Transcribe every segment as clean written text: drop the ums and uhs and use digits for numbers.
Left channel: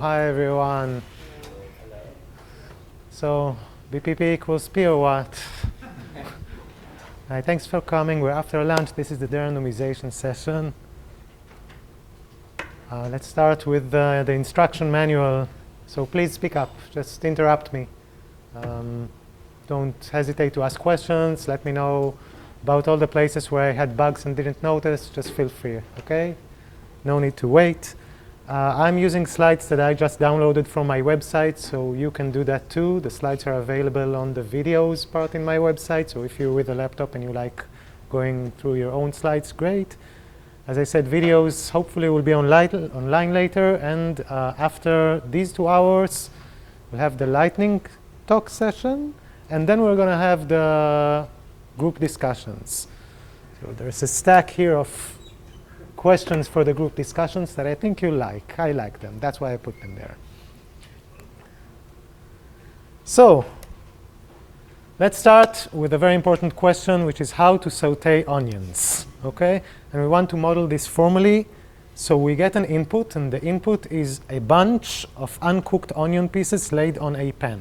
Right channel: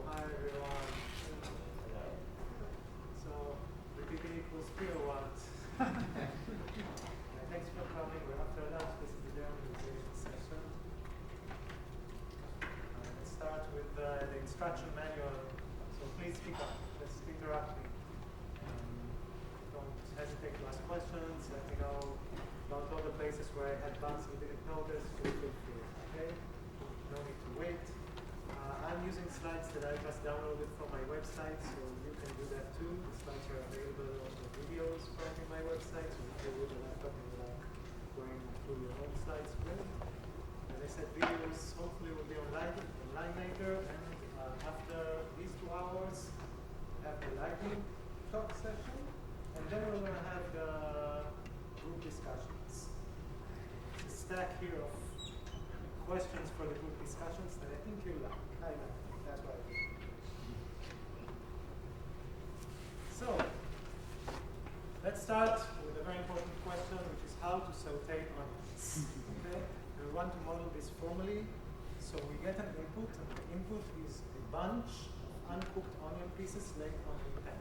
Hi everyone. So BPP equals P or what? Hi, thanks for coming. We're after lunch. This is the Derandomization session. Let's start with the instruction manual. So please speak up. Just interrupt me. Don't hesitate to ask questions. Let me know about all the places where I had bugs and didn't notice. Just feel free, okay? No need to wait. I'm using slides that I just downloaded from my website, so you can do that too. The slides are available on the videos part in my website, so if you're with a laptop and you like going through your own slides, great. As I said, videos hopefully will be online later, and after these 2 hours, we'll have the lightning talk session, and then we're going to have the group discussions. So there's a stack here of questions for the group discussions that I think you like. I like them. That's why I put them there. So let's start with a very important question, which is how to saute onions. Okay? And we want to model this formally. So we get an input, and the input is a bunch of uncooked onion pieces laid on a pan.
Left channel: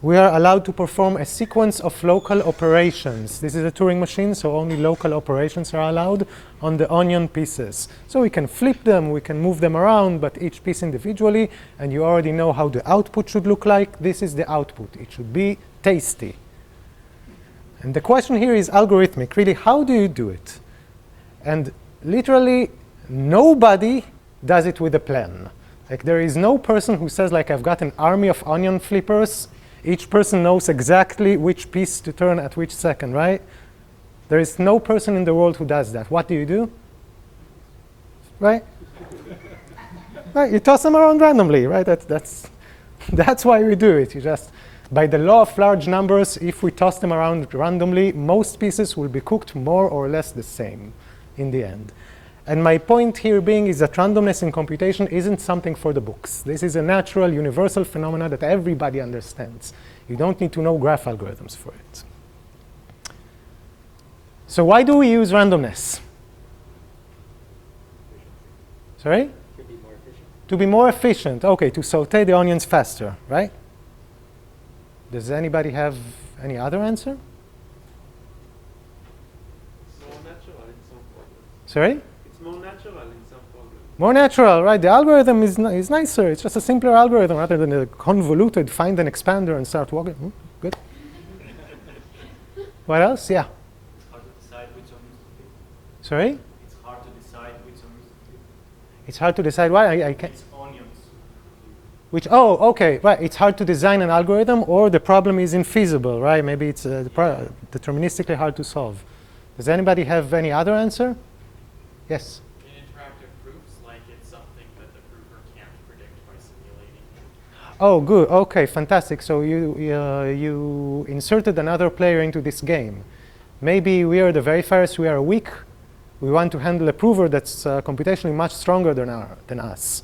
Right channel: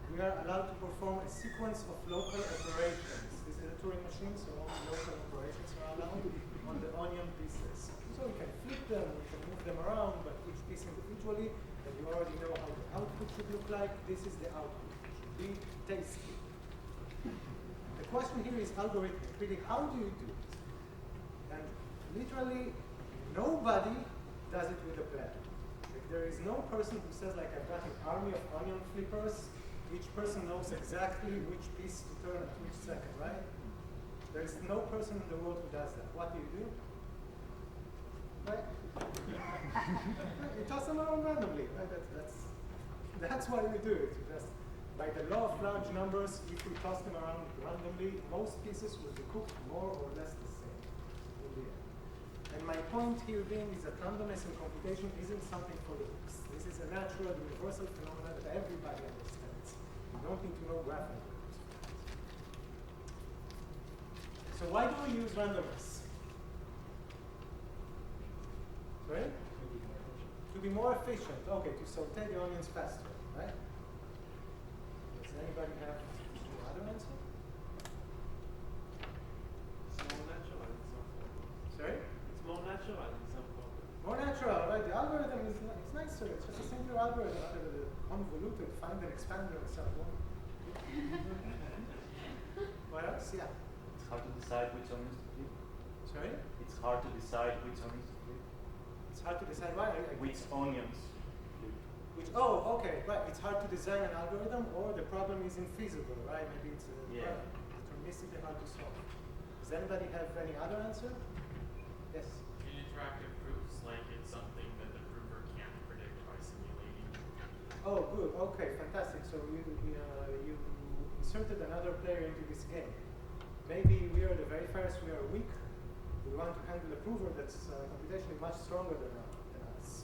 We are allowed to perform a sequence of local operations. This is a Turing machine, so only local operations are allowed on the onion pieces. So we can flip them, we can move them around, but each piece individually, and you already know how the output should look like. This is the output. It should be tasty. And the question here is algorithmic. Really, how do you do it? And literally, nobody does it with a plan. Like, there is no person who says, like, I've got an army of onion flippers. Each person knows exactly which piece to turn at which second, right? There is no person in the world who does that. What do? Right? Right, you toss them around randomly, right? That's why we do it. You just, by the law of large numbers, if we toss them around randomly, most pieces will be cooked more or less the same in the end. And my point here being is that randomness in computation isn't something for the books. This is a natural, universal phenomena that everybody understands. You don't need to know graph algorithms for it. So why do we use randomness? Sorry? To be more efficient. To be more efficient. OK, to saute the onions faster, right? Does anybody have any other answer? It's more natural in some form. Sorry? It's more natural in some form. More natural, right? The algorithm is nicer. It's just a simpler algorithm rather than a convoluted find an expander and start walking. Good. What else? Yeah. It's hard to decide which onions to flip. Sorry? It's hard to decide which onions to flip. It's hard to decide why. I can't. Which onions. Which? Oh, OK. Right. It's hard to design an algorithm, or the problem is infeasible, right? Maybe it's deterministically hard to solve. Does anybody have any other answer? Yes. In interactive proofs, like it's something that the prover can't predict by simulating. Oh, good. OK, fantastic. So you inserted another player into this game. Maybe we are the verifiers. We are weak. We want to handle a prover that's computationally much stronger than us.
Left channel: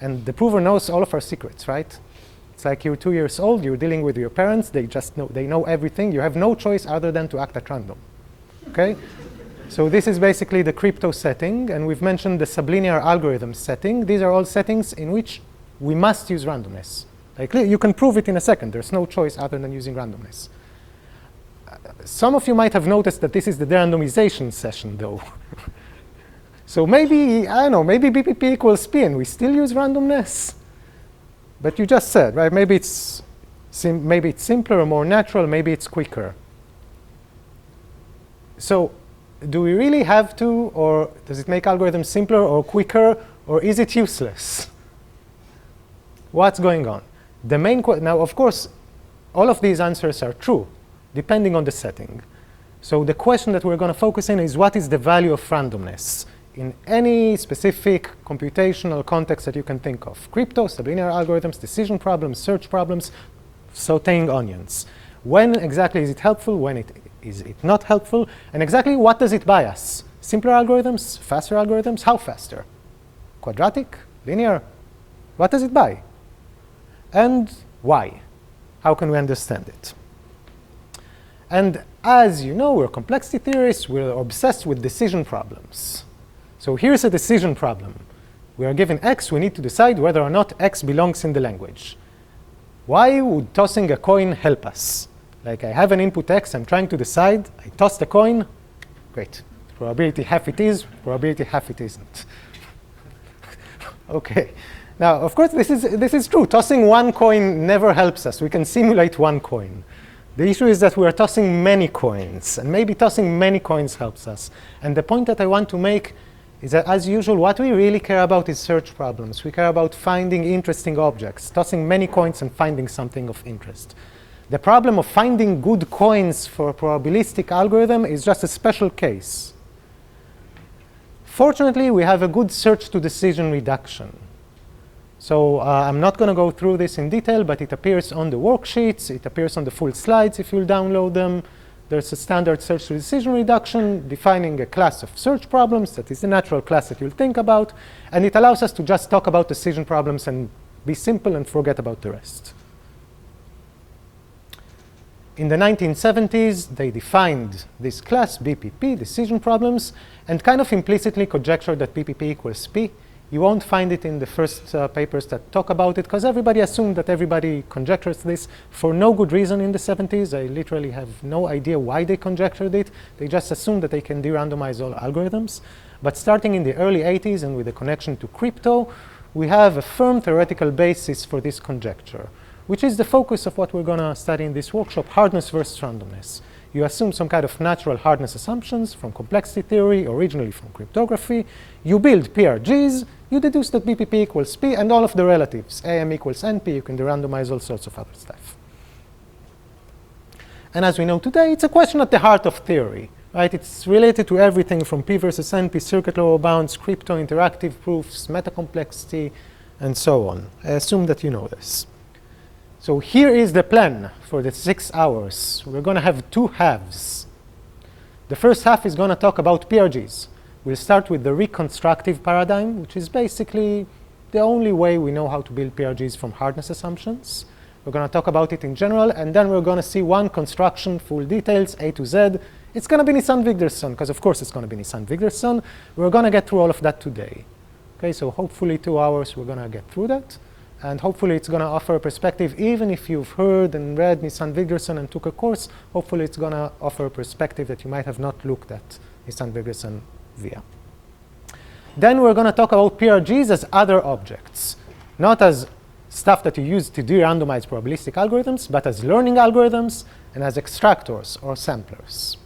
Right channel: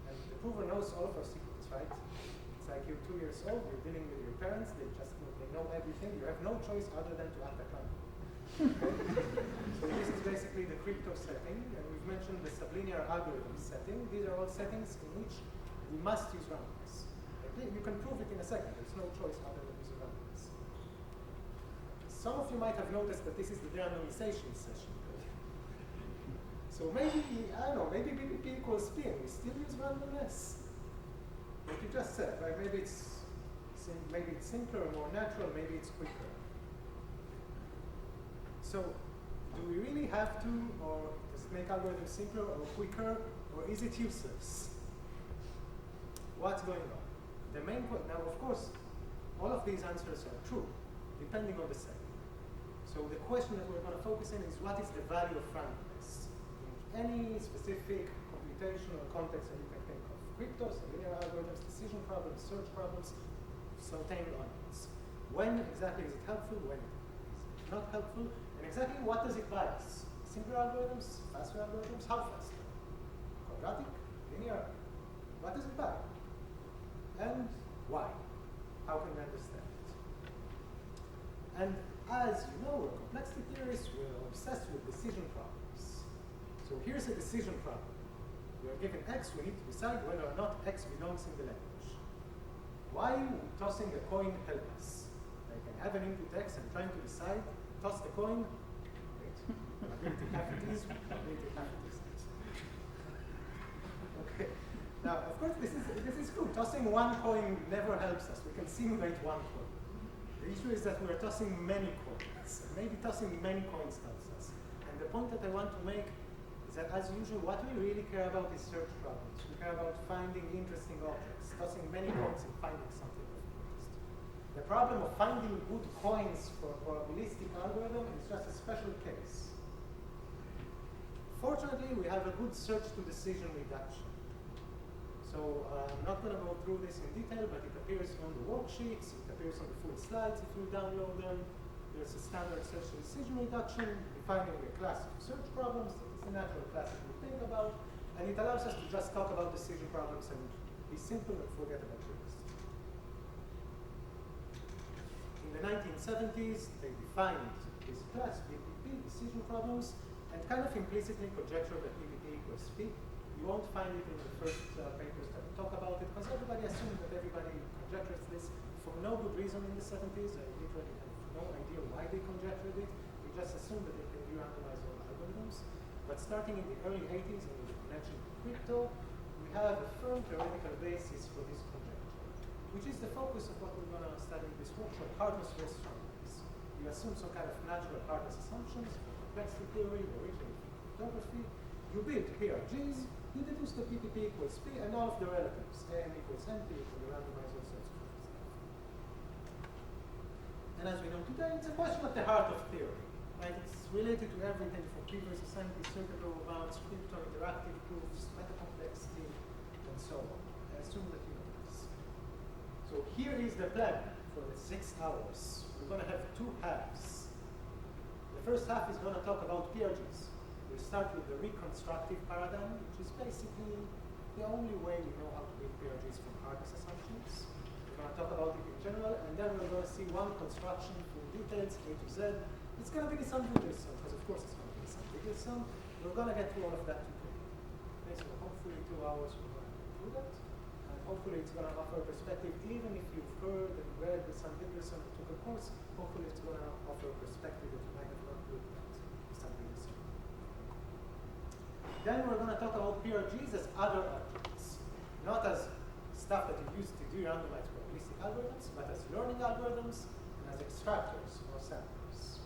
And the prover knows all of our secrets, right? It's like you're 2 years old. You're dealing with your parents. They know everything. You have no choice other than to act at random. OK? So this is basically the crypto setting. And we've mentioned the sublinear algorithm setting. These are all settings in which we must use randomness. Like, you can prove it in a second. There's no choice other than using randomness. Some of you might have noticed that this is the derandomization session, though. So maybe, I don't know, maybe BPP equals P, and we still use randomness. But you just said, right? Maybe it's simpler or more natural. Maybe it's quicker. So do we really have to, or does it make algorithms simpler or quicker, or is it useless? What's going on? The main now, of course, all of these answers are true, depending on the setting. So the question that we're going to focus in is, what is the value of randomness in any specific computational context that you can think of? Crypto, sublinear algorithms, decision problems, search problems, sauteing onions. When exactly is it helpful? When is it not helpful? And exactly what does it buy us? Simpler algorithms? Faster algorithms? How faster? Quadratic? Linear? What does it buy? And why? How can we understand it? And as you know, we're complexity theorists. We're obsessed with decision problems. So here's a decision problem. We are given x, we need to decide whether or not x belongs in the language. Why would tossing a coin help us? Like I have an input x, I'm trying to decide, I toss the coin, great. Probability half it is, probability half it isn't. Okay. Now, of course, this is true. Tossing one coin never helps us. We can simulate one coin. The issue is that we are tossing many coins, and maybe tossing many coins helps us. And the point that I want to make is that, as usual, what we really care about is search problems. We care about finding interesting objects, tossing many coins and finding something of interest. The problem of finding good coins for a probabilistic algorithm is just a special case. Fortunately, we have a good search to decision reduction. So I'm not going to go through this in detail, but it appears on the worksheets. It appears on the full slides if you'll download them. There's a standard search to decision reduction defining a class of search problems that is the natural class that you'll think about. And it allows us to just talk about decision problems and be simple and forget about the rest. In the 1970s, they defined this class, BPP, decision problems, and kind of implicitly conjectured that BPP equals P. You won't find it in the first papers that talk about it, because everybody assumed that everybody conjectures this for no good reason in the 70s. I literally have no idea why they conjectured it. They just assumed that they can de-randomize all algorithms. But starting in the early 80s and with the connection to crypto, we have a firm theoretical basis for this conjecture, which is the focus of what we're going to study in this workshop, hardness versus randomness. You assume some kind of natural hardness assumptions from complexity theory, originally from cryptography. You build PRGs. You deduce that BPP equals P and all of the relatives. AM equals NP. You can de-randomize all sorts of other stuff. And as we know today, it's a question at the heart of theory. Right? It's related to everything from P versus NP, circuit lower bounds, crypto interactive proofs, metacomplexity, and so on. I assume that you know this. So here is the plan for the 6 hours. We're going to have two halves. The first half is going to talk about PRGs. We'll start with the reconstructive paradigm, which is basically the only way we know how to build PRGs from hardness assumptions. We're going to talk about it in general, and then we're going to see one construction, full details, A to Z. It's going to be Nisan-Wigderson, because of course it's going to be Nisan-Wigderson. We're going to get through all of that today. Okay, so hopefully 2 hours we're going to get through that. And hopefully it's going to offer a perspective, even if you've heard and read Nisan-Wigderson and took a course, hopefully it's going to offer a perspective that you might have not looked at Nisan-Wigderson via. Then we're going to talk about PRGs as other objects, not as stuff that you use to de-randomize probabilistic algorithms, but as learning algorithms and as extractors or samplers.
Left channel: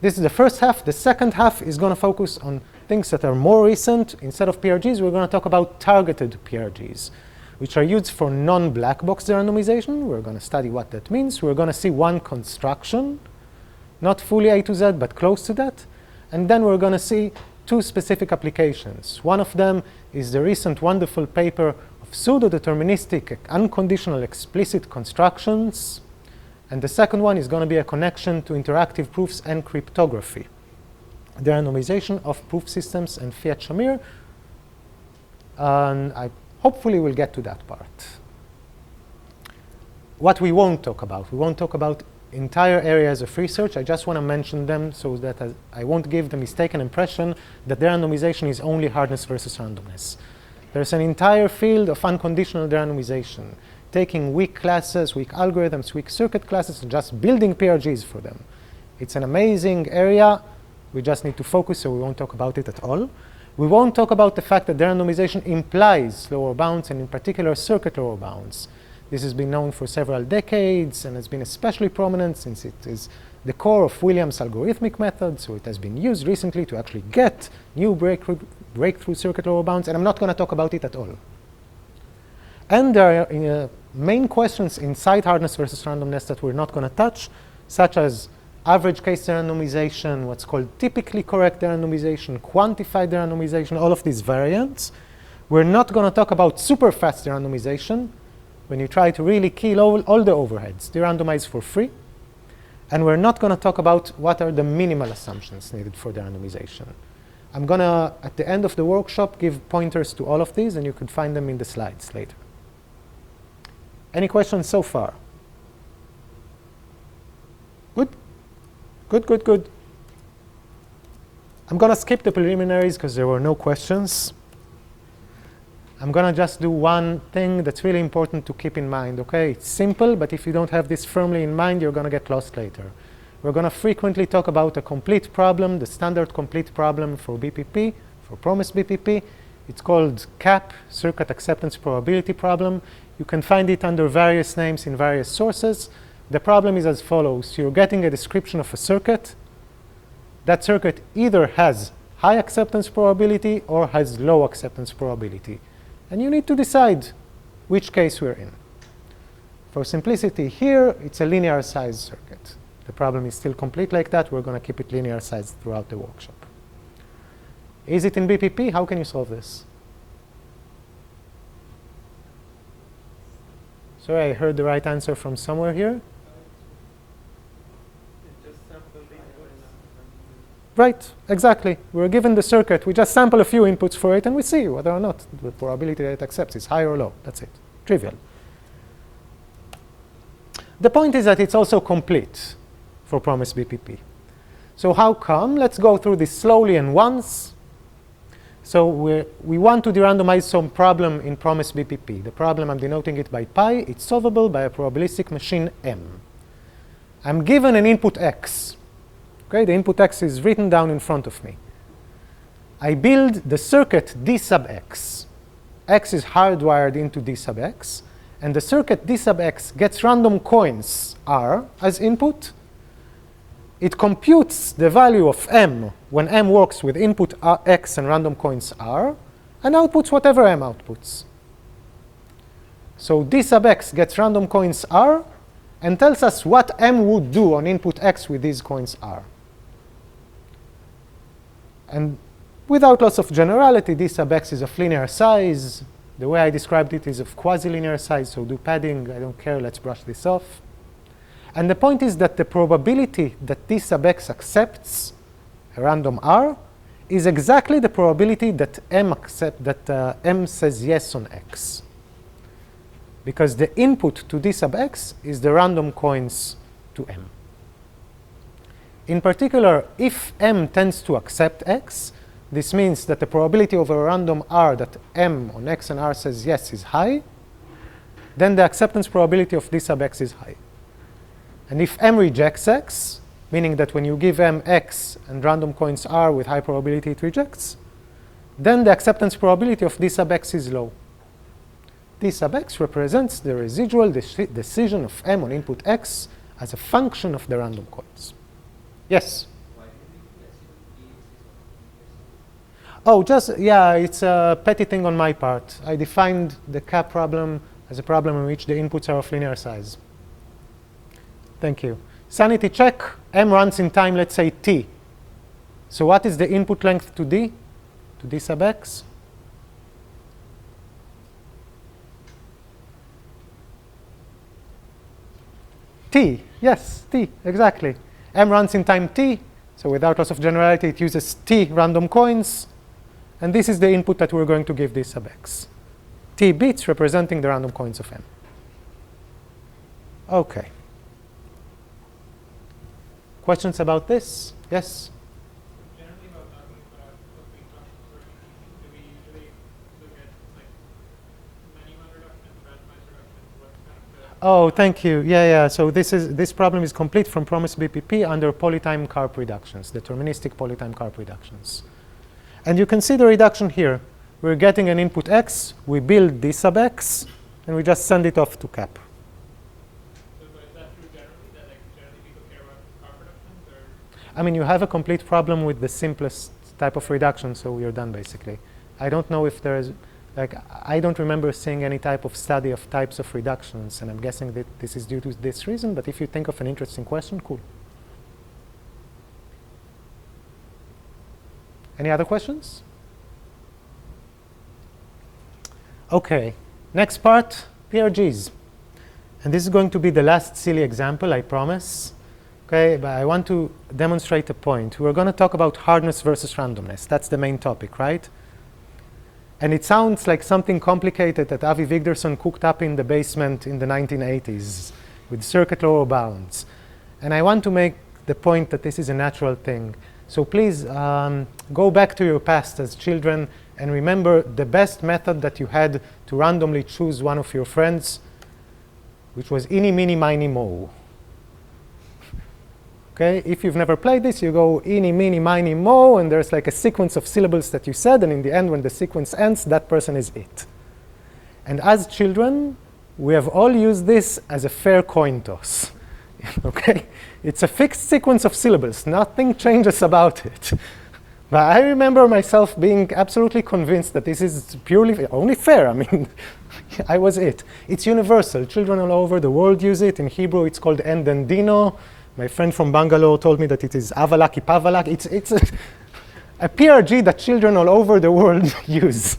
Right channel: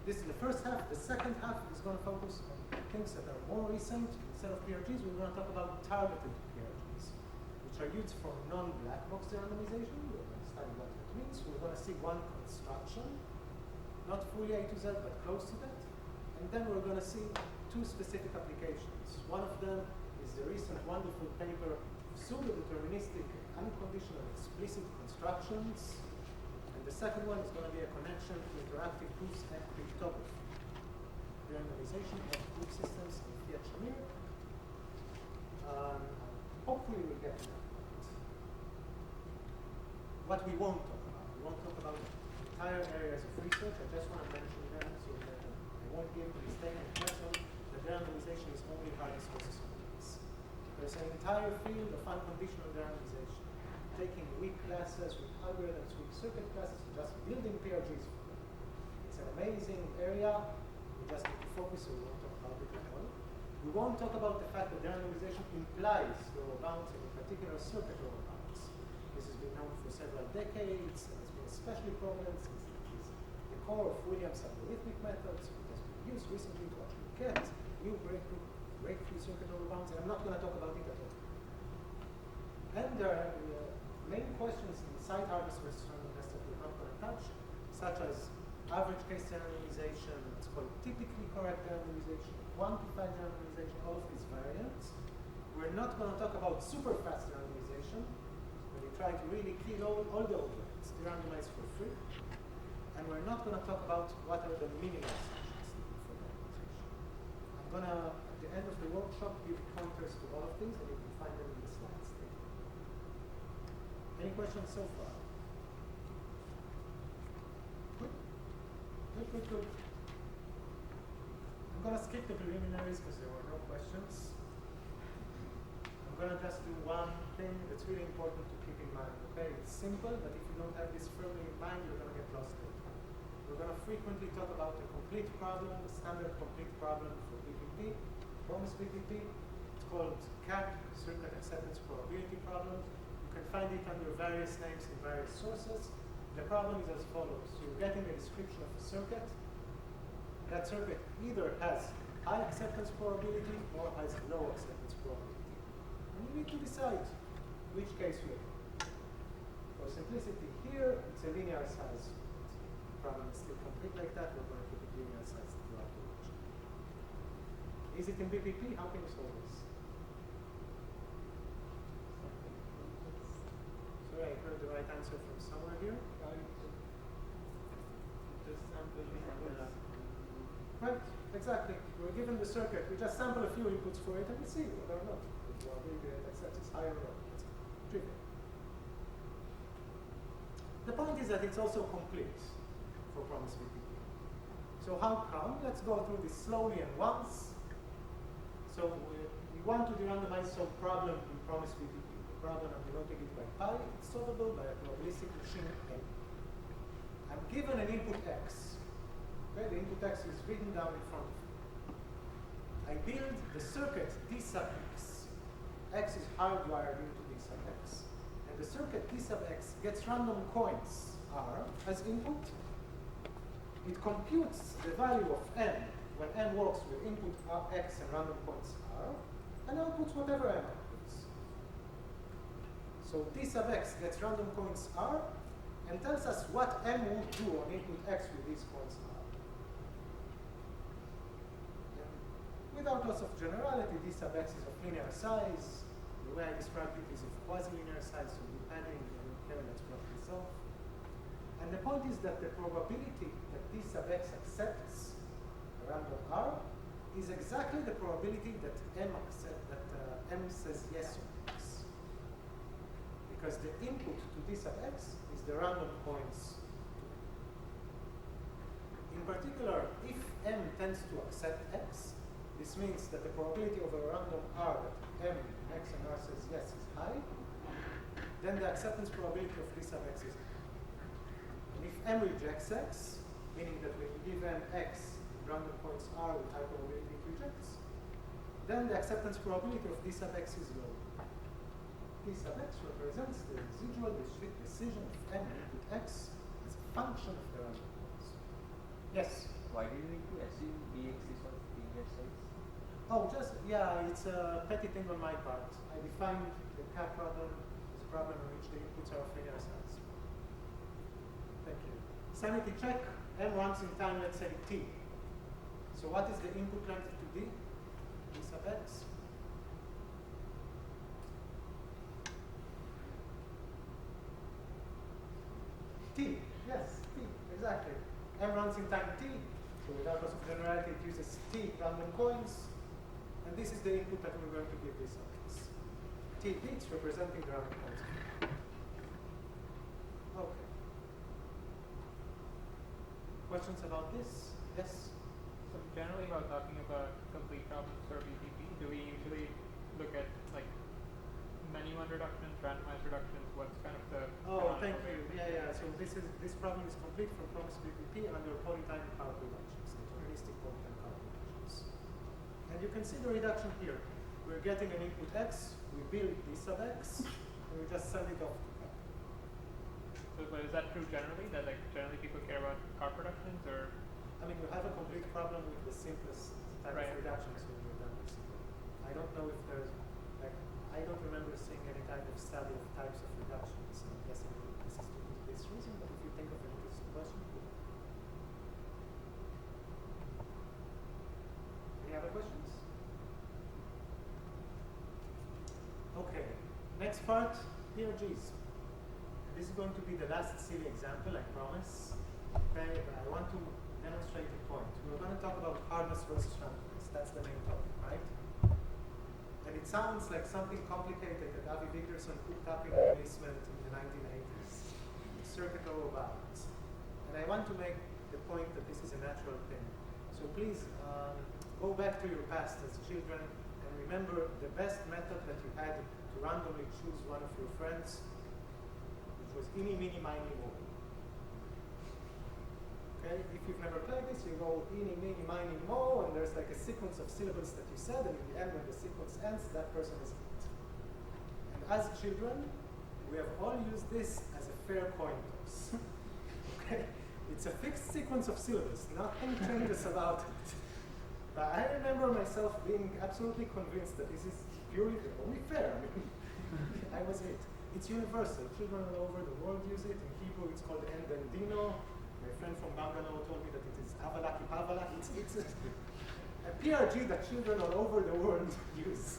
This is the first half. The second half is going to focus on things that are more recent. Instead of PRGs, we're going to talk about targeted PRGs, which are used for non-black box randomization. We're going to study what that means. We're going to see one construction, not fully A to Z, but close to that. And then we're going to see two specific applications. One of them is the recent wonderful paper of pseudodeterministic unconditional explicit constructions. And the second one is going to be a connection to interactive proofs and cryptography, the randomization of proof systems and Fiat-Shamir. And I hopefully will get to that part. What we won't talk about entire areas of research. I just want to mention them so that I won't give the mistaken impression that derandomization is only hardness versus randomness. There's an entire field of unconditional derandomization, taking weak classes, weak algorithms, weak circuit classes, and just building PRGs for them. It's an amazing area. We just need to focus, so we won't talk about it at all. We won't talk about the fact that derandomization implies lower bounds, and in particular circuit lower bounds. This has been known for several decades and has been especially prominent since it is the core of Williams' algorithmic method. So it has been used recently to actually get new breakthrough circuit lower bounds, and I'm not going to talk about it at all. And there are main questions inside hardness versus randomness that we're not going to touch, such as average case derandomization, what's called typically correct derandomization, quantified derandomization, all of these variants. We're not going to talk about super fast derandomization, when you try to really kill all the overheads, de-randomize for free. And we're not going to talk about what are the minimal assumptions needed for de-randomization. I'm going to, at the end of the workshop, give pointers to all of these, and you could find them in the slides later. Any questions so far? Good? Good, good, good. I'm going to skip the preliminaries because there were no questions. I'm going to just do one thing that's really important to keep in mind, okay? It's simple, but if you don't have this firmly in mind, you're going to get lost later. We're going to frequently talk about a complete problem, the standard complete problem for BPP, for promised BPP. It's called CAP, Circuit Acceptance Probability Problem. You can find it under various names in various sources. The problem is as follows. You're getting a description of a circuit. That circuit either has high acceptance probability or has low acceptance probability. And you need to decide which case we're in. For simplicity here, it's a linear sized circuit. The problem is still complete like that. We're going to keep it linear sized throughout the workshop. Is it in BPP? How can you solve this? Sorry, I heard the right answer from somewhere here. Right, exactly. We're given the circuit. We just sample a few inputs for it, and we see whether or not the probability that it accepts is high or low. That's it. Trivial. The point is that it's also complete for promised BPP. So how come? Let's go through this slowly and once. So we want to derandomize some problem in promised BPP. The problem, I'm denoting it by pi. It's solvable by a probabilistic machine M. I'm given an input x. Okay, the input x is written down in front of me. I build the circuit d sub x. X is hardwired into d sub x. And the circuit d sub x gets random coins r as input. It computes the value of m when m works with input x and random coins r, and outputs whatever m outputs. So d sub x gets random coins r and tells us what m would do on input x with these coins r. And without loss of generality, d sub x is of linear size. The way I described it is of quasi-linear size, so do padding. I don't care. Let's brush this off. And the point is that the probability that d sub x accepts a random r is exactly the probability that m says yes on x. Because the input to d sub x is the random coins to m. In particular, if m tends to accept x, this means that the probability of a random r that m on x and r says yes is high, then the acceptance probability of d sub x is high. And if m rejects x, meaning that when you give m x and random coins r with high probability it rejects, then the acceptance probability of d sub x is low. D sub x represents the residual decision of m on input x as a function of the random coins. Yes? Why do you need to assume dx is of linear size? Oh, just, yeah, it's a petty thing on my part. I defined the CAP problem as a problem in which the inputs are of linear size. Thank you. Sanity check. M runs in time, let's say, t. So what is the input length to d? To d sub x? T. Yes, t, exactly. M runs in time t. So without loss of generality, it uses t random coins. And this is the input that we're going to give d sub x. T bits representing the random coins of m. OK. Questions about this? Yes? So generally, while talking about complete problems for BPP, do we usually look at like many one reductions, randomized reductions? What's kind of the Oh, thank you. Yeah, yeah. So this problem is complete from promised BPP under polytime carp reductions, deterministic polytime carp reductions. And you can see the reduction here. We're getting an input x, we build d sub x, and we just send it off to CAP. but is that true generally? That like generally people care about carp reductions, or I mean, you have a complete problem with the simplest type of reduction, so you're done basically. I don't know if there is, like, I don't remember seeing any type of study of types of reductions, and I'm guessing that this is due to this reason, but if you think of an interesting question, cool. Any other questions? Okay, next part, PRGs. And this is going to be the last silly example, I promise. Okay, but I want to demonstrate a point. We're going to talk about hardness versus randomness. That's the main topic, right? And it sounds like something complicated that Avi Wigderson cooked up in the basement in the 1980s with circuit lower bounds. And I want to make the point that this is a natural thing. So please go back to your past as children And remember, the best method that you had to randomly choose one of your friends, which was eeny, meeny, miny, moe. Okay, if you've never played this, you go eeny, meeny, miny, moe, and there's like a sequence of syllables that you said, and in the end, when the sequence ends, that person is it. And as children, we have all used this as a fair coin toss. Okay, it's a fixed sequence of syllables. Nothing changes about it. But I remember myself being absolutely convinced that this is purely only fair. I mean, I was it. It's universal. Children all over the world use it. In Hebrew, it's called endendino. My friend from Bangalore told me that it is avalaki pavalak. It's a PRG that children all over the world use.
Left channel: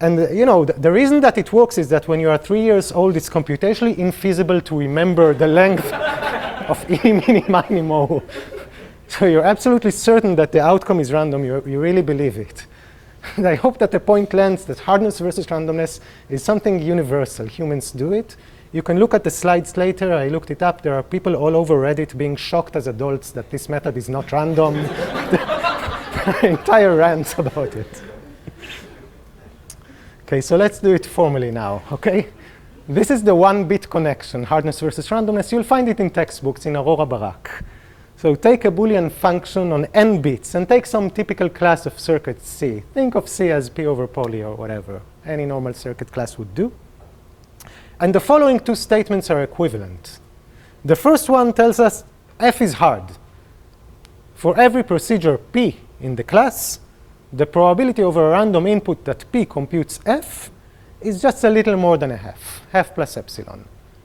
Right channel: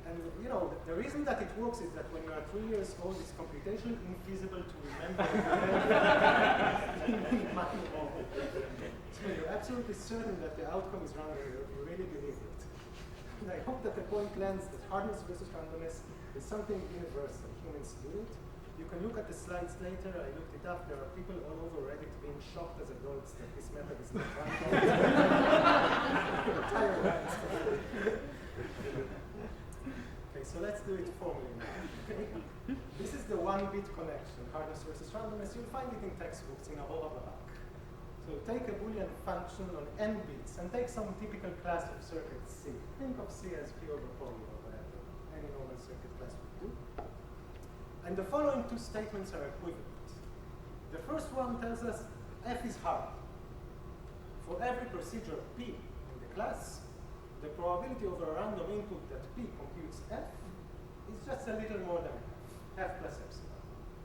And you know, the reason that it works is that when you are 3 years old, it's computationally infeasible to remember the length of eeny, meeny, miny, moe. So you're absolutely certain that the outcome is random. You really believe it. And I hope that the point lands that hardness versus randomness is something universal. Humans do it. You can look at the slides later. I looked it up. There are people all over Reddit being shocked as adults that this method is not random. Entire rants about it. Okay, so let's do it formally now, okay? This is the one-bit connection, hardness versus randomness. You'll find it in textbooks in Aurora Barak. So take a Boolean function on n bits and take some typical class of circuit C. Think of C as P over poly or whatever. Any normal circuit class would do. And the following two statements are equivalent. The first one tells us F is hard. For every procedure P in the class, the probability over a random input that P computes F is just a little more than a half plus epsilon.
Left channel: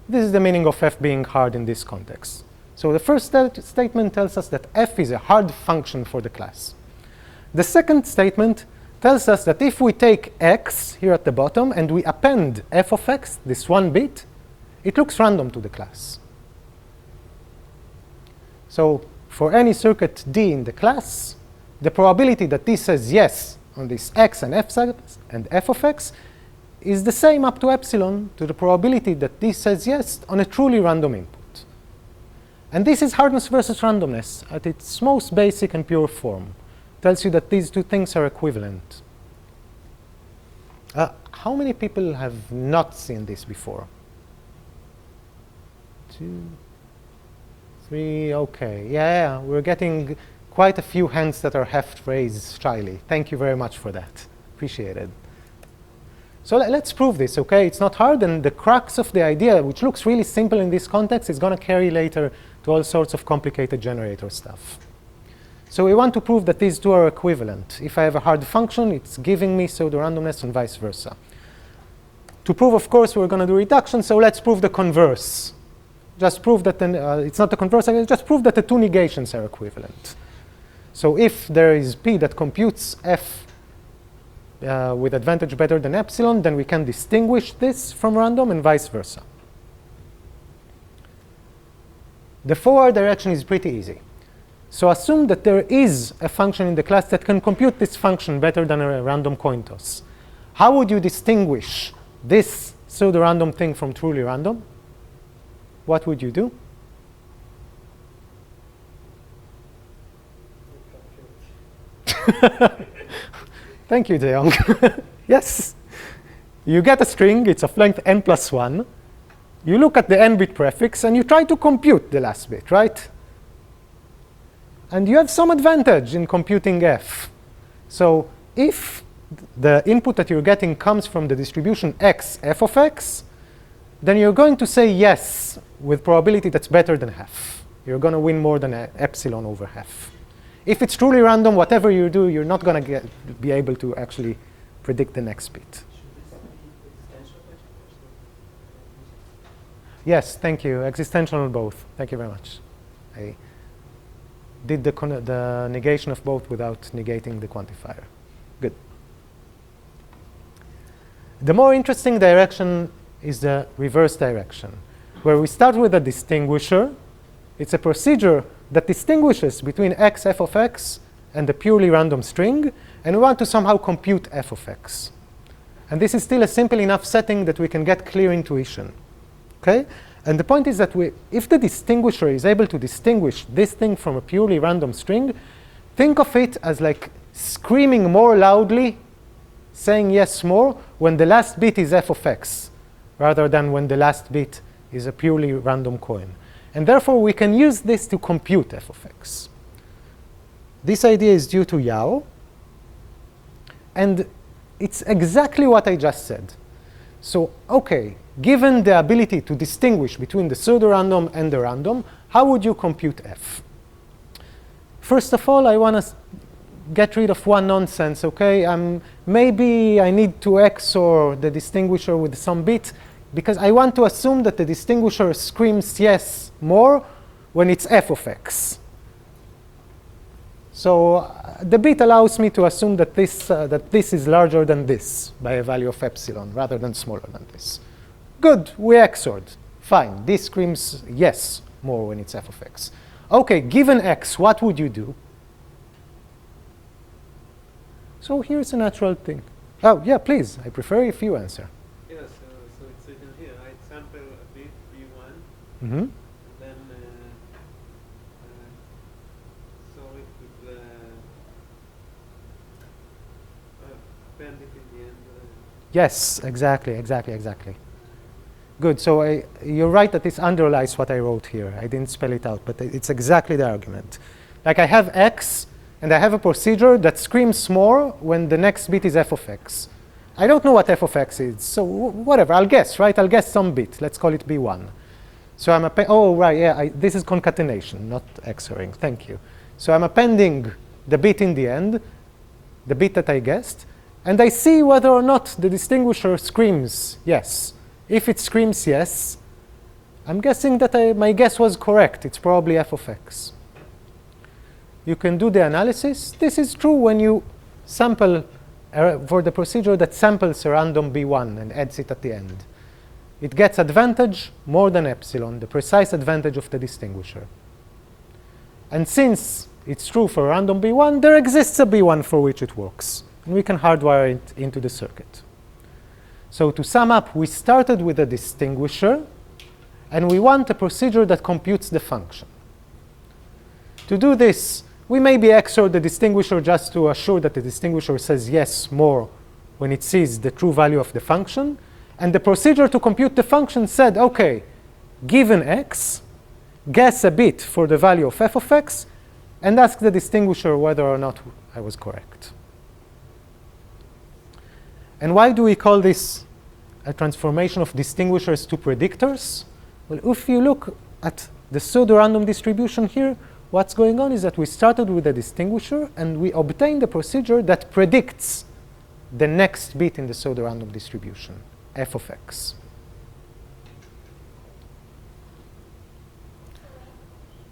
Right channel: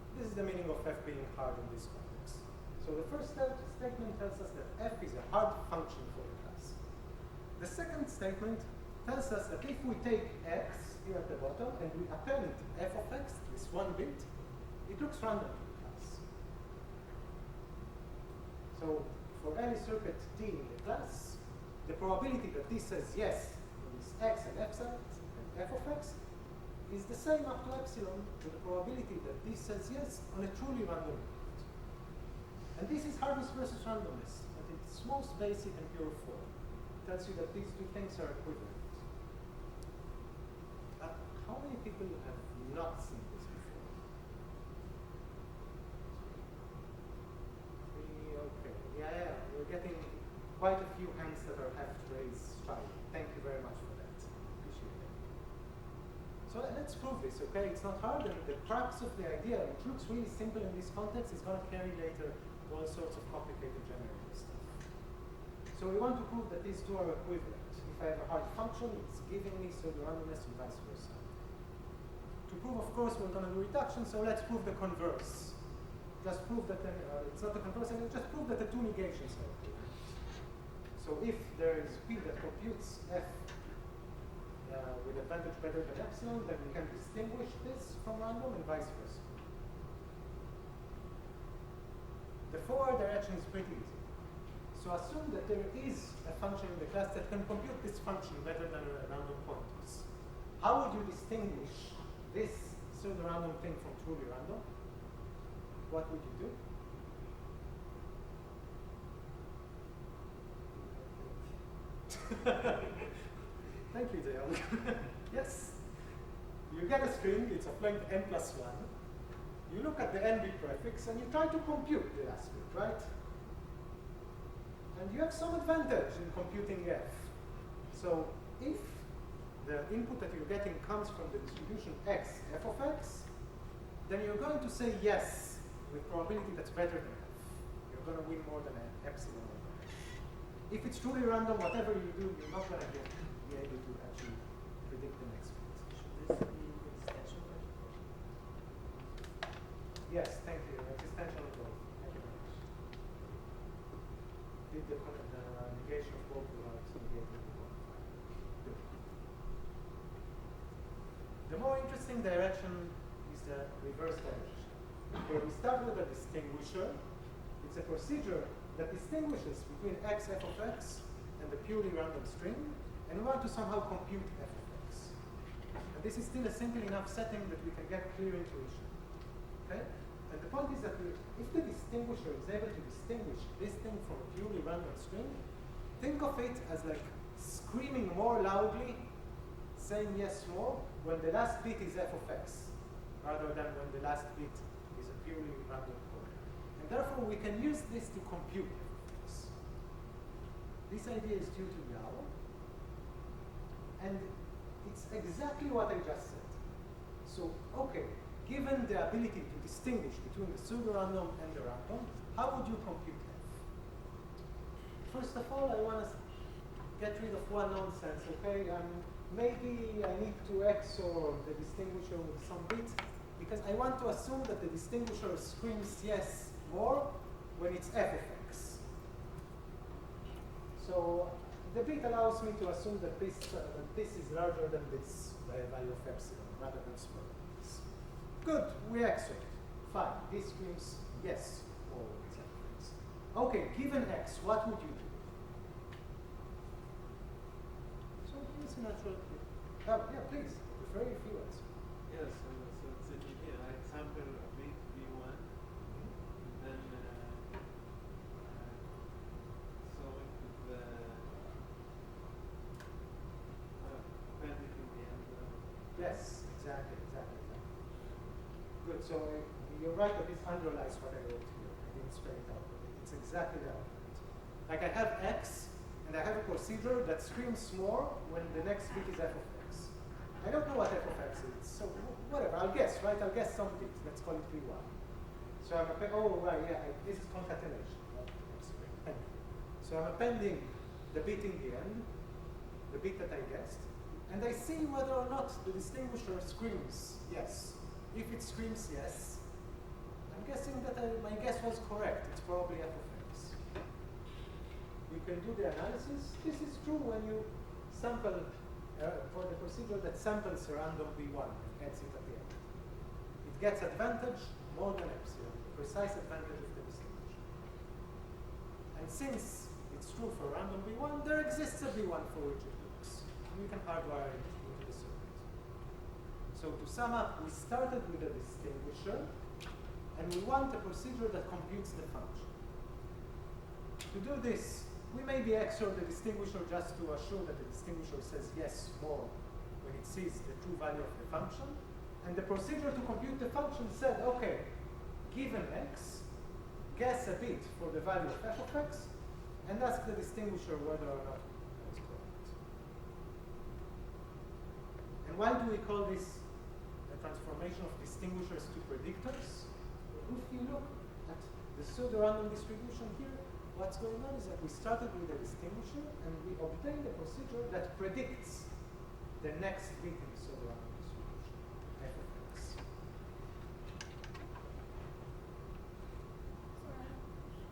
This is the meaning of F being hard in this context. So the first statement tells us that F is a hard function for the class. The second statement tells us that if we take x here at the bottom and we append f of x, this one bit, it looks random to the class. So for any circuit D in the class, the probability that D says yes on this x and f of x is the same up to epsilon to the probability that D says yes on a truly random input. And this is hardness versus randomness at its most basic and pure form. Tells you that these two things are equivalent. How many people have not seen this before? 2, 3, okay. Yeah, we're getting quite a few hands that are half raised shyly. Thank you very much for that. Appreciate it. So let's prove this, okay? It's not hard, and the crux of the idea, which looks really simple in this context, is going to carry later to all sorts of complicated generator stuff. So we want to prove that these two are equivalent. If I have a hard function, it's giving me pseudorandomness and vice versa. To prove, of course, we're going to do reduction, so let's prove the converse. Just prove that it's not the converse, just prove that the two negations are equivalent. So if there is P that computes F with advantage better than epsilon, then we can distinguish this from random and vice versa. The forward direction is pretty easy. So assume that there is a function in the class that can compute this function better than a random coin toss. How would you distinguish this pseudo-random thing from truly random? What would you do? Thank you, Deong. Yes. You get a string. It's of length n plus 1. You look at the n-bit prefix, and you try to compute the last bit, right? And you have some advantage in computing f. So if the input that you're getting comes from the distribution x, f of x, then you're going to say yes with probability that's better than half. You're going to win more than epsilon over half. If it's truly random, whatever you do, you're not going to be able to actually predict the next bit. Yes, thank you. Existential both. Thank you very much. I did the negation of both without negating the quantifier. Good. The more interesting direction is the reverse direction, where we start with a distinguisher. It's a procedure that distinguishes between x, f of x, and the purely random string, and we want to somehow compute f of x. And this is still a simple enough setting that we can get clear intuition. Okay? And the point is that if the distinguisher is able to distinguish this thing from a purely random string, think of it as like screaming more loudly, saying yes more, when the last bit is f of x, rather than when the last bit is a purely random coin. And therefore, we can use this to compute f of x. This idea is due to Yao. And it's exactly what I just said. So, OK, given the ability to distinguish between the pseudorandom and the random, how would you compute f? First of all, I want to get rid of one nonsense, OK? Maybe I need to XOR the distinguisher with some bit, because I want to assume that the distinguisher screams yes more when it's f of x. So the bit allows me to assume that this is larger than this by a value of epsilon, rather than smaller than this. Good, we XORed. Fine, this screams yes more when it's f of x. OK, given x, what would you do? So here's a natural thing. Oh, yeah, please. I prefer if you answer. Yeah, so it's written here. I sample a bit v1, Mm-hmm. and then solve it with append it in the end. Yes, exactly. Good. So you're right that this underlies what I wrote here. I didn't spell it out, but it's exactly the argument. Like I have x, and I have a procedure that screams more when the next bit is f of x. I don't know what f of x is, so whatever. I'll guess, right? I'll guess some bit. Let's call it b1. So I'm oh, right, yeah. This is concatenation, not XORing. Thank you. So I'm appending the bit in the end, the bit that I guessed, and I see whether or not the distinguisher screams yes. If it screams yes, I'm guessing that my guess was correct. It's probably f of x. You can do the analysis. This is true when you sample for the procedure that samples a random b1 and adds it at the end. It gets advantage more than epsilon, the precise advantage of the distinguisher. And since it's true for random b1, there exists a b1 for which it works. And we can hardwire it into the circuit. So to sum up, we started with a distinguisher, and we want a procedure that computes the function. To do this, we maybe XOR the distinguisher just to assure that the distinguisher says yes more when it sees the true value of the function. And the procedure to compute the function said, OK, given x, guess a bit for the value of f of x, and ask the distinguisher whether or not I was correct. And why do we call this a transformation of distinguishers to predictors? Well, if you look at the pseudorandom distribution here, what's going on is that we started with a distinguisher, and we obtained a procedure that predicts the next bit in the pseudorandom distribution, f of x.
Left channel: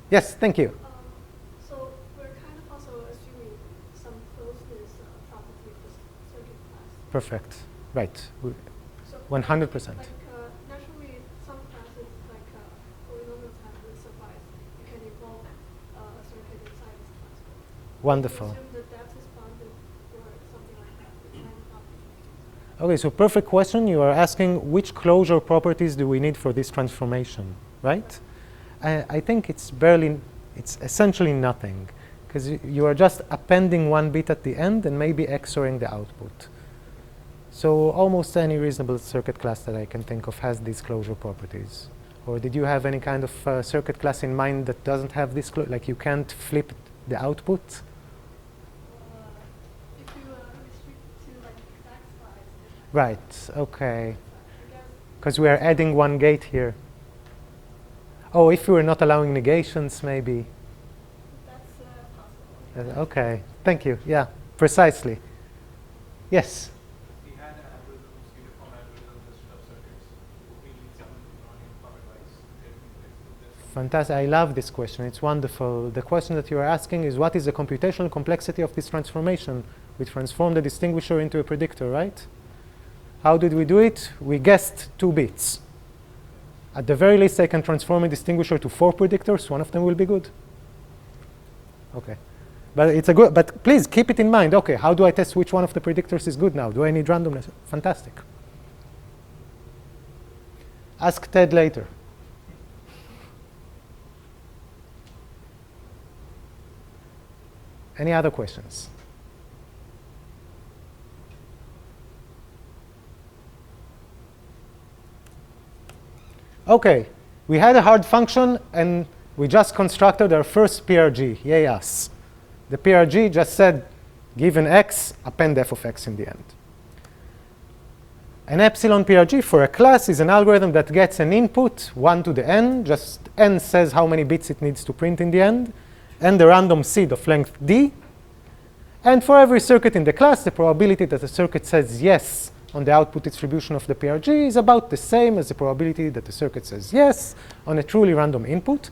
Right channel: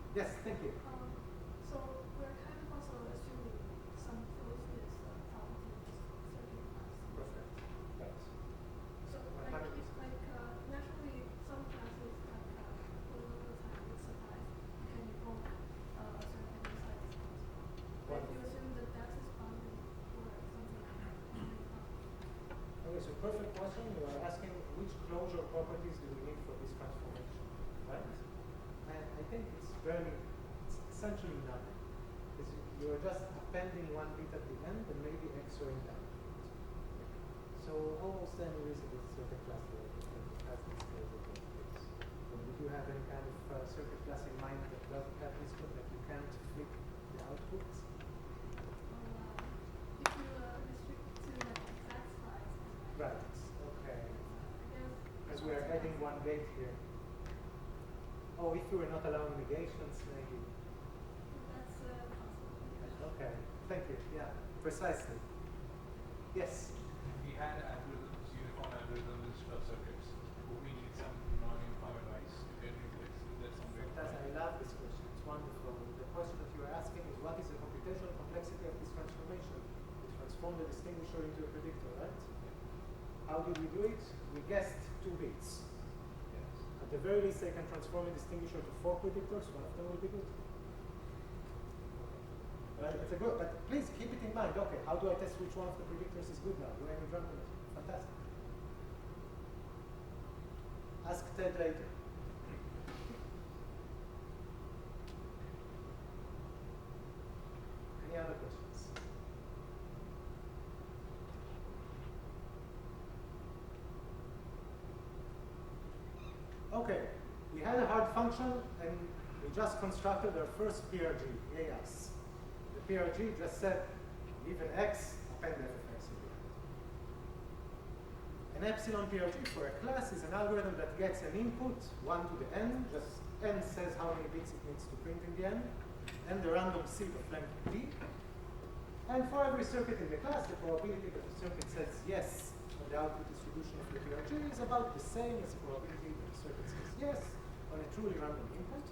Yes, thank you. So we're kind of also assuming some closeness property of this circuit class. Perfect. Right. So 100%. Naturally, some classes like polynomial-time with surprise, you can involve a circuit inside this class. Wonderful. Assume that that's bounded or something like that. OK, so perfect question. You are asking which closure properties do we need for this transformation, right? I think it's essentially nothing, because you are just appending one bit at the end and maybe XORing the output. So almost any reasonable circuit class that I can think of has these closure properties. Or did you have any kind of circuit class in mind that doesn't have this, like you can't flip the output? If you restrict to like exact size. Right, OK. Because we are adding one gate here. Oh, if we were not allowing negations, maybe. That's possible. OK, thank you. Yeah, precisely. Yes? We had algorithms, uniform algorithms instead of circuits. We need something non-uniform advice. Fantastic. I love this question. It's wonderful. The question that you are asking is, what is the computational complexity of this transformation? We transform the distinguisher into a predictor, right? How did we do it? We guessed 2 bits. At the very least, I can transform a distinguisher to 4 predictors. One of them will be good. OK. But it's a good. But please keep it in mind. OK, how do I test which one of the predictors is good now? Do I need randomness? Fantastic. Ask Ted later. Any other questions? OK, we had a hard function, and we just constructed our first PRG. Yay us. The PRG just said, given x, append f of x in the end. An epsilon PRG for a class is an algorithm that gets an input, 1 to the n. Just n says how many bits it needs to print in the end, and the random seed of length d. And for every circuit in the class, the probability that the circuit says yes on the output distribution of the PRG is about the same as the probability that the circuit says yes on a truly random input.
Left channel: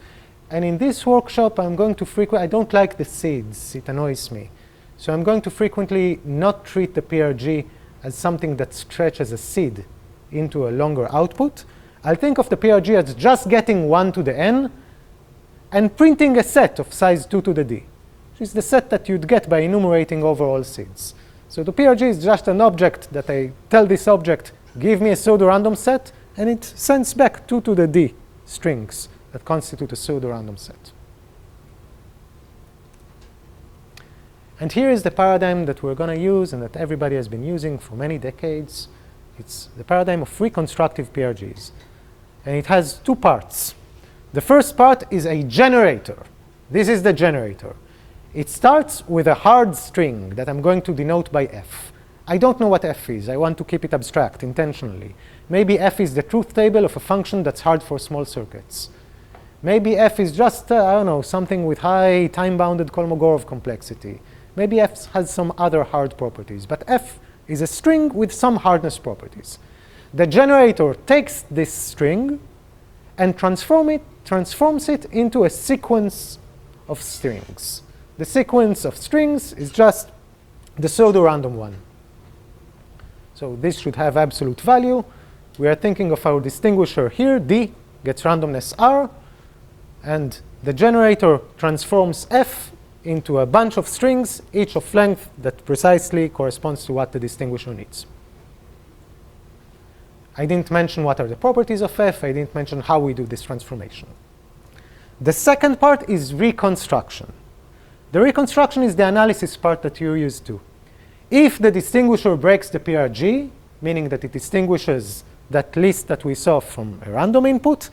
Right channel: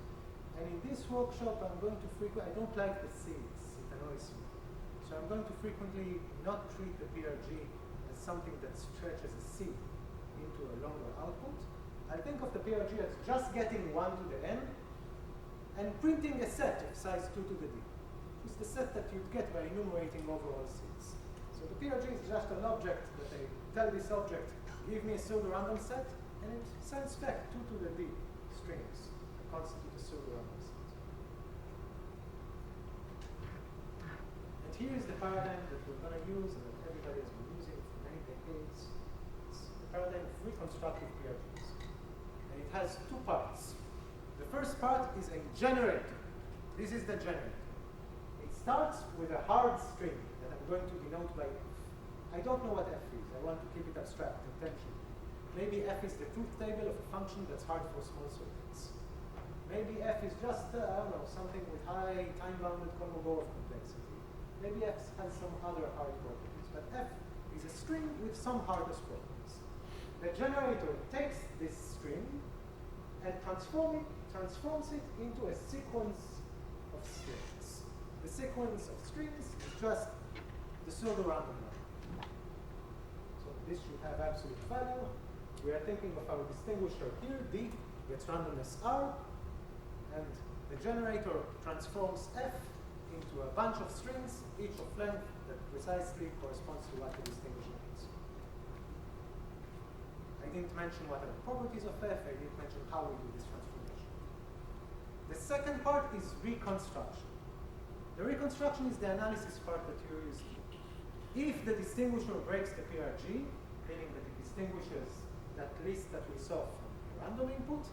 And in this workshop, I'm going to I don't like the seeds. It annoys me. So I'm going to frequently not treat the PRG as something that stretches a seed into a longer output. I'll think of the PRG as just getting 1 to the n and printing a set of size 2 to the d, which is the set that you'd get by enumerating over all seeds. So the PRG is just an object that I tell this object, give me a pseudorandom set, and it sends back 2 to the d strings that constitute a pseudorandom set. And here is the paradigm that we're going to use and that everybody has been using for many decades. It's the paradigm of reconstructive PRGs. And it has two parts. The first part is a generator. This is the generator. It starts with a hard string that I'm going to denote by f. I don't know what f is. I want to keep it abstract intentionally. Maybe f is the truth table of a function that's hard for small circuits. Maybe f is just, I don't know, something with high time-bounded Kolmogorov complexity. Maybe f has some other hard properties. But f is a string with some hardness properties. The generator takes this string and transforms it into a sequence of strings. The sequence of strings is just the pseudorandom one. So this should have absolute value. We are thinking of our distinguisher here. D gets randomness r. And the generator transforms f into a bunch of strings, each of length that precisely corresponds to what the distinguisher needs. I didn't mention what are the properties of f. I didn't mention how we do this transformation. The second part is reconstruction. The reconstruction is the analysis part that you're used to. If the distinguisher breaks the PRG, meaning that it distinguishes that list that we saw from a random input,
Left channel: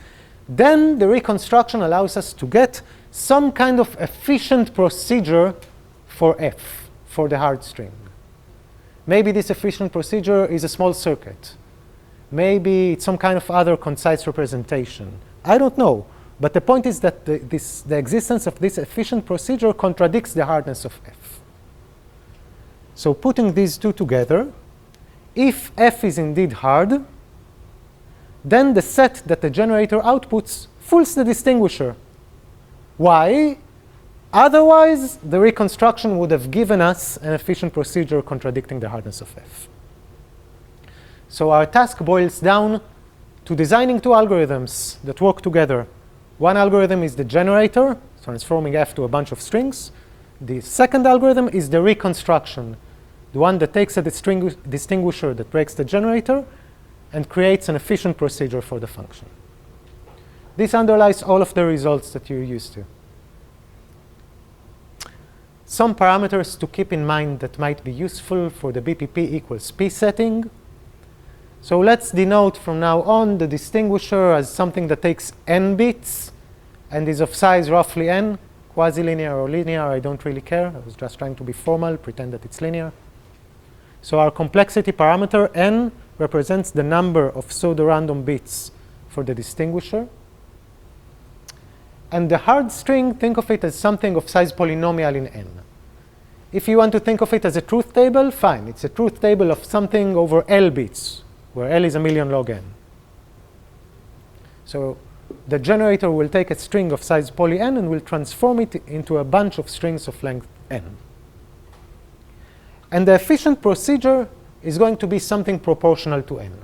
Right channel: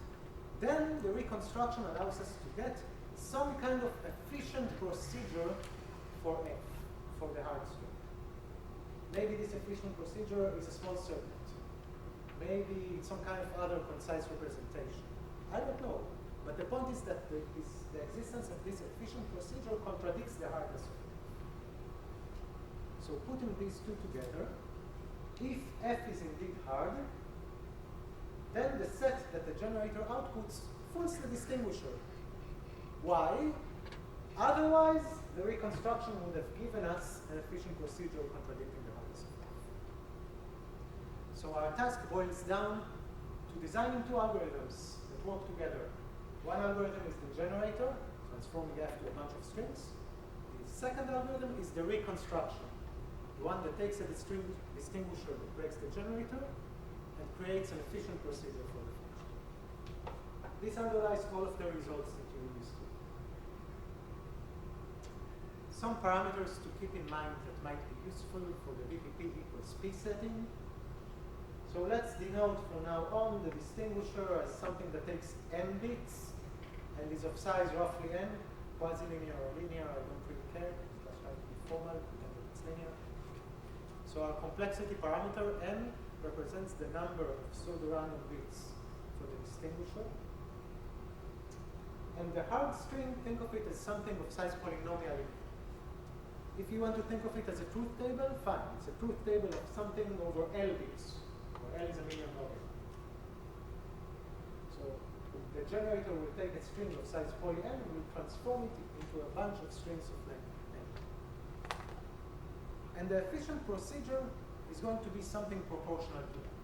then the reconstruction allows us to get some kind of efficient procedure for f, for the hard string. Maybe this efficient procedure is a small circuit. Maybe it's some kind of other concise representation. I don't know. But the point is that the existence of this efficient procedure contradicts the hardness of f. So putting these two together, if f is indeed hard, then the set that the generator outputs fools the distinguisher. Why? Otherwise, the reconstruction would have given us an efficient procedure contradicting the hardness of f. So our task boils down to designing two algorithms that work together. One algorithm is the generator, transforming f to a bunch of strings. The second algorithm is the reconstruction, the one that takes a distinguisher that breaks the generator and creates an efficient procedure for the function. This underlies all of the results that you're used to. Some parameters to keep in mind that might be useful for the BPP equals p setting. So let's denote from now on the distinguisher as something that takes n bits and is of size roughly n, quasi-linear or linear, I don't really care. I was just trying to be formal, pretend that it's linear. So our complexity parameter n represents the number of pseudorandom bits for the distinguisher. And the hard string, think of it as something of size polynomial in n. If you want to think of it as a truth table, fine. It's a truth table of something over L bits, where L is a million log n. So the generator will take a string of size poly n and will transform it into a bunch of strings of length n. And the efficient procedure is going to be something proportional to n.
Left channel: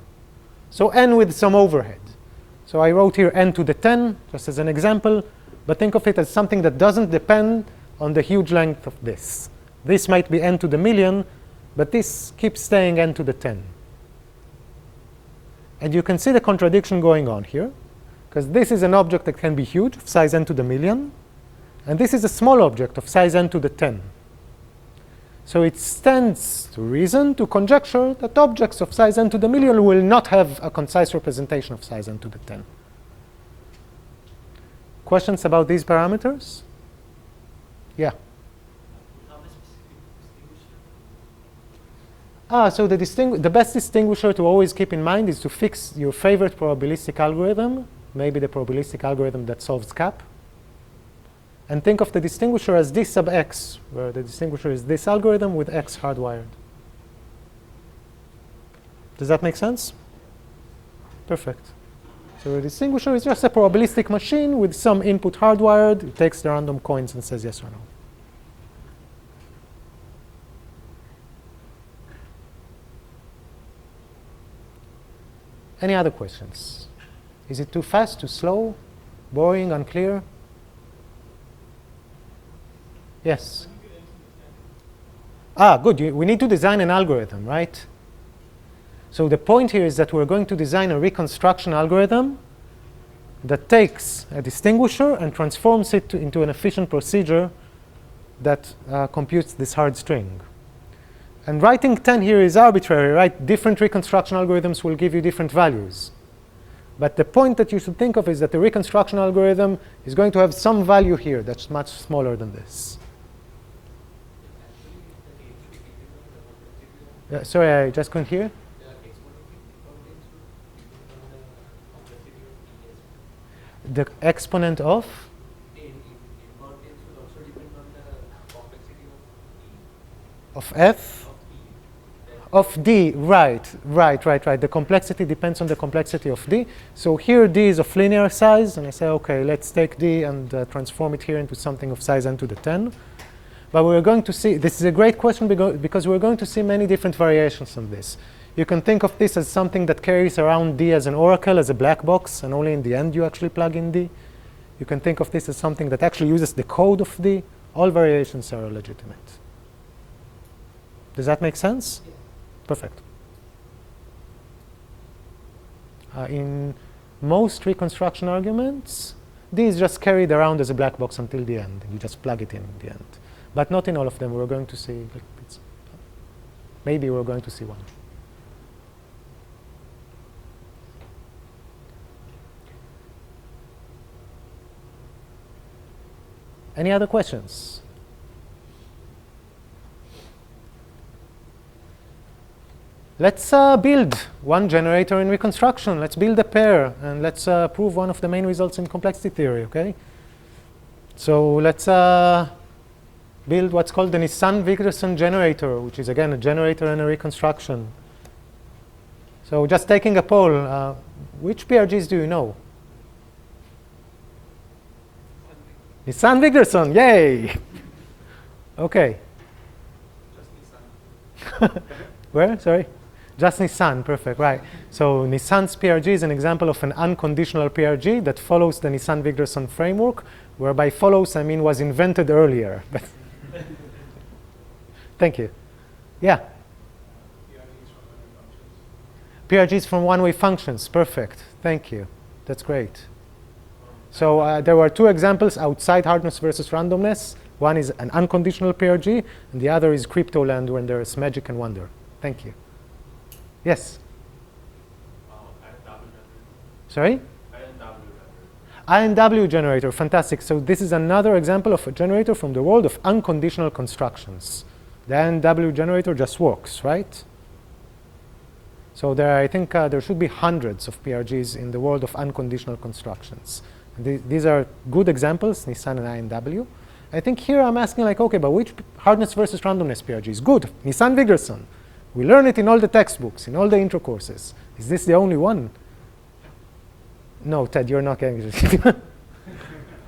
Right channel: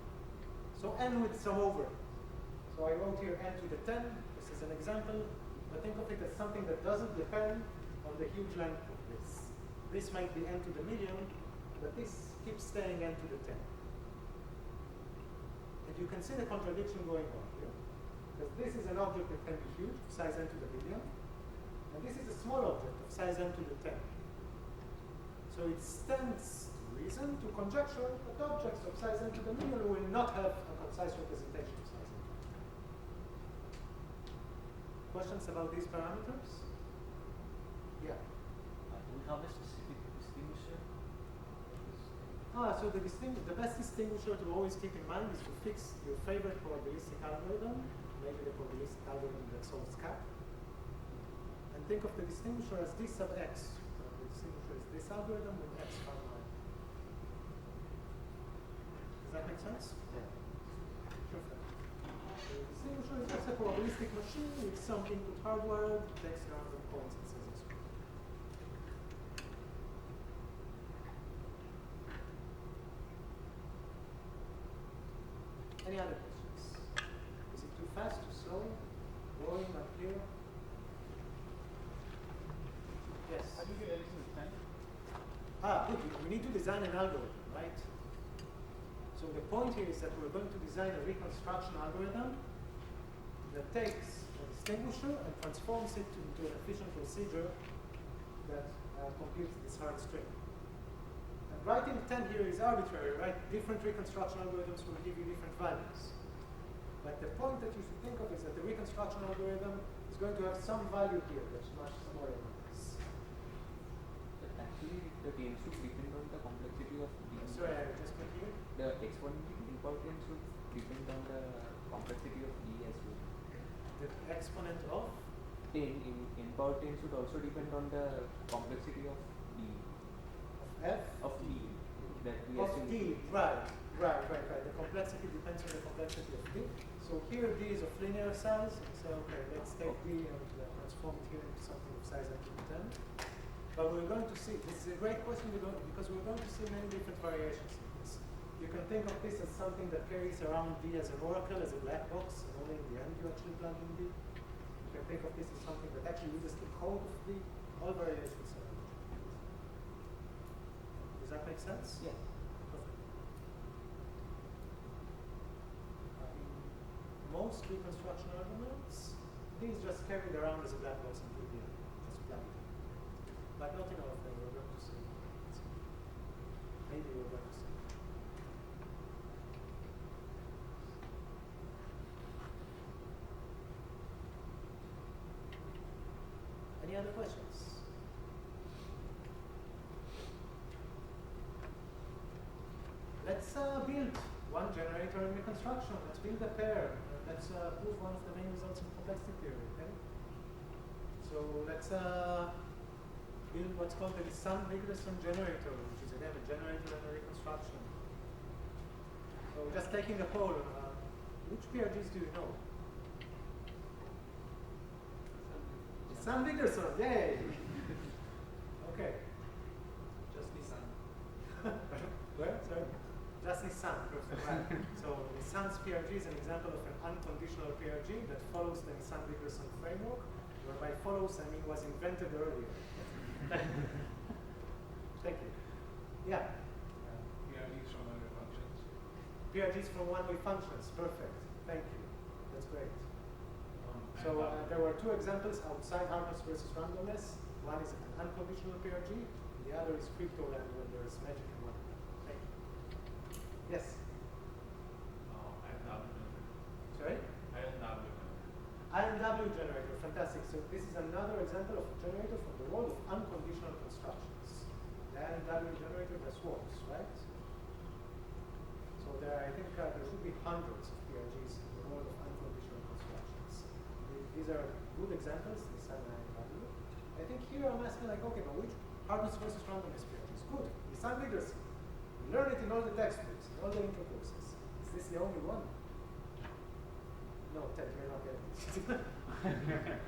So n with some overhead. So I wrote here n to the 10, just as an example. But think of it as something that doesn't depend on the huge length of this. This might be n to the million, but this keeps staying n to the 10. And you can see the contradiction going on here, because this is an object that can be huge, of size n to the million, and this is a small object of size n to the 10. So it stands to reason to conjecture that objects of size n to the million will not have a concise representation of size n to the 10. Questions about these parameters? Yeah. We have a specific distinguisher. So the best distinguisher to always keep in mind is to fix your favorite probabilistic algorithm, maybe the probabilistic algorithm that solves CAP. And think of the distinguisher as d sub x, where the distinguisher is this algorithm with x hardwired. Does that make sense? Perfect. So the distinguisher is just a probabilistic machine with some input hardwired. It takes the random coins and says yes or no. Any other questions? Is it too fast, too slow, boring, unclear? Yes? Good. We need to design an algorithm, right? So the point here is that we're going to design a reconstruction algorithm that takes a distinguisher and transforms it into an efficient procedure that computes this hard string. And writing 10 here is arbitrary, right? Different reconstruction algorithms will give you different values. But the point that you should think of is that the reconstruction algorithm is going to have some value here that's much smaller than this. Actually, the gain should depend on the complexity of Sorry, I just couldn't hear. the exponential importance should depend on the complexity of D as well. The exponent of? In importance should also depend on the complexity of D. Of f? Of d, right. The complexity depends on the complexity of d. So here d is of linear size, and I say, okay, let's take d and transform it here into something of size n to the 10. But we're going to see, this is a great question because we're going to see many different variations on this. You can think of this as something that carries around d as an oracle, as a black box, and only in the end you actually plug in d. You can think of this as something that actually uses the code of d. All variations are legitimate. Does that make sense? Yes. Perfect. In most reconstruction arguments, d is just carried around as a black box until the end. You just plug it in the end. But not in all of them. We're going to see, maybe we're going to see one. Any other questions? Let's build one generator in reconstruction. Let's build a pair, and let's prove one of the main results in complexity theory, okay? So let's build what's called the Nisan-Wigderson generator, which is, again, a generator and a reconstruction. So just taking a poll, which PRGs do you know? Nisan-Wigderson, yay! Okay. Just Nisan. Where? Sorry? Just Nisan, perfect, right. So Nisan's PRG is an example of an unconditional PRG that follows the Nisan-Wigderson framework, whereby follows, I mean, was invented earlier. Thank you. Yeah? PRGs from one-way functions, perfect. Thank you. That's great. So there were two examples outside hardness versus randomness. One is an unconditional PRG, and the other is Cryptoland when there is magic and wonder. Thank you. Yes? Sorry? INW generator, fantastic. So this is another example of a generator from the world of unconditional constructions. The INW generator just works, right? So there, I think there should be hundreds of PRGs in the world of unconditional constructions. These are good examples, Nisan and INW. I think here I'm asking like, okay, but which hardness versus randomness PRG is good? Nisan-Wigderson. We learn it in all the textbooks, in all the intro courses. Is this the only one? No, Ted, you're not getting it.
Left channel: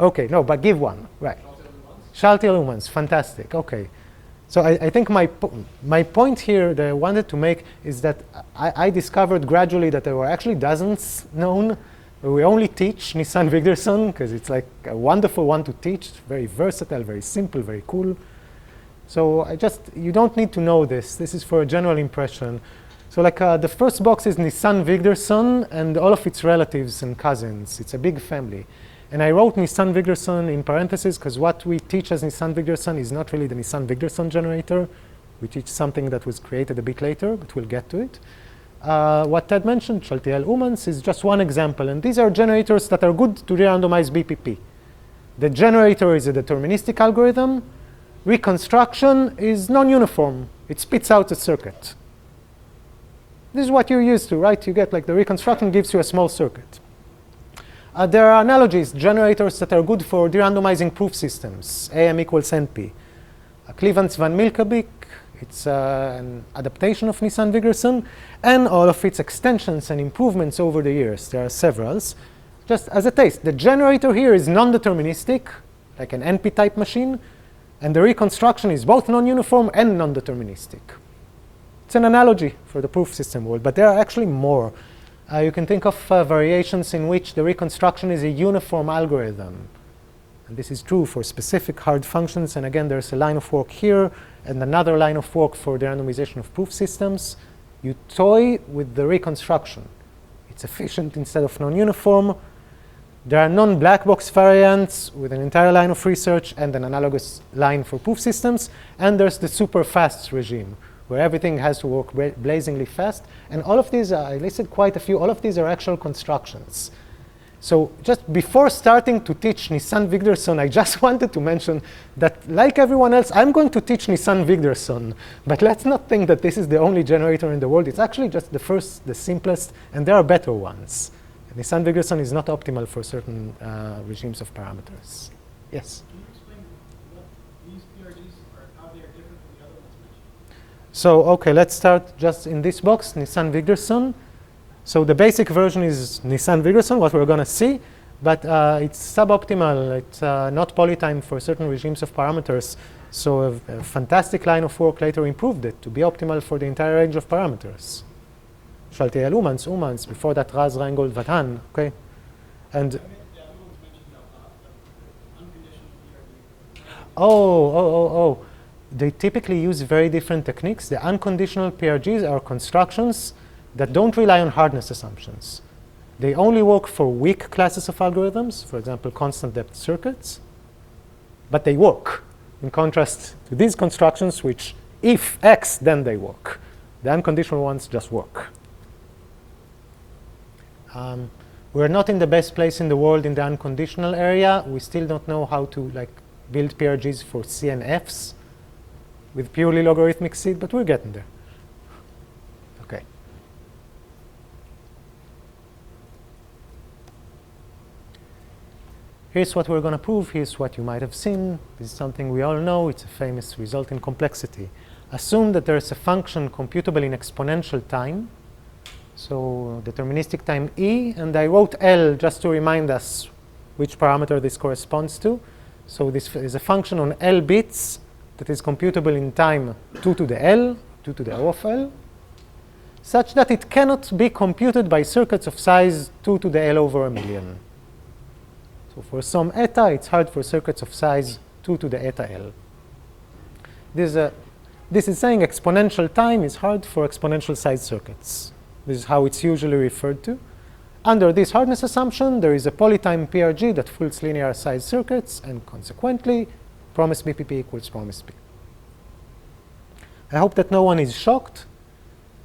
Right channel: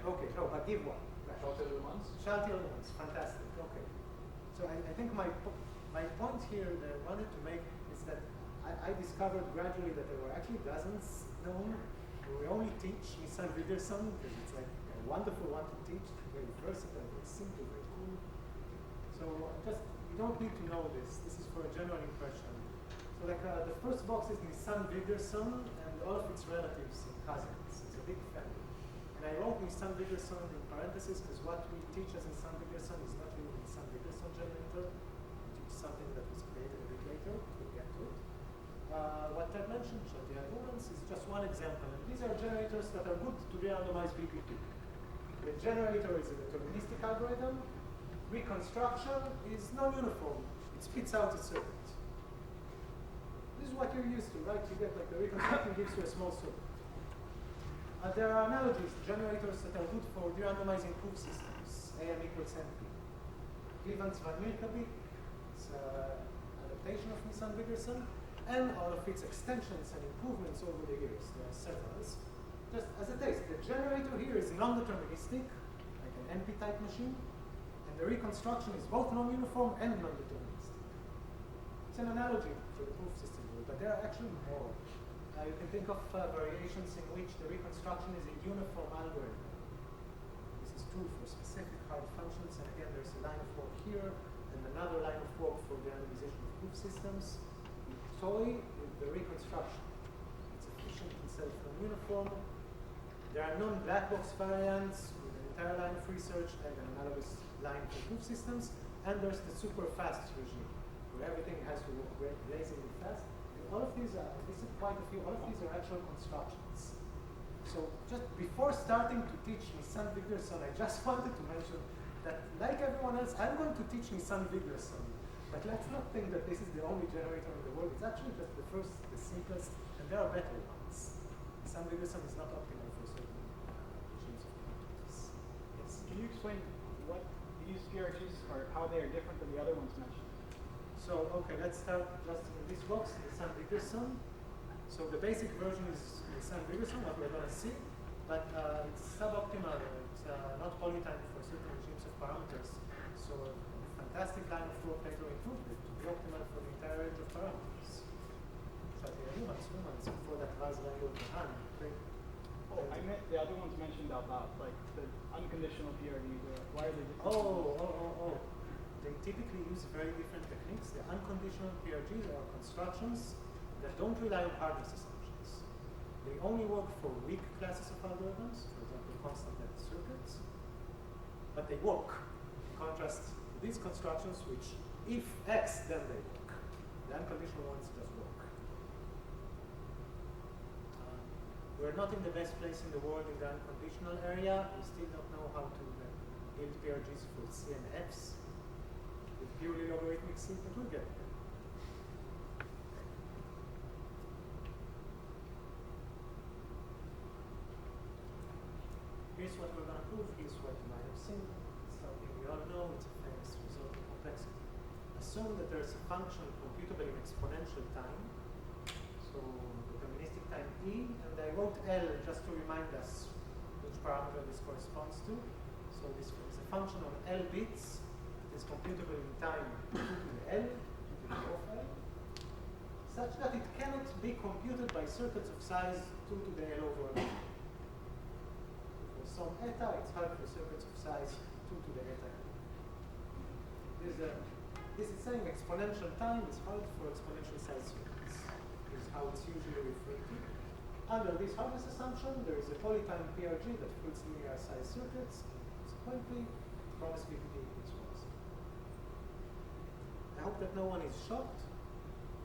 Okay, no, but give one. Right. Schalti-Lumans, fantastic. Okay. So I think my point here that I wanted to make is that I discovered gradually that there were actually dozens known. We only teach Nisan-Wigderson because it's like a wonderful one to teach, very versatile, very simple, very cool. So you don't need to know this. This is for a general impression. So like the first box is Nisan-Wigderson and all of its relatives and cousins. It's a big family. And I wrote Nisan-Wigderson in parentheses because what we teach as Nisan-Wigderson is not really the Nisan-Wigderson generator. We teach something that was created a bit later, but we'll get to it. What Ted mentioned, Schalti-Lumans, is just one example. And these are generators that are good to re-randomize BPP. The generator is a deterministic algorithm. Reconstruction is non-uniform. It spits out a circuit. This is what you're used to, right? You get like the reconstruction gives you a small circuit. There are analogies, generators that are good for derandomizing proof systems, AM equals NP. Clevants-Van Milkebeek, it's an adaptation of Nisan-Wigderson, and all of its extensions and improvements over the years. There are several. Just as a taste, the generator here is non-deterministic, like an NP-type machine, and the reconstruction is both non-uniform and non-deterministic. It's an analogy for the proof system world, but there are actually more. You can think of variations in which the reconstruction is a uniform algorithm. And this is true for specific hard functions. And again, there's a line of work here and another line of work for the randomization of proof systems. You toy with the reconstruction. It's efficient instead of non-uniform. There are non-black box variants with an entire line of research and an analogous line for proof systems. And there's the super fast regime, where everything has to work blazingly fast. And all of these, I listed quite a few, all of these are actual constructions. So just before starting to teach Nisan-Wigderson, I just wanted to mention that, like everyone else, I'm going to teach Nisan-Wigderson. But let's not think that this is the only generator in the world. It's actually just the first, the simplest, and there are better ones. Nisan-Wigderson is not optimal for certain regimes of parameters. Yes? Can you explain what these PRGs are, how they are different from the other ones mentioned? So, OK, let's start just in this box, Nisan-Wigderson. So the basic version is Nisan-Wigderson, what we're going to see. But it's suboptimal. It's not polytime for certain regimes of parameters. So a fantastic line of work later improved it to be optimal for the entire range of parameters. Shaltiel Umans, before that Raz, Reingold, Vatan. OK? And The other ones mentioned out loud, like the unconditional PRG. Why are they They typically use very different techniques. The unconditional PRGs are constructions that don't rely on hardness assumptions. They only work for weak classes of algorithms, for example, constant depth circuits. But they work, in contrast to these constructions, which if X, then they work. The unconditional ones just work. We're not in the best place in the world in the unconditional area. We still don't know how to build PRGs for CNFs with purely logarithmic seed, but we're getting there. OK. Here's what we're going to prove. Here's what you might have seen. This is something we all know. It's a famous result in complexity. Assume that there's a function computable in exponential time. So deterministic time E. And I wrote L just to remind us which parameter this corresponds to. So this is a function on L bits that is computable in time 2 to the L, 2 to the O of L, such that it cannot be computed by circuits of size 2 to the L over a million. So for some eta, it's hard for circuits of size 2 to the eta L. This is saying exponential time is hard for exponential size circuits. This is how it's usually referred to. Under this hardness assumption, there is a polytime PRG that fools linear size circuits, and consequently, promise BPP equals promise B. I hope that no one is shocked.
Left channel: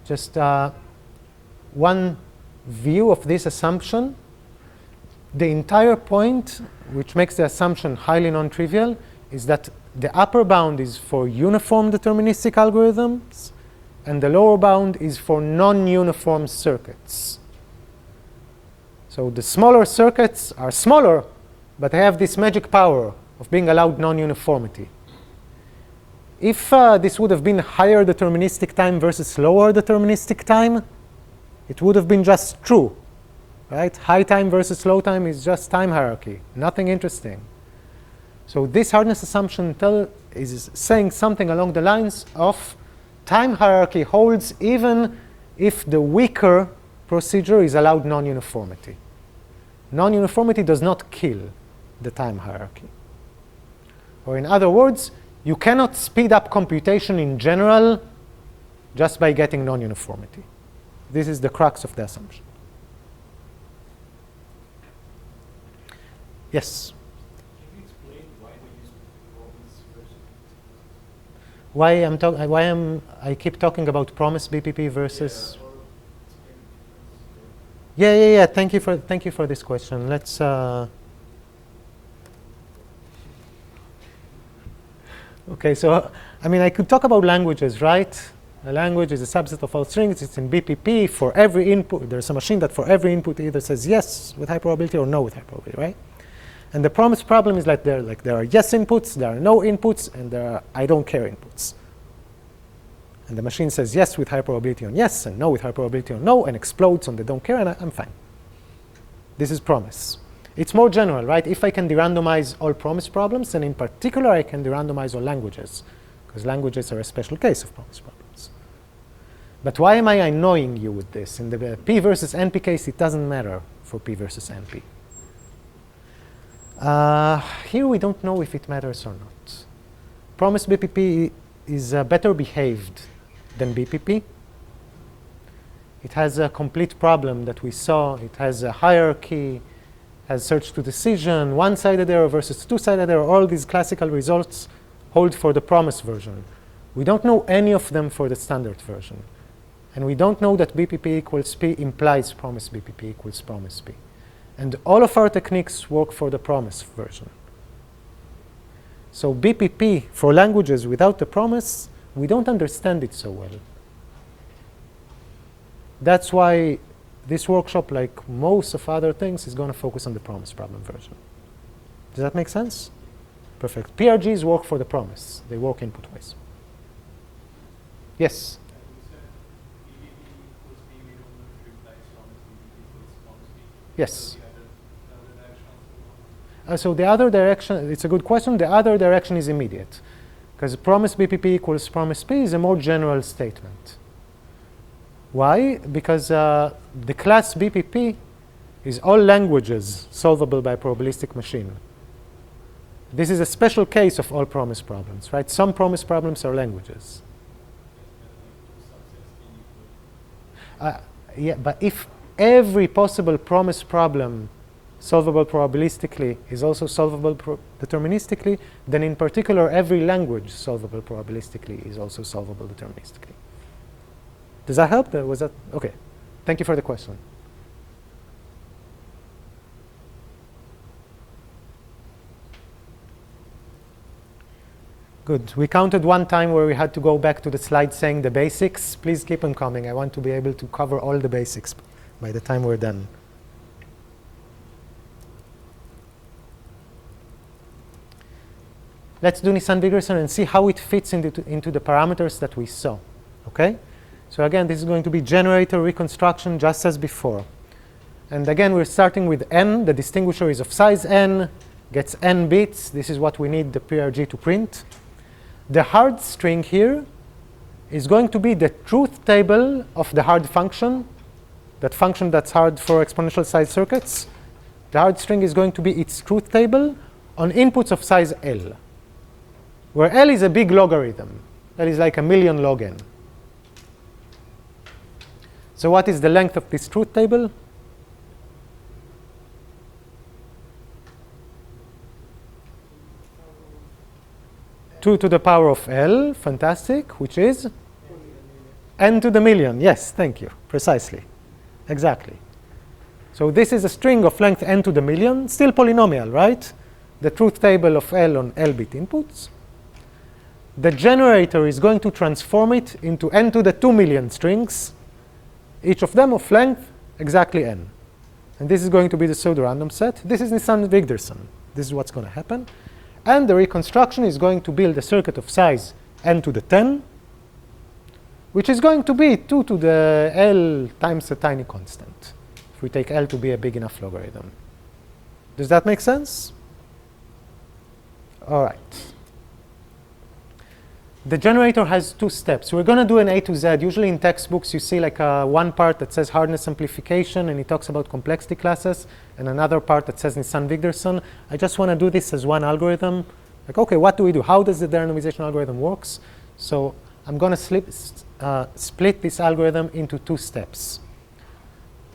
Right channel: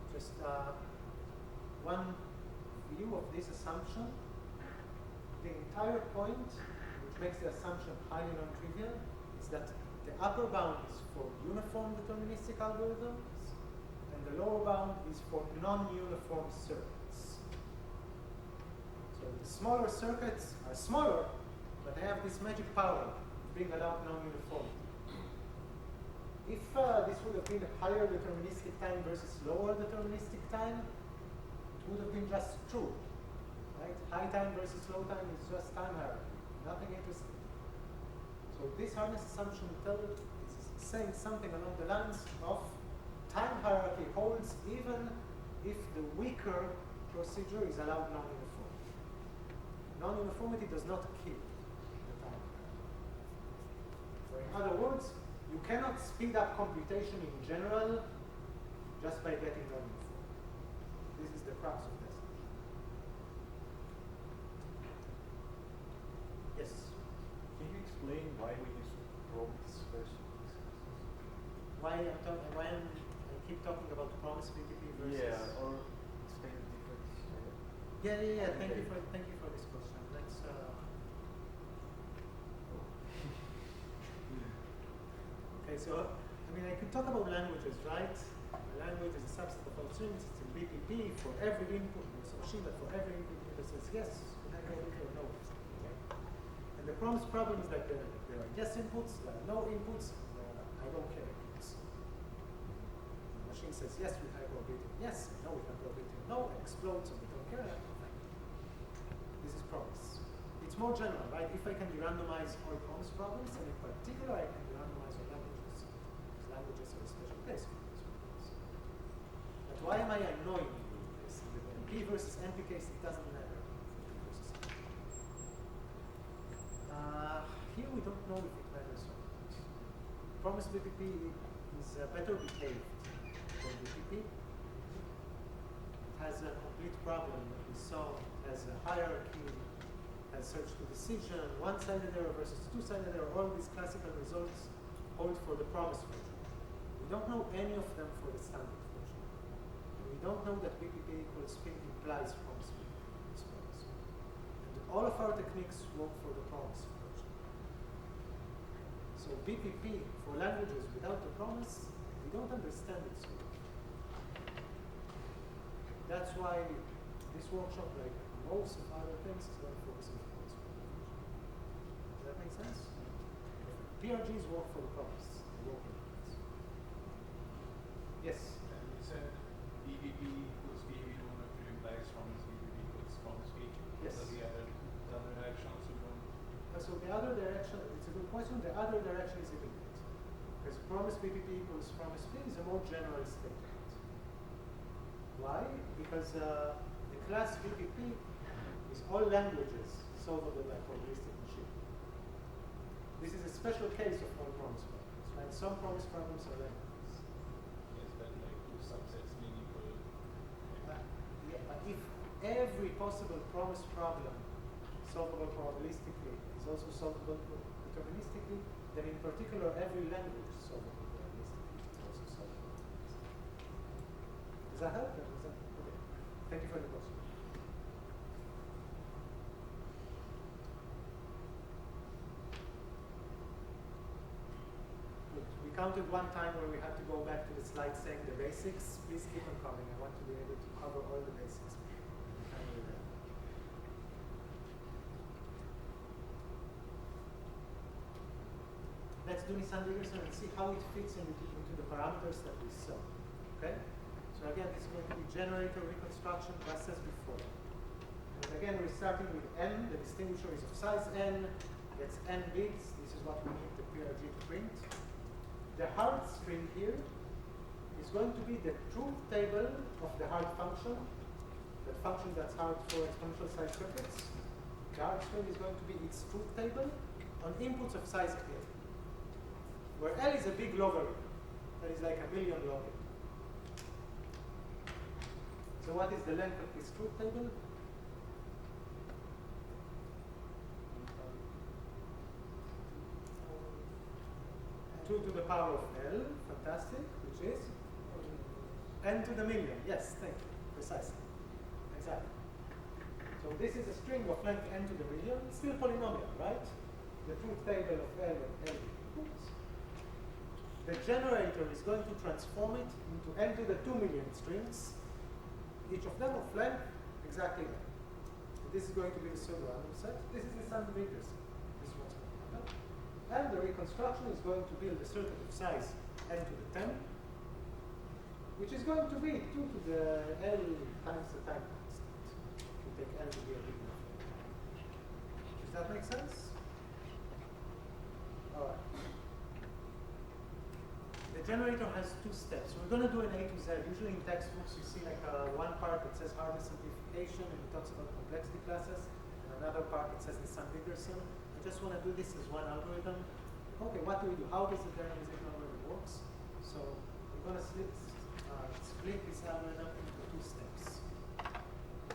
Just one view of this assumption. The entire point, which makes the assumption highly non-trivial, is that the upper bound is for uniform deterministic algorithms, and the lower bound is for non-uniform circuits. So the smaller circuits are smaller, but they have this magic power of being allowed non-uniformity. If this would have been higher deterministic time versus lower deterministic time, it would have been just true. Right? High time versus low time is just time hierarchy, nothing interesting. So this hardness assumption is saying something along the lines of time hierarchy holds even if the weaker procedure is allowed non-uniformity. Non-uniformity does not kill the time hierarchy. Or in other words, you cannot speed up computation in general just by getting non-uniformity. This is the crux of the assumption. Yes? Can you explain why we use promise versus? I keep talking about promise BPP versus? Yeah, or explain the difference. Yeah. Thank you for this question. Let's. Okay, so I mean, I could talk about languages, right? A language is a subset of all strings. It's in BPP. For every input, there's a machine that for every input either says yes with high probability or no with high probability, right? And the promise problem is like there are yes inputs, there are no inputs, and there are I don't care inputs. And the machine says yes with high probability on yes and no with high probability on no and explodes on the don't care, and I'm fine. This is promise. It's more general, right? If I can de-randomize all promise problems, then in particular I can de-randomize all languages, because languages are a special case of promise problems. But why am I annoying you with this? In the P versus NP case, it doesn't matter for P versus NP. Here we don't know if it matters or not. Promise BPP is better behaved than BPP. It has a complete problem that we saw. It has a hierarchy, has search to decision, one-sided error versus two-sided error. All these classical results hold for the promise version. We don't know any of them for the standard version. And we don't know that BPP equals P implies promise BPP equals promise P. And all of our techniques work for the promise version. So BPP for languages without the promise, we don't understand it so well. That's why this workshop, like most of other things, is going to focus on the promise problem version. Does that make sense? Perfect. PRGs work for the promise. They work input-wise. Yes? Yes. So the other direction, it's a good question. The other direction is immediate, because promise BPP equals promise P is a more general statement. Why? Because the class BPP is all languages solvable by a probabilistic machine. This is a special case of all promise problems, right? Some promise problems are languages. Yeah, but if every possible promise problem solvable probabilistically is also solvable deterministically, then in particular every language solvable probabilistically is also solvable deterministically. Does that help? Was that okay? Thank you for the question. Good. We counted one time where we had to go back to the slide saying the basics. Please keep them coming. I want to be able to cover all the basics by the time we're done. Let's do Nisan-Wigderson and see how it fits into the parameters that we saw. Okay? So again, this is going to be generator reconstruction just as before. And again, we're starting with n. The distinguisher is of size n, gets n bits. This is what we need the PRG to print. The hard string here is going to be the truth table of the hard function, that function that's hard for exponential size circuits. The hard string is going to be its truth table on inputs of size L, where L is a big logarithm. L is like 1,000,000 log n. So what is the length of this truth table? Two to the power of L, fantastic, which is n to the million. Yes, thank you, precisely, exactly. So this is a string of length n to the million, still polynomial, right? The truth table of L on L-bit inputs. The generator is going to transform it into n to the 2 million strings, each of them of length exactly n. And this is going to be the pseudorandom set. This is Nisan-Wigderson. This is what's going to happen. And the reconstruction is going to build a circuit of size n to the 10, which is going to be 2 to the L times a tiny constant, if we take L to be a big enough logarithm. Does that make sense? All right. The generator has two steps. We're going to do an A to Z. Usually in textbooks, you see like one part that says hardness amplification, and it talks about complexity classes, and another part that says Nisan-Wigderson. I just want to do this as one algorithm. Like, OK, what do we do? How does the derandomization algorithm works? So I'm going to split this algorithm into two steps.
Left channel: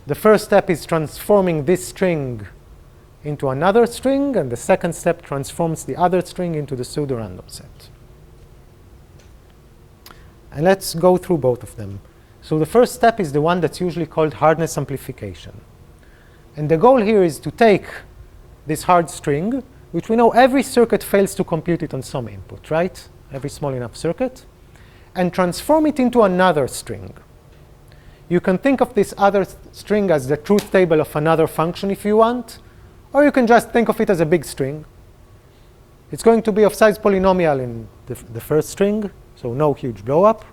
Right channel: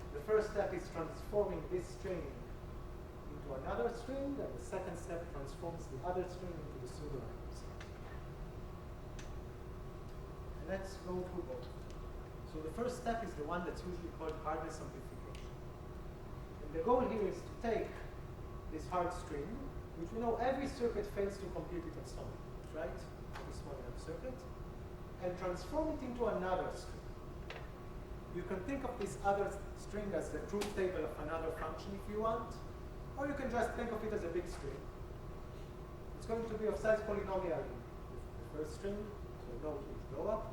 The first step is transforming this string into another string, and the second step transforms the other string into the pseudorandom set. And let's go through both of them. So the first step is the one that's usually called hardness amplification. And the goal here is to take this hard string, which we know every circuit fails to compute it on some input, right? every small enough circuit, and transform it into another string. You can think of this other string as the truth table of another function if you want, or you can just think of it as a big string. It's going to be of size polynomial in the first string, so no huge blow-up.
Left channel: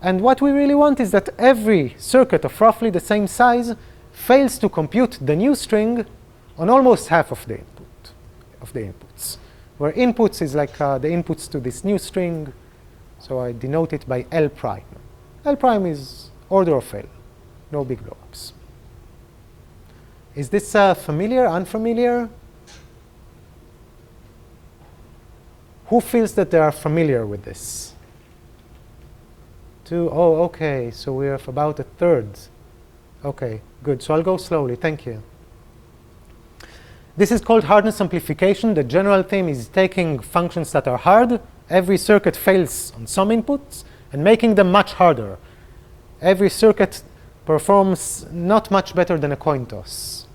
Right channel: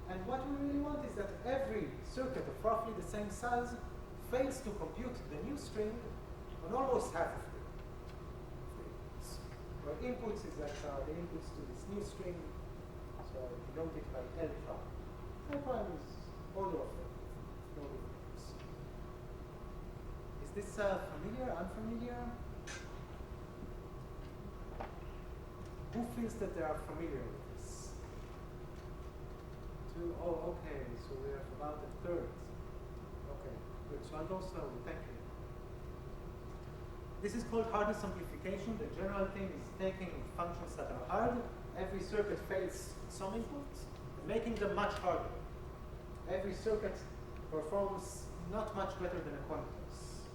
And what we really want is that every circuit of roughly the same size fails to compute the new string on almost half of the inputs, where inputs is like the inputs to this new string, so I denote it by L prime. L prime is order of L, no big blow-ups. Is this familiar, unfamiliar? Who feels that they are familiar with this? Two, oh, okay, so we have about a third. Okay, good, so I'll go slowly, thank you. This is called hardness amplification. The general theme is taking functions that are hard. Every circuit fails on some inputs and making them much harder. Every circuit performs not much better than a coin toss.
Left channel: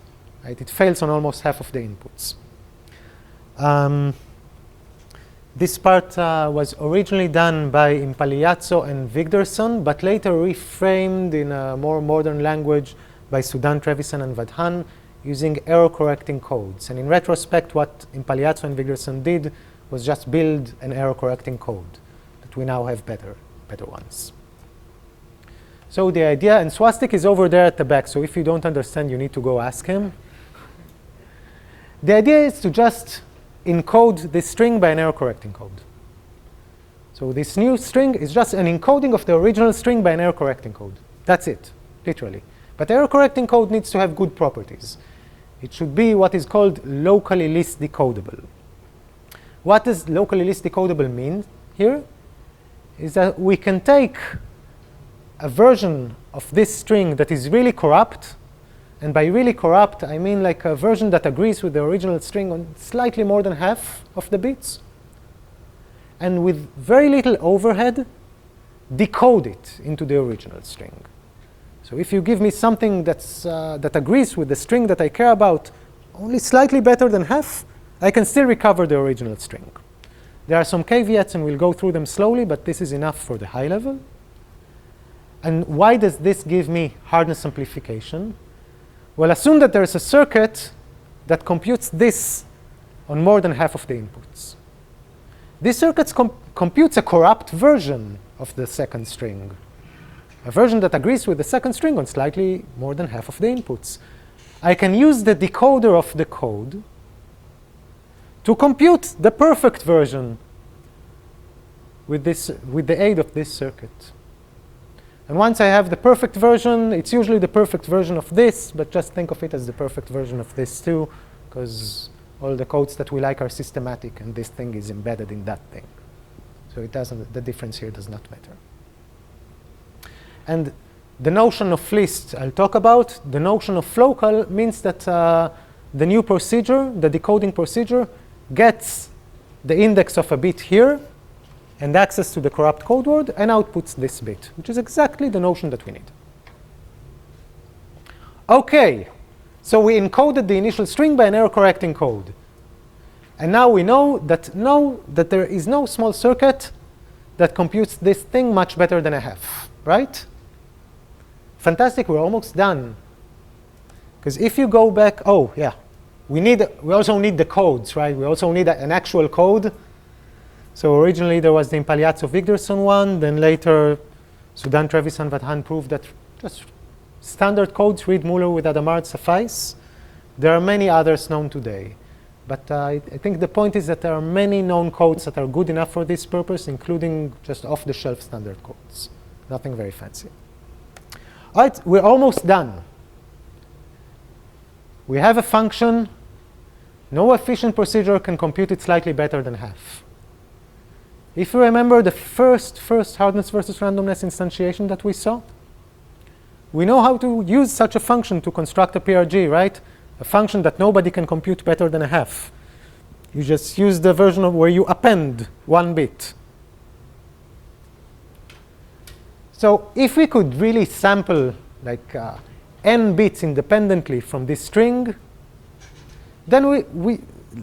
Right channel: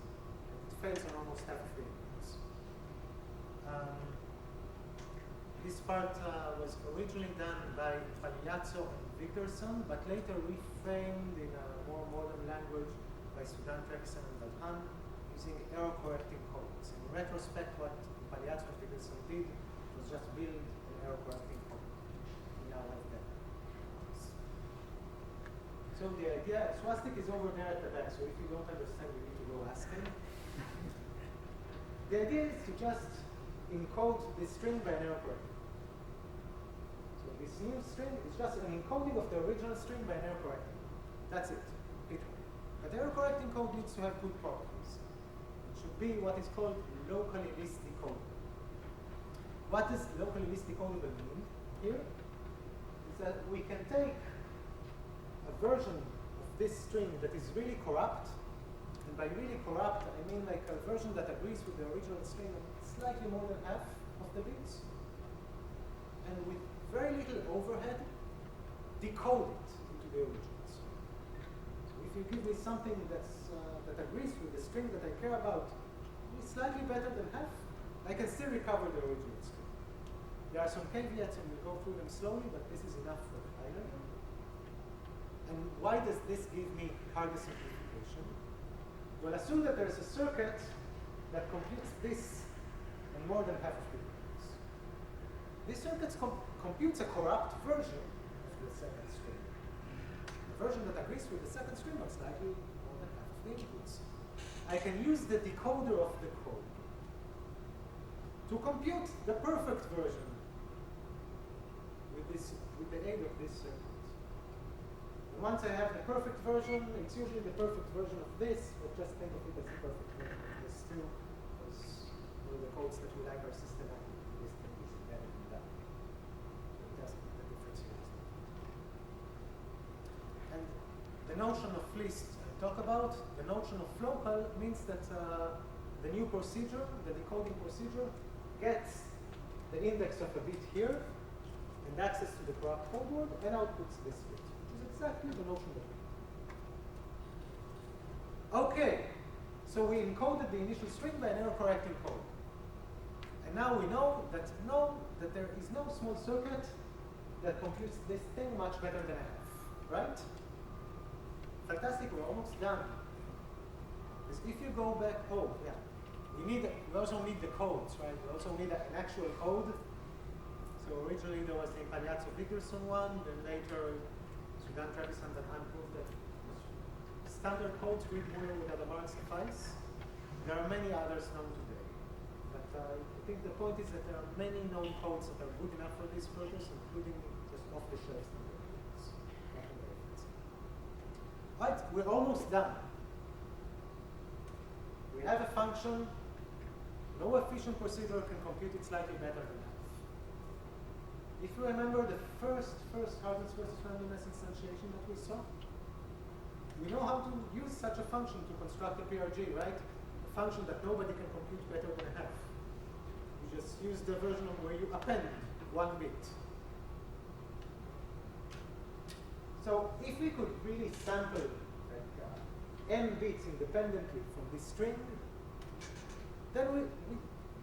Right? It fails on almost half of the inputs. This part was originally done by Impagliazzo and Wigderson, but later reframed in a more modern language by Sudan, Trevisan, and Vadhan using error-correcting codes. And in retrospect, what Impagliazzo and Wigderson did was just build an error-correcting code that we now have better ones. So the idea, and Swastik is over there at the back, so if you don't understand, you need to go ask him. The idea is to just encode this string by an error-correcting code. So this new string is just an encoding of the original string by an error-correcting code. That's it, literally. But error-correcting code needs to have good properties. It should be what is called locally least decodable. What does locally least decodable mean here? Is that we can take a version of this string that is really corrupt, and by really corrupt, I mean like a version that agrees with the original string on slightly more than half of the bits, and with very little overhead, decode it into the original string. So if you give me something that agrees with the string that I care about only slightly better than half, I can still recover the original string. There are some caveats, and we'll go through them slowly, but this is enough for the high level. And why does this give me hardness amplification? Well, assume that there is a circuit that computes this on more than half of the inputs. This circuit computes a corrupt version of the second string, a version that agrees with the second string on slightly more than half of the inputs. I can use the decoder of the code to compute the perfect version with the aid of this circuit. And once I have the perfect version, it's usually the perfect version of this, but just think of it as the perfect version of this too, because all the codes that we like are systematic, and this thing is embedded in that thing. So it doesn't, the difference here does not matter. And the notion of least I'll talk about. The notion of local means that the new procedure, the decoding procedure, gets the index of a bit here and access to the corrupt code word and outputs this bit, which is exactly the notion that we need. OK, so we encoded the initial string by an error-correcting code. And now we know that there is no small circuit that computes this thing much better than a half, right? Fantastic, we're almost done. Because if you go back, oh, yeah, we also need the codes, right? We also need an actual code. So originally there was the Impagliazzo-Wigderson one. Then later, Sudan, Trevisan, Vadhan proved that just standard codes, read Muller with Adamard, suffice. There are many others known today. But I think the point is that there are many known codes that are good enough for this purpose, including just off-the-shelf standard codes. Nothing very fancy. All right, we're almost done. We have a function. No efficient procedure can compute it slightly better than half. If you remember the first hardness versus randomness instantiation that we saw, we know how to use such a function to construct a PRG, right? A function that nobody can compute better than a half. You just use the version of where you append one bit. So if we could really sample like n bits independently from this string, then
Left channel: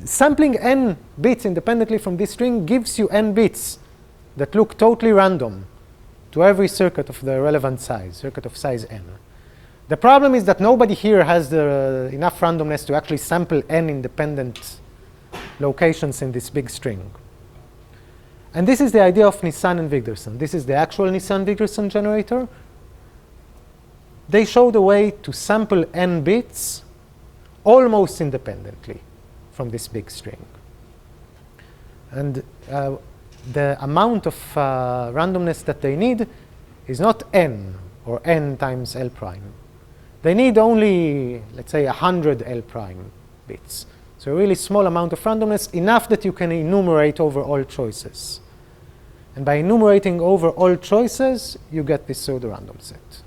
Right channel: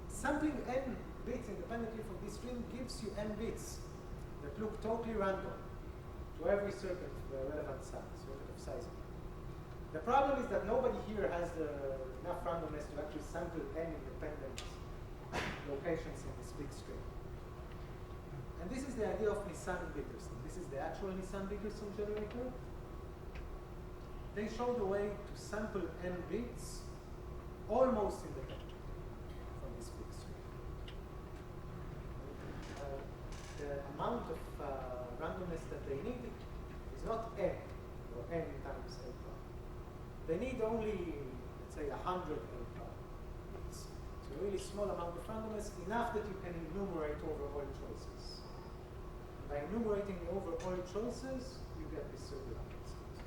sampling n bits independently from this string gives you n bits that look totally random to every circuit of the relevant size, circuit of size n. The problem is that nobody here has enough randomness to actually sample n independent locations in this big string. And this is the idea of Nisan and Wigderson. This is the actual Nisan-Wigderson generator. They showed a way to sample n bits almost independently from this big string. And the amount of randomness that they need is not n, or n times L prime. They need only, let's say, 100 L prime bits. So a really small amount of randomness, enough that you can enumerate over all choices. And by enumerating over all choices, you get this pseudo-random set.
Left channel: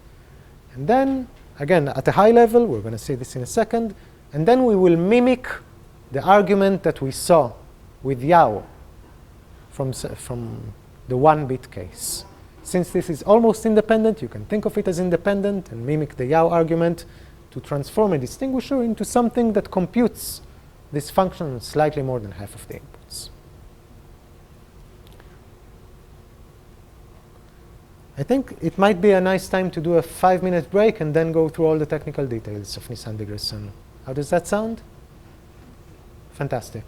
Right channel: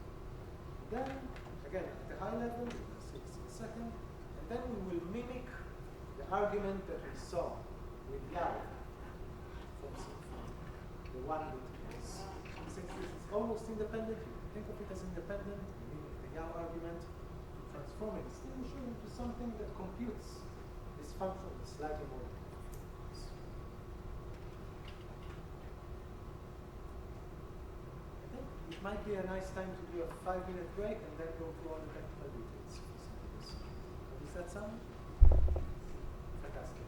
And then, again, at a high level, we're going to see this in a second, and then we will mimic the argument that we saw with Yao from the one-bit case. Since this is almost independent, you can think of it as independent and mimic the Yao argument to transform a distinguisher into something that computes this function slightly more than half of the inputs. I think it might be a nice time to do a 5-minute break and then go through all the technical details of Nisan-Wigderson. How does that sound? Fantastic.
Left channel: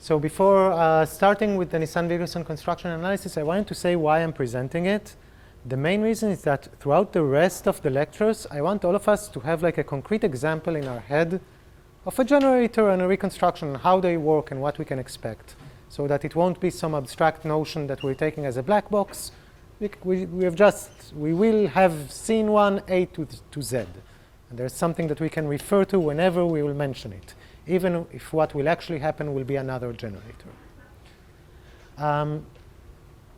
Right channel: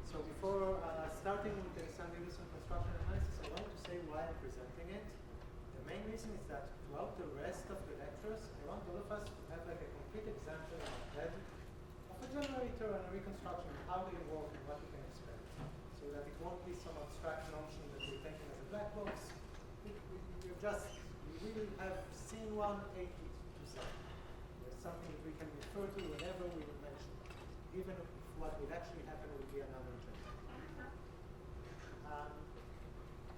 So before starting with the Nisan-Wigderson construction analysis, I wanted to say why I'm presenting it. The main reason is that throughout the rest of the lectures, I want all of us to have like a concrete example in our head of a generator and a reconstruction, how they work and what we can expect, so that it won't be some abstract notion that we're taking as a black box. We will have seen one A to Z. And there's something that we can refer to whenever we will mention it, even if what will actually happen will be another generator.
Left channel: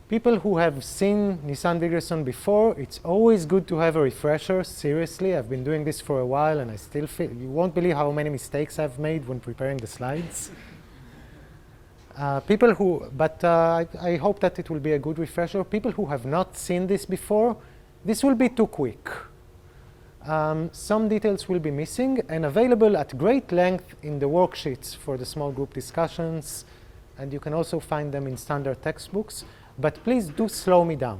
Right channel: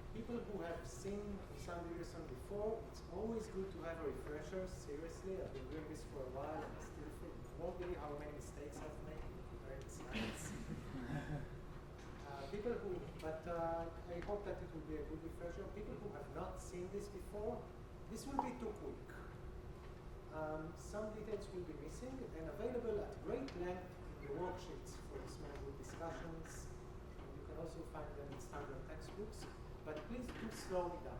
People who have seen Nisan-Wigderson before, it's always good to have a refresher. Seriously, I've been doing this for a while, and I still feel, you won't believe how many mistakes I've made when preparing the slides. I hope that it will be a good refresher. People who have not seen this before, this will be too quick. Some details will be missing and available at great length in the worksheets for the small group discussions, and you can also find them in standard textbooks. But please do slow me down.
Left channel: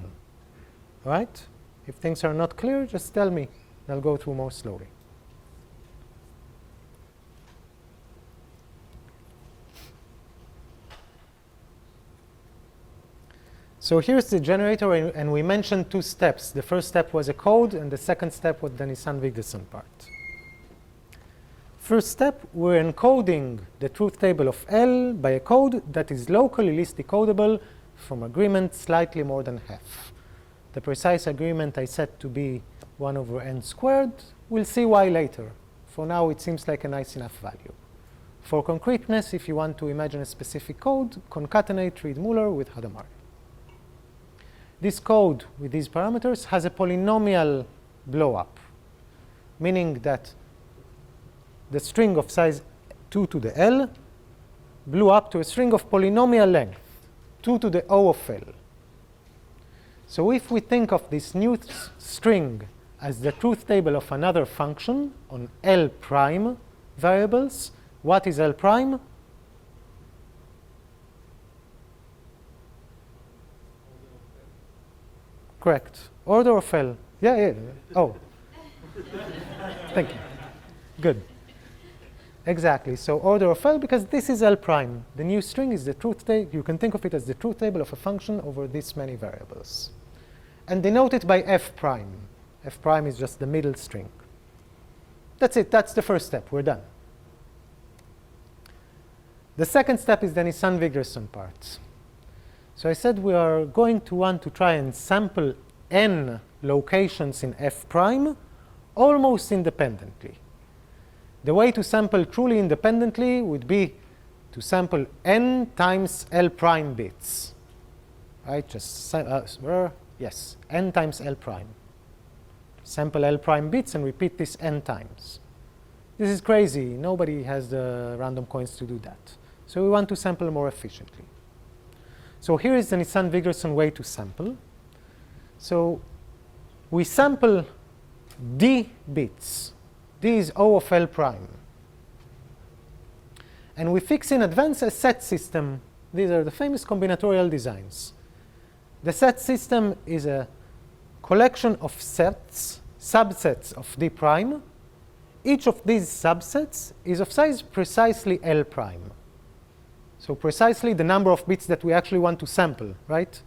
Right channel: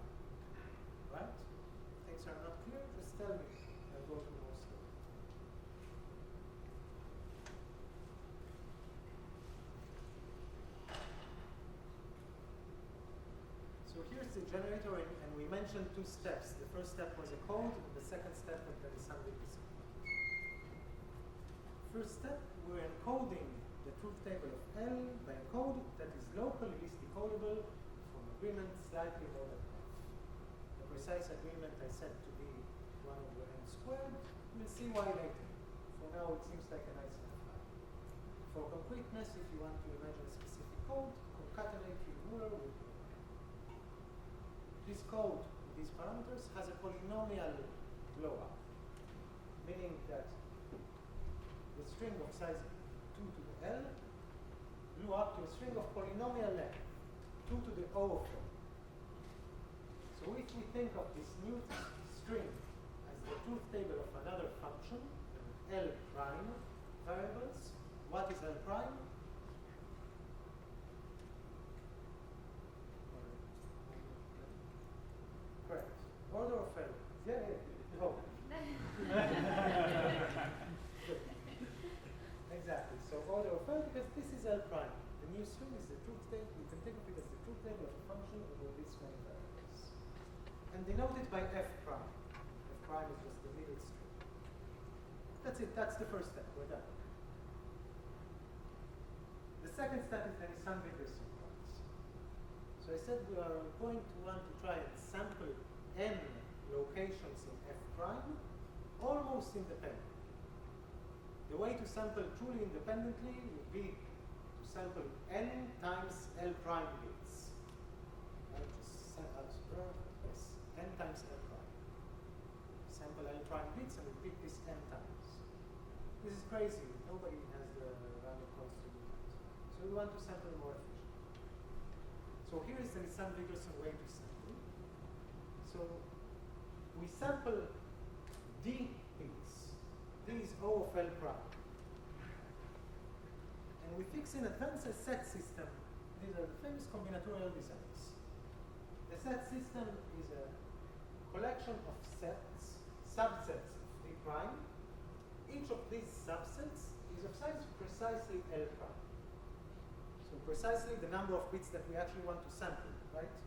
All right? If things are not clear, just tell me. I'll go through more slowly. So here's the generator, and we mentioned 2 steps. The first step was a code, and the second step was the Nisan-Wigderson part. First step, we're encoding the truth table of L by a code that is locally least decodable from agreement slightly more than half. The precise agreement I set to be 1 over n squared. We'll see why later. For now, it seems like a nice enough value. For concreteness, if you want to imagine a specific code, concatenate Reed-Muller with Hadamard. This code with these parameters has a polynomial blow-up, meaning that the string of size 2 to the L blew up to a string of polynomial length, 2 to the O of L. So if we think of this new string as the truth table of another function on L prime variables, what is L prime? Correct. Order of L. Yeah. Oh. Thank you. Good. Exactly. So order of L, because this is L prime. The new string is the truth table. You can think of it as the truth table of a function over this many variables. And denote it by F prime. F prime is just the middle string. That's it. That's the first step. We're done. The second step is the Nisan-Wigderson part. So I said we are going to want to try and sample n locations in F prime almost independently. The way to sample truly independently would be to sample n times L prime bits. Right? Just yes, n times L prime. Sample L prime bits and repeat this n times. This is crazy. Nobody has the random coins to do that. So we want to sample more efficiently. So here is the Nisan-Wigderson way to sample. So we sample d bits. D is O of L prime. and we fix in advance a set system. These are the famous combinatorial designs. The set system is a collection of sets, subsets of D prime. Each of these subsets is of size precisely L prime. So precisely the number of bits that we actually want to sample, right?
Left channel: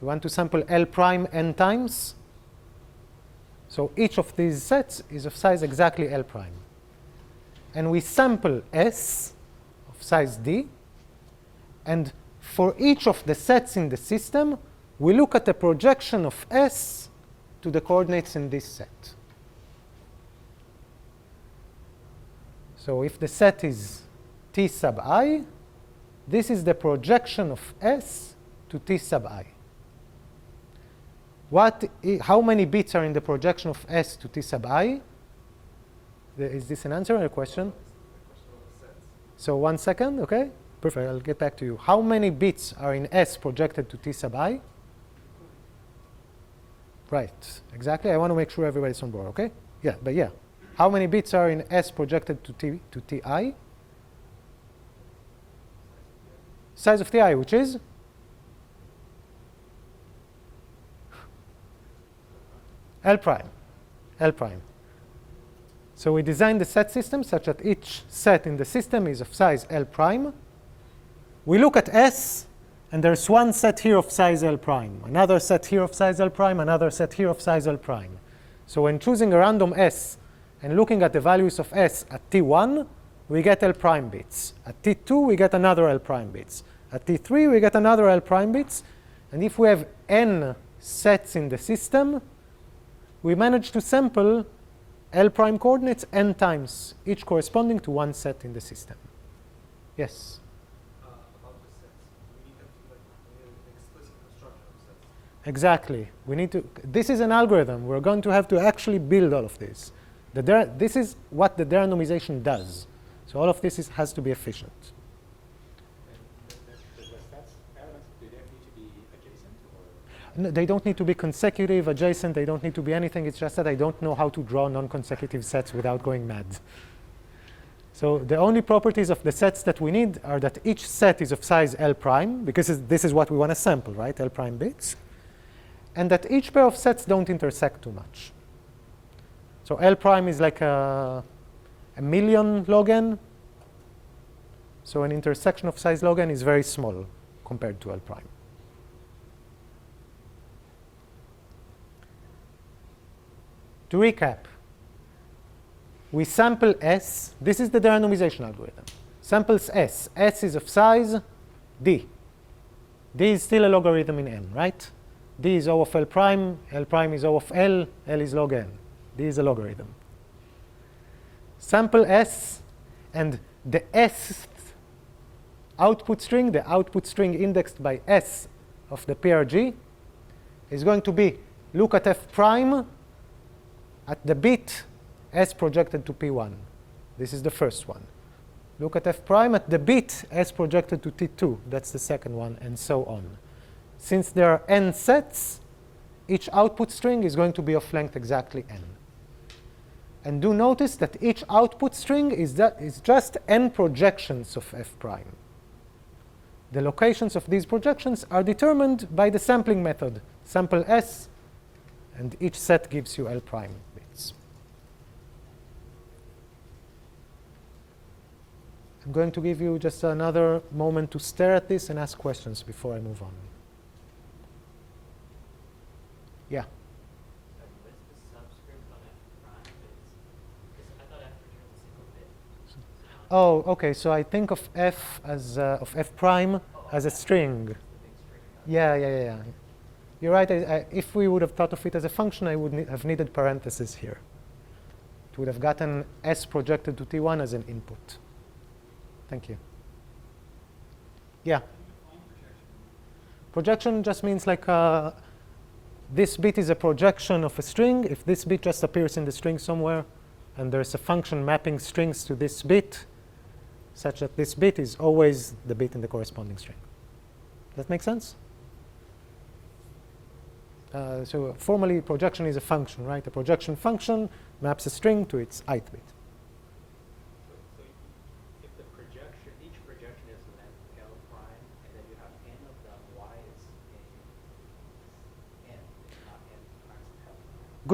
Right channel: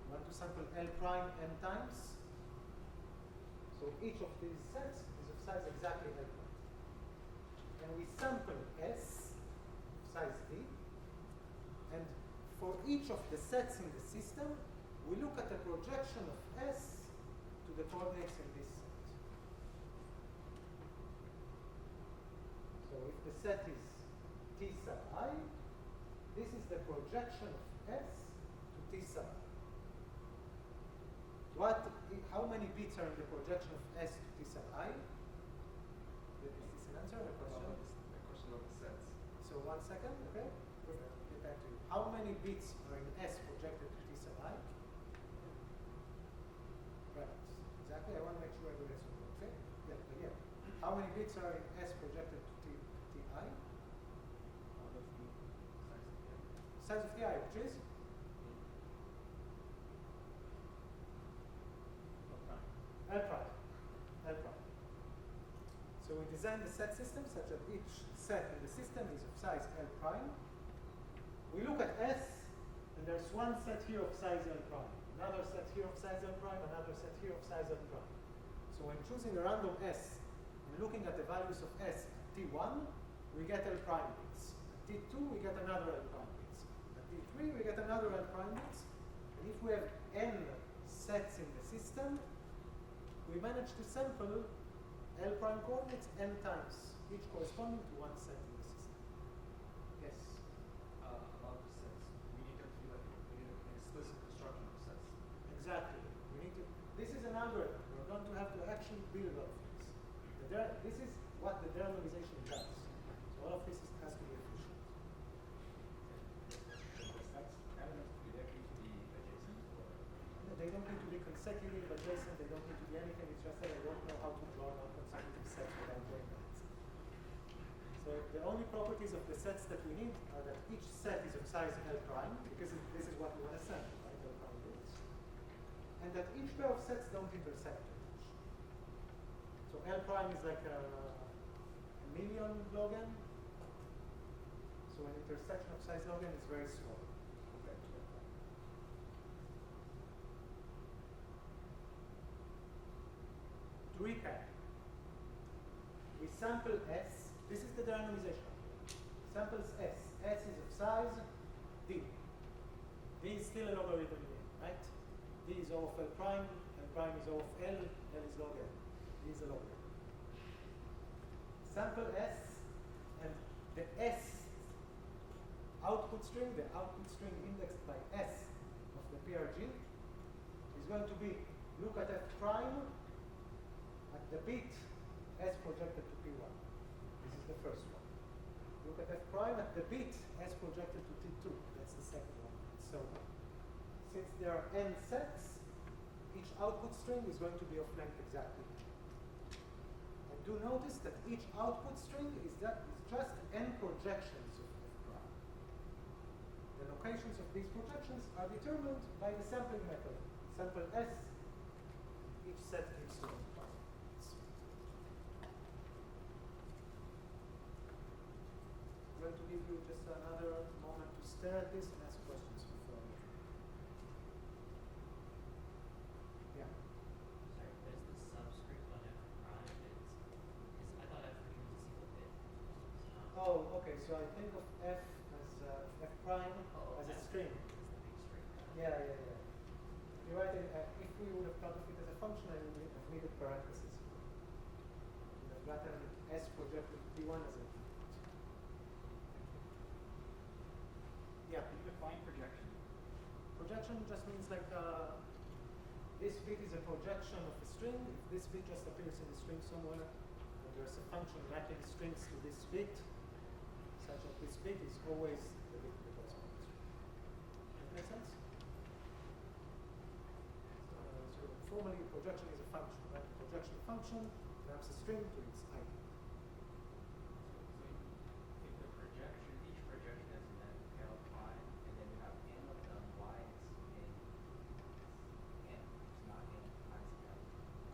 We want to sample L prime n times. So each of these sets is of size exactly L prime. And we sample S of size D. And for each of the sets in the system, we look at the projection of S to the coordinates in this set. So if the set is T sub I, this is the projection of S to T sub I. How many bits are in the projection of S to T sub I? Is this an answer or a question? So 1 second, okay? Perfect, I'll get back to you. How many bits are in S projected to T sub I? Right, exactly. I want to make sure everybody's on board, okay? Yeah, but yeah. How many bits are in S projected to Ti? Size of Ti, which is? L prime. L prime. So we designed the set system such that each set in the system is of size L prime. We look at S, and there's one set here of size L prime, another set here of size L prime, another set here of size L prime. So when choosing a random S and looking at the values of S at T1, we get L prime bits. At T2, we get another L prime bits. At T3, we get another L prime bits. And if we have n sets in the system, we manage to sample L prime coordinates n times, each corresponding to one set in the system. Yes? About the sets, we need them to be like an explicit construction of sets. Exactly. We need to. This is an algorithm. We're going to have to actually build all of this. This is what the derandomization does. So all of this has to be efficient. The sets elements, do they need to be adjacent or? No, they don't need to be consecutive, adjacent. They don't need to be anything. It's just that I don't know how to draw non-consecutive sets without going mad. So the only properties of the sets that we need are that each set is of size L prime, because this is what we want to sample, right? L prime bits. And that each pair of sets don't intersect too much. So L prime is like a million log n. So an intersection of size log n is very small compared to L prime. To recap, we sample S. This is the derandomization algorithm. Samples S. S is of size D. D is still a logarithm in n, right? D is O of L prime is O of L is log n. D is a logarithm. Sample S, and the S output string, the output string indexed by S of the PRG, is going to be look at F prime at the bit S projected to P1. This is the first one. Look at F prime at the bit S projected to T2. That's the second one, and so on. Since there are n sets, each output string is going to be of length exactly n. And do notice that each output string is just n projections of F prime. The locations of these projections are determined by the sampling method. Sample S, and each set gives you L prime bits. I'm going to give you just another moment to stare at this and ask questions before I move on. Yeah? Sorry, what is the subscript on F prime? Because I thought F returns a single bit. Oh, okay. So I think of F as of F prime as a string. Yeah. You're right. If we would have thought of it as a function, I would have needed parentheses here. It would have gotten S projected to T1 as an input. Thank you. Yeah. Define projection. Projection just means like this bit is a projection of a string. If this bit just appears in the string somewhere, and there's a function mapping strings to this bit, such that this bit is always the bit in the corresponding string. Does that make sense? So formally, projection is a function, right? A projection function maps a string to its ith bit. So if the projection, each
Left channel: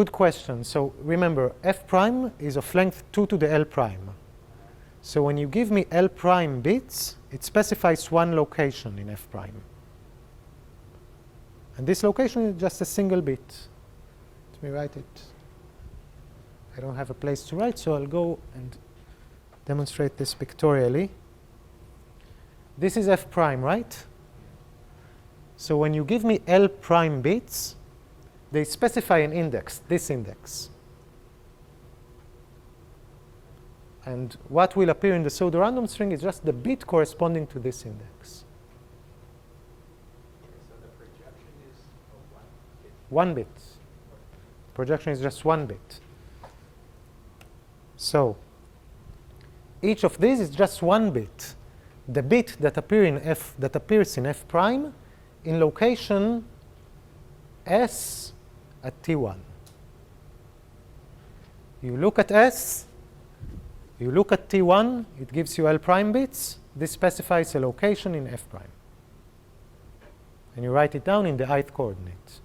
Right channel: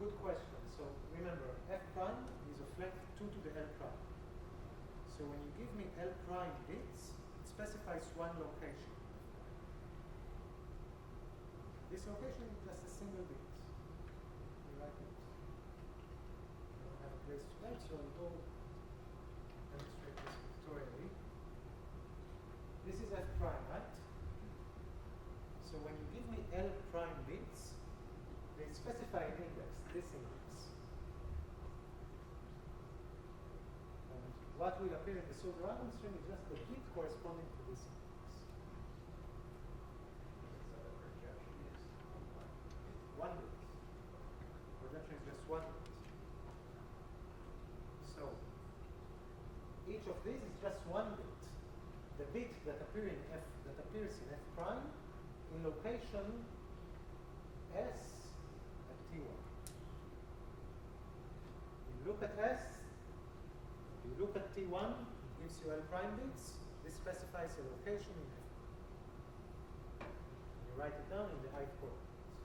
good question. So remember, f prime is of length 2 to the L prime. So when you give me L prime bits, it specifies one location in f prime. And this location is just a single bit. Let me write it. I don't have a place to write, so I'll go and demonstrate this pictorially. This is f prime, right? So when you give me L prime bits, they specify an index, this index. And what will appear in the pseudorandom string is just the bit corresponding to this index. So the projection is One bit. Projection is just one bit. So each of these is just one bit. The bit that appears in f prime in location s at t1. You look at s, you look at t1, it gives you L prime bits. This specifies a location in f prime. And you write it down in the ith coordinate.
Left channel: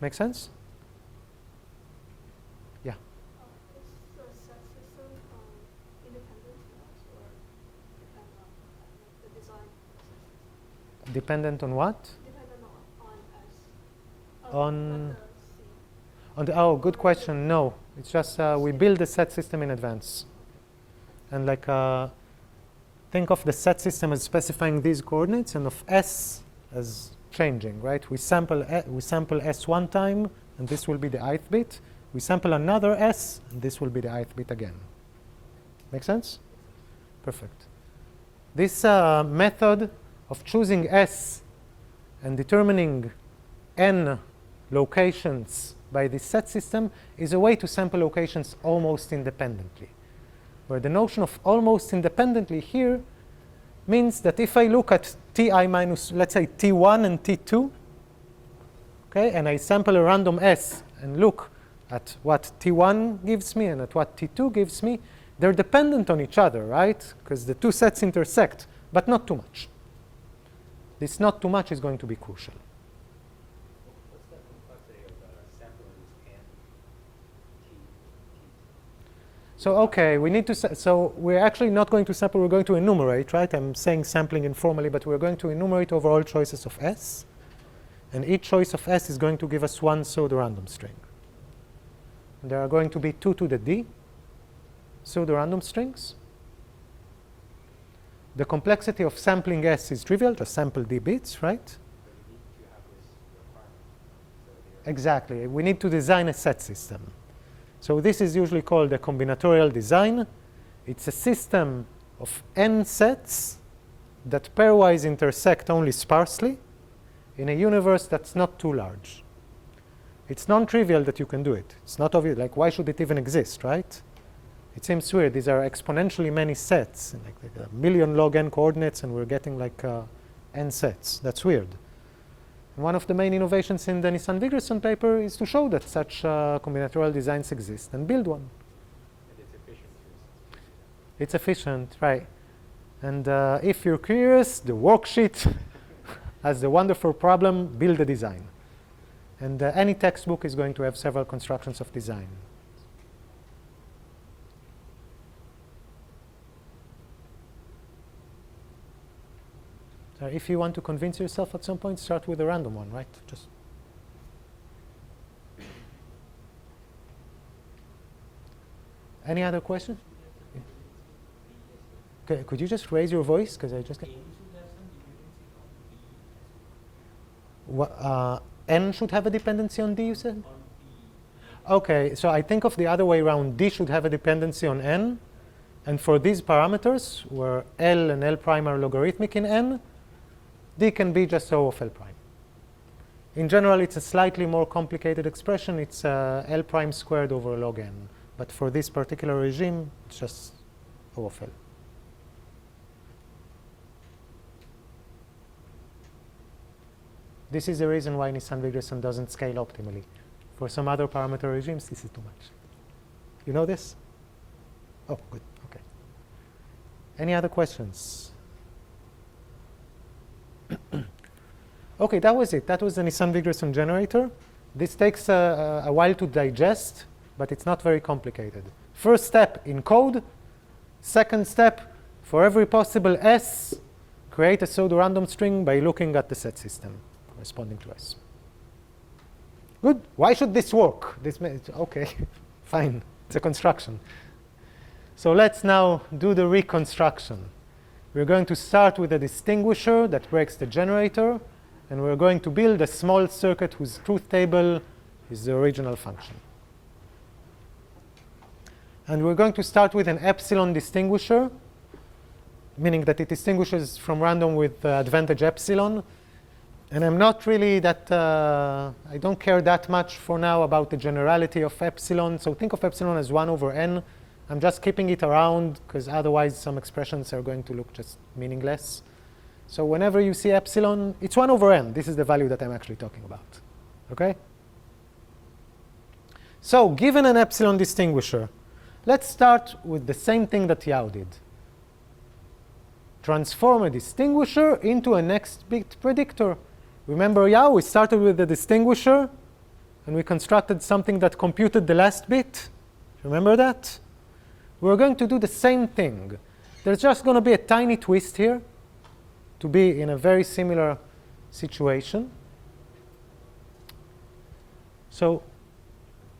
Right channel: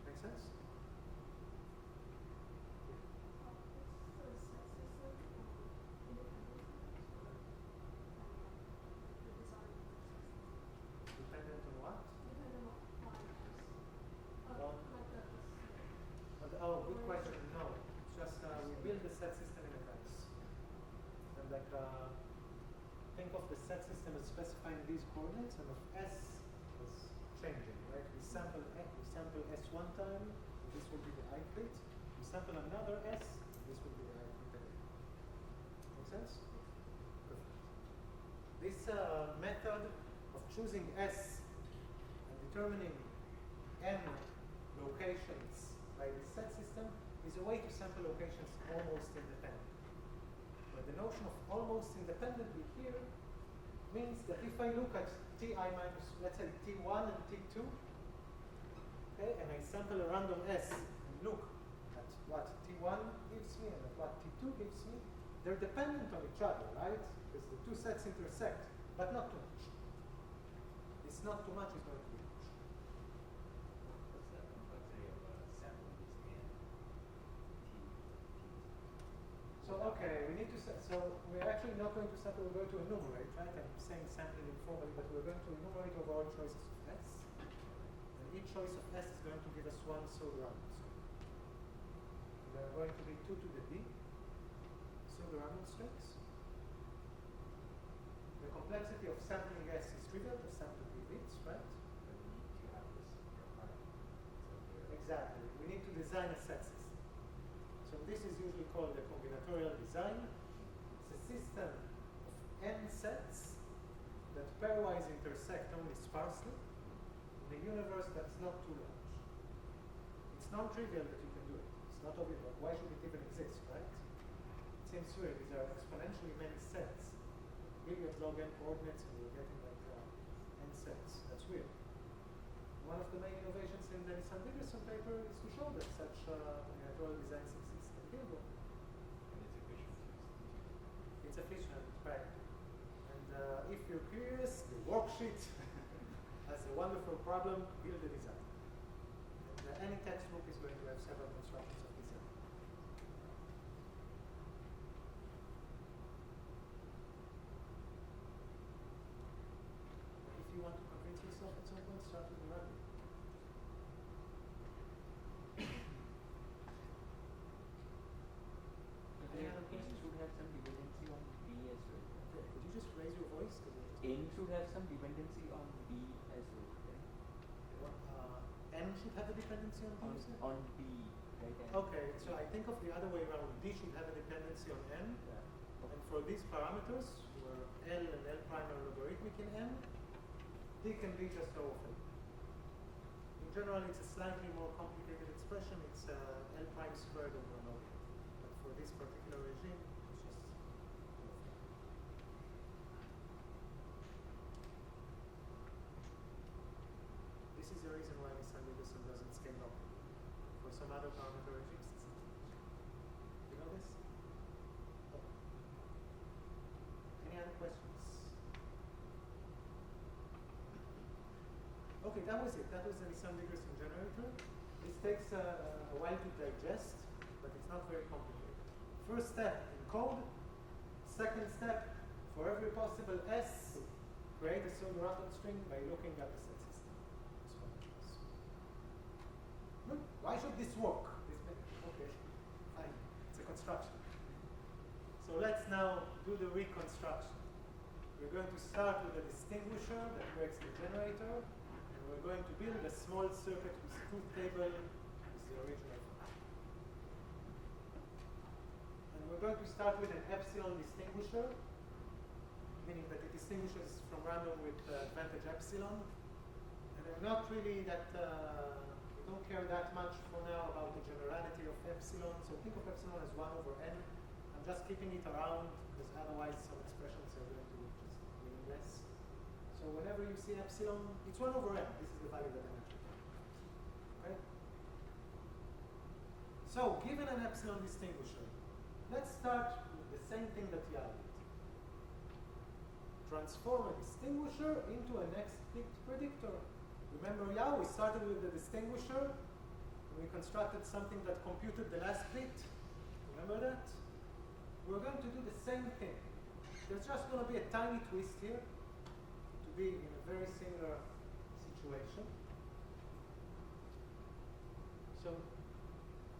Make sense? Yeah. Is the set system independent or the design process? Dependent on what? Dependent on S. On- like the Oh, good question. No, it's just we build the set system in advance. And like think of the set system as specifying these coordinates and of S as changing, right? We sample S one time, and this will be the ith bit. We sample another S, and this will be the ith bit again. Make sense? Perfect. This method of choosing S and determining n locations by this set system is a way to sample locations almost independently. Where the notion of almost independently here means that if I look at ti minus, let's say, t1 and t2, okay, and I sample a random s and look at what t1 gives me and at what t2 gives me, they're dependent on each other, right? Because the two sets intersect, but not too much. This not too much is going to be crucial. what's the complexity of sampling and So okay, we need to. So we're actually not going to sample. We're going to enumerate, right? I'm saying sampling informally, but we're going to enumerate over all choices of S, and each choice of S is going to give us one pseudorandom string. And there are going to be 2 to the D pseudorandom strings. The complexity of sampling S is trivial. Just sample D bits, right? Exactly. We need to design a set system. So this is usually called a combinatorial design. It's a system of n sets that pairwise intersect only sparsely in a universe that's not too large. It's non-trivial that you can do it. It's not obvious. Like, why should it even exist, right? It seems weird. These are exponentially many sets, like a million log n coordinates, and we're getting like n sets. That's weird. One of the main innovations in the Nisan-Wigderson paper is to show that such combinatorial designs exist and build one. And it's efficient. It's efficient, right? And if you're curious, the worksheet has the wonderful problem, build a design. And any textbook is going to have several constructions of design. So if you want to convince yourself at some point, start with a random one, right? Just any other question? Okay, could you just raise your voice, because I just N should have some dependency on B as well. N should have a dependency on D, you said? On B. Okay, so I think of the other way around. D should have a dependency on N. And for these parameters, where L and L prime are logarithmic in N, D can be just O of L prime. In general, it's a slightly more complicated expression. It's L prime squared over log N. But for this particular regime, it's just O of L. This is the reason why Nisan-Wigderson doesn't scale optimally. For some other parameter regimes, this is too much. You know this? Oh, good. Okay. Any other questions? Okay, that was it. That was the Nisan-Wigderson generator. This takes a while to digest, but it's not very complicated. First step, encode. Second step, for every possible S, create a pseudorandom string by looking at the set system corresponding to S. Good. Why should this work? Okay, fine. It's a construction. So let's now do the reconstruction. We're going to start with a distinguisher that breaks the generator, and we're going to build a small circuit whose truth table is the original function. And we're going to start with an epsilon distinguisher, meaning that it distinguishes from random with advantage epsilon. And I'm not really that, I don't care that much for now about the generality of epsilon. So think of epsilon as 1 over n. I'm just keeping it around because otherwise some expressions are going to look just meaningless. So whenever you see epsilon, it's 1 over n. This is the value that I'm actually talking about. Okay? So given an epsilon distinguisher, let's start with the same thing that Yao did. Transform a distinguisher into a next bit predictor. Remember Yao, we started with the distinguisher, and we constructed something that computed the last bit. Remember that? We're going to do the same thing. There's just going to be a tiny twist here to be in a very similar situation. So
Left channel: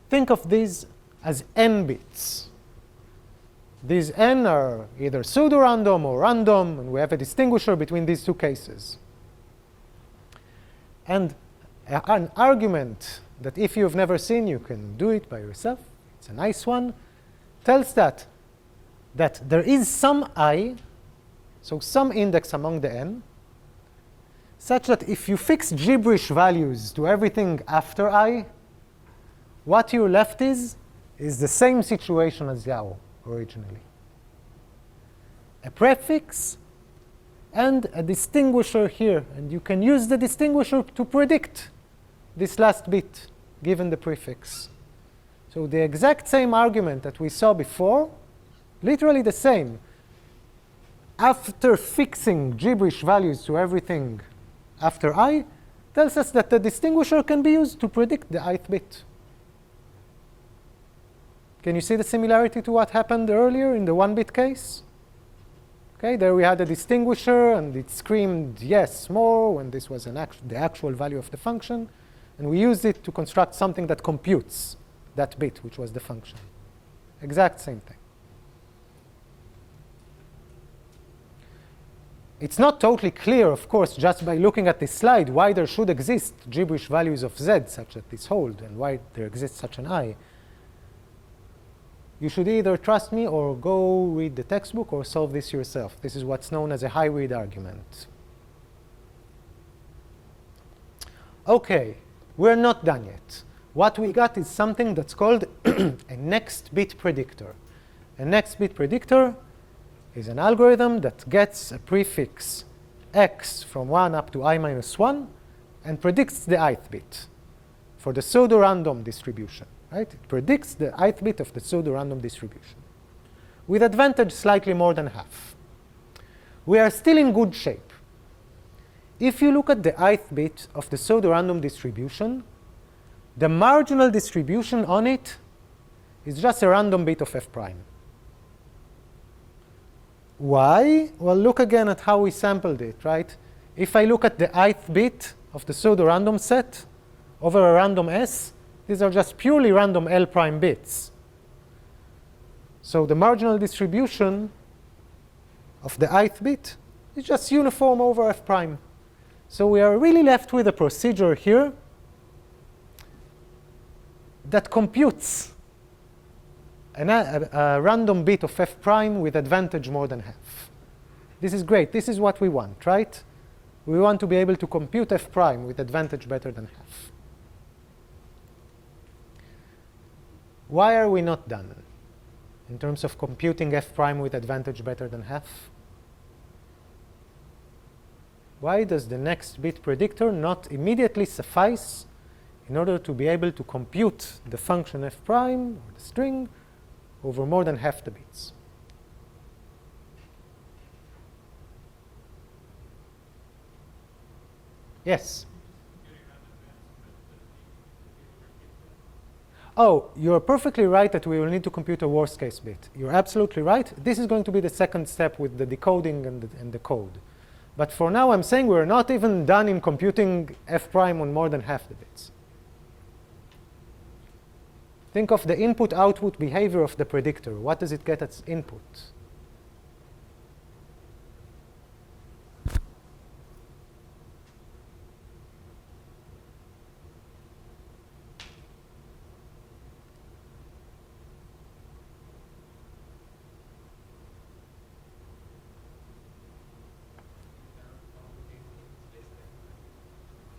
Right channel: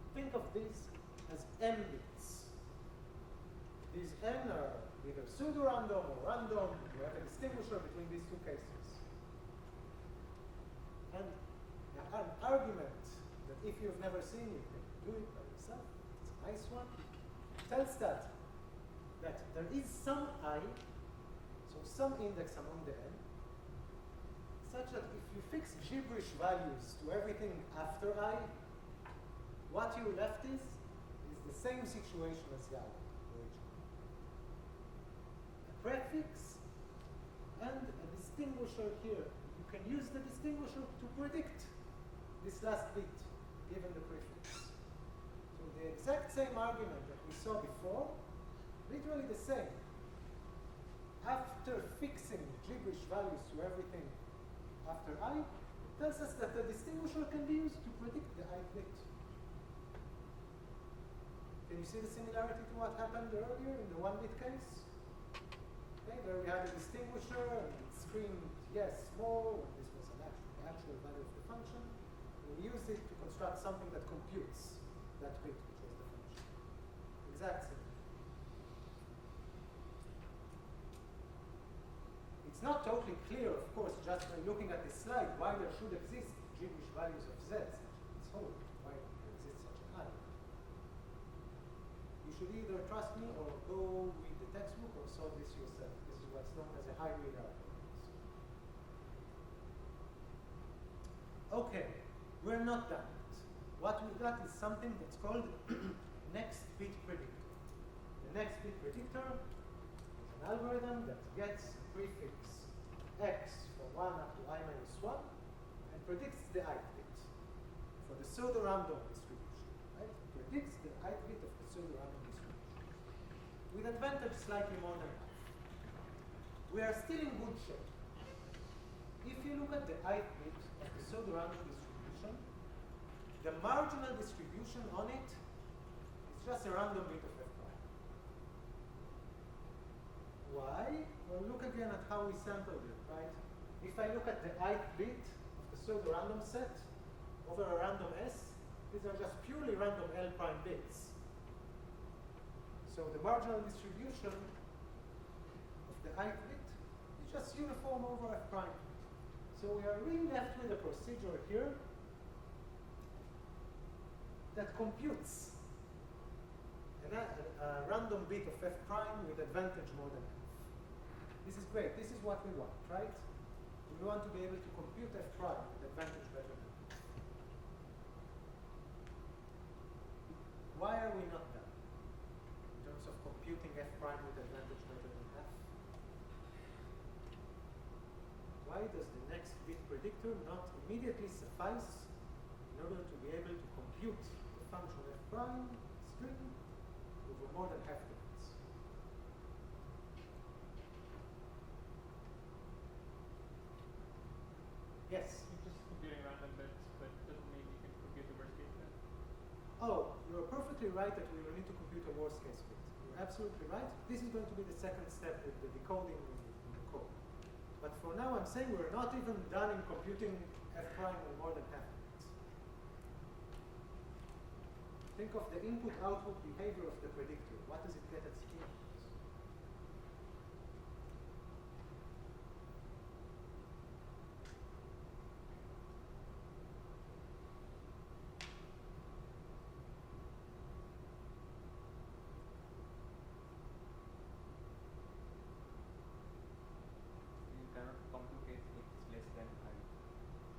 think of these as n bits. These n are either pseudorandom or random, and we have a distinguisher between these two cases. And an argument that if you've never seen, you can do it by yourself, it's a nice one, tells that there is some I, so some index among the n, such that if you fix gibberish values to everything after I, what you're left is the same situation as Yao originally. A prefix and a distinguisher here. And you can use the distinguisher to predict this last bit given the prefix. So the exact same argument that we saw before, literally the same. After fixing gibberish values to everything after I, tells us that the distinguisher can be used to predict the ith bit. Can you see the similarity to what happened earlier in the 1-bit case? Okay, there we had a distinguisher, and it screamed yes more when this was the actual value of the function. And we used it to construct something that computes that bit, which was the function. Exact same thing. It's not totally clear, of course, just by looking at this slide, why there should exist gibberish values of z such that this hold, and why there exists such an I. You should either trust me or go read the textbook or solve this yourself. This is what's known as a high-read argument. Okay, we're not done yet. What we got is something that's called a next bit predictor. A next bit predictor is an algorithm that gets a prefix x from 1 up to I minus 1 and predicts the ith bit for the pseudorandom distribution. Right? It predicts the ith bit of the pseudorandom distribution with advantage slightly more than half. We are still in good shape. If you look at the ith bit of the pseudorandom distribution, the marginal distribution on it is just a random bit of f prime. Why? Well, look again at how we sampled it, right? If I look at the ith bit of the pseudorandom set over a random S, these are just purely random L prime bits. So the marginal distribution of the ith bit is just uniform over f prime. So we are really left with a procedure here that computes a random bit of f prime with advantage more than half. This is great. This is what we want, right? We want to be able to compute f prime with advantage better than half. Why are we not done in terms of computing f prime with advantage better than half? Why does the next bit predictor not immediately suffice in order to be able to compute the function f prime, the string, over more than half the bits? Yes? Oh, you're perfectly right that we will need to compute a worst case bit. You're absolutely right. This is going to be the second step with the decoding and the code. But for now, I'm saying we're not even done in computing f prime on more than half the bits. Think of the input-output behavior of the predictor. What does it get as input?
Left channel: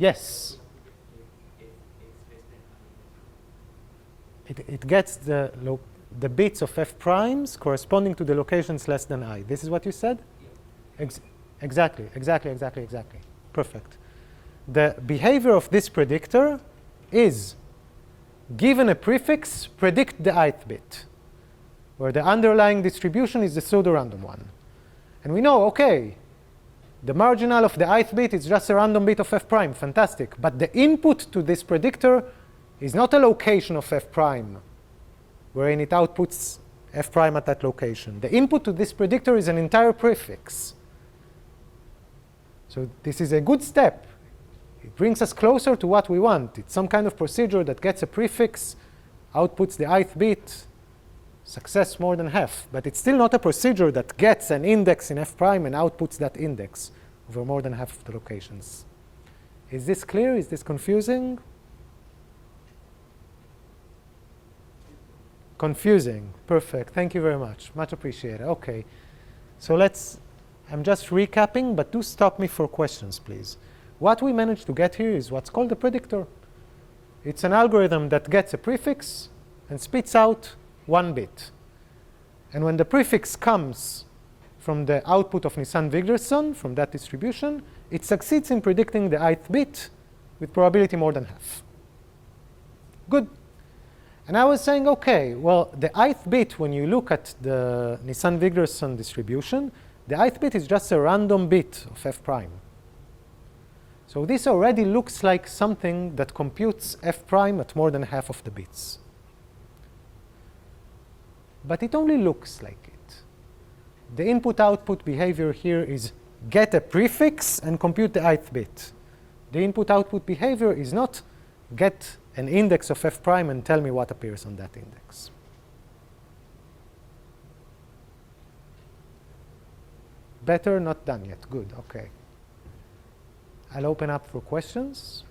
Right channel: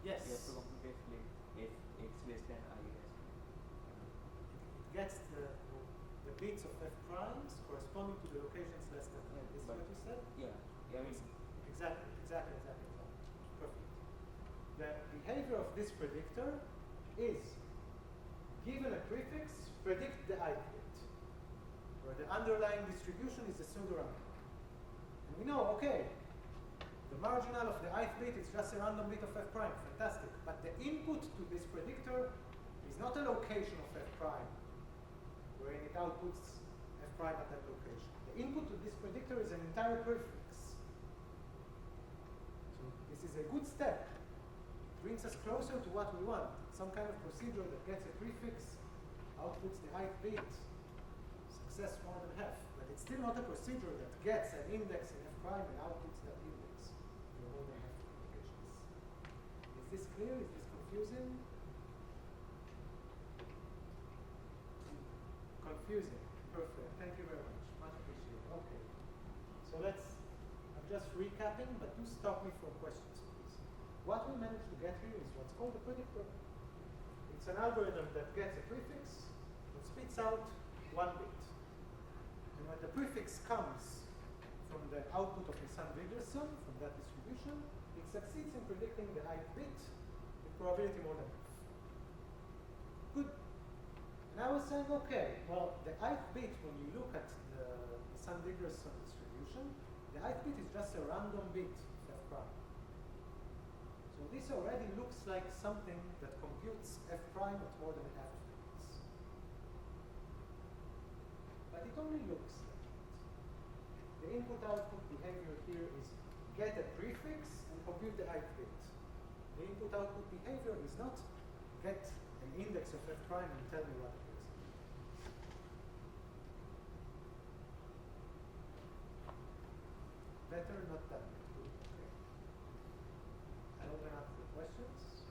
Yes. It gets the bits of f primes corresponding to the locations less than I. This is what you said? Yeah. Exactly. Perfect. The behavior of this predictor is, given a prefix, predict the ith bit, where the underlying distribution is the pseudorandom one. And we know, okay, the marginal of the ith bit is just a random bit of f prime. Fantastic. But the input to this predictor is not a location of f prime, wherein it outputs f prime at that location. The input to this predictor is an entire prefix. So this is a good step. It brings us closer to what we want. It's some kind of procedure that gets a prefix, outputs the ith bit, success more than half. But it's still not a procedure that gets an index in f prime and outputs that index over more than half of the locations. Is this clear? Is this confusing? Confusing. Perfect. Thank you very much. Much appreciated. Okay. So I'm just recapping, but do stop me for questions, please. What we managed to get here is what's called a predictor. It's an algorithm that gets a prefix and spits out one bit. And when the prefix comes from the output of Nisan-Wigderson, from that distribution, it succeeds in predicting the ith bit with probability more than half. Good. And I was saying, okay, well, the ith bit, when you look at the Nisan-Wigderson distribution, the ith bit is just a random bit of f prime. So this already looks like something that computes f prime at more than half of the bits. But it only looks like it. The input-output behavior here is get a prefix and compute the ith bit. The input-output behavior is not get an index of f prime and tell me what appears on that index. Better, not done yet. Good, okay. I'll open up for questions.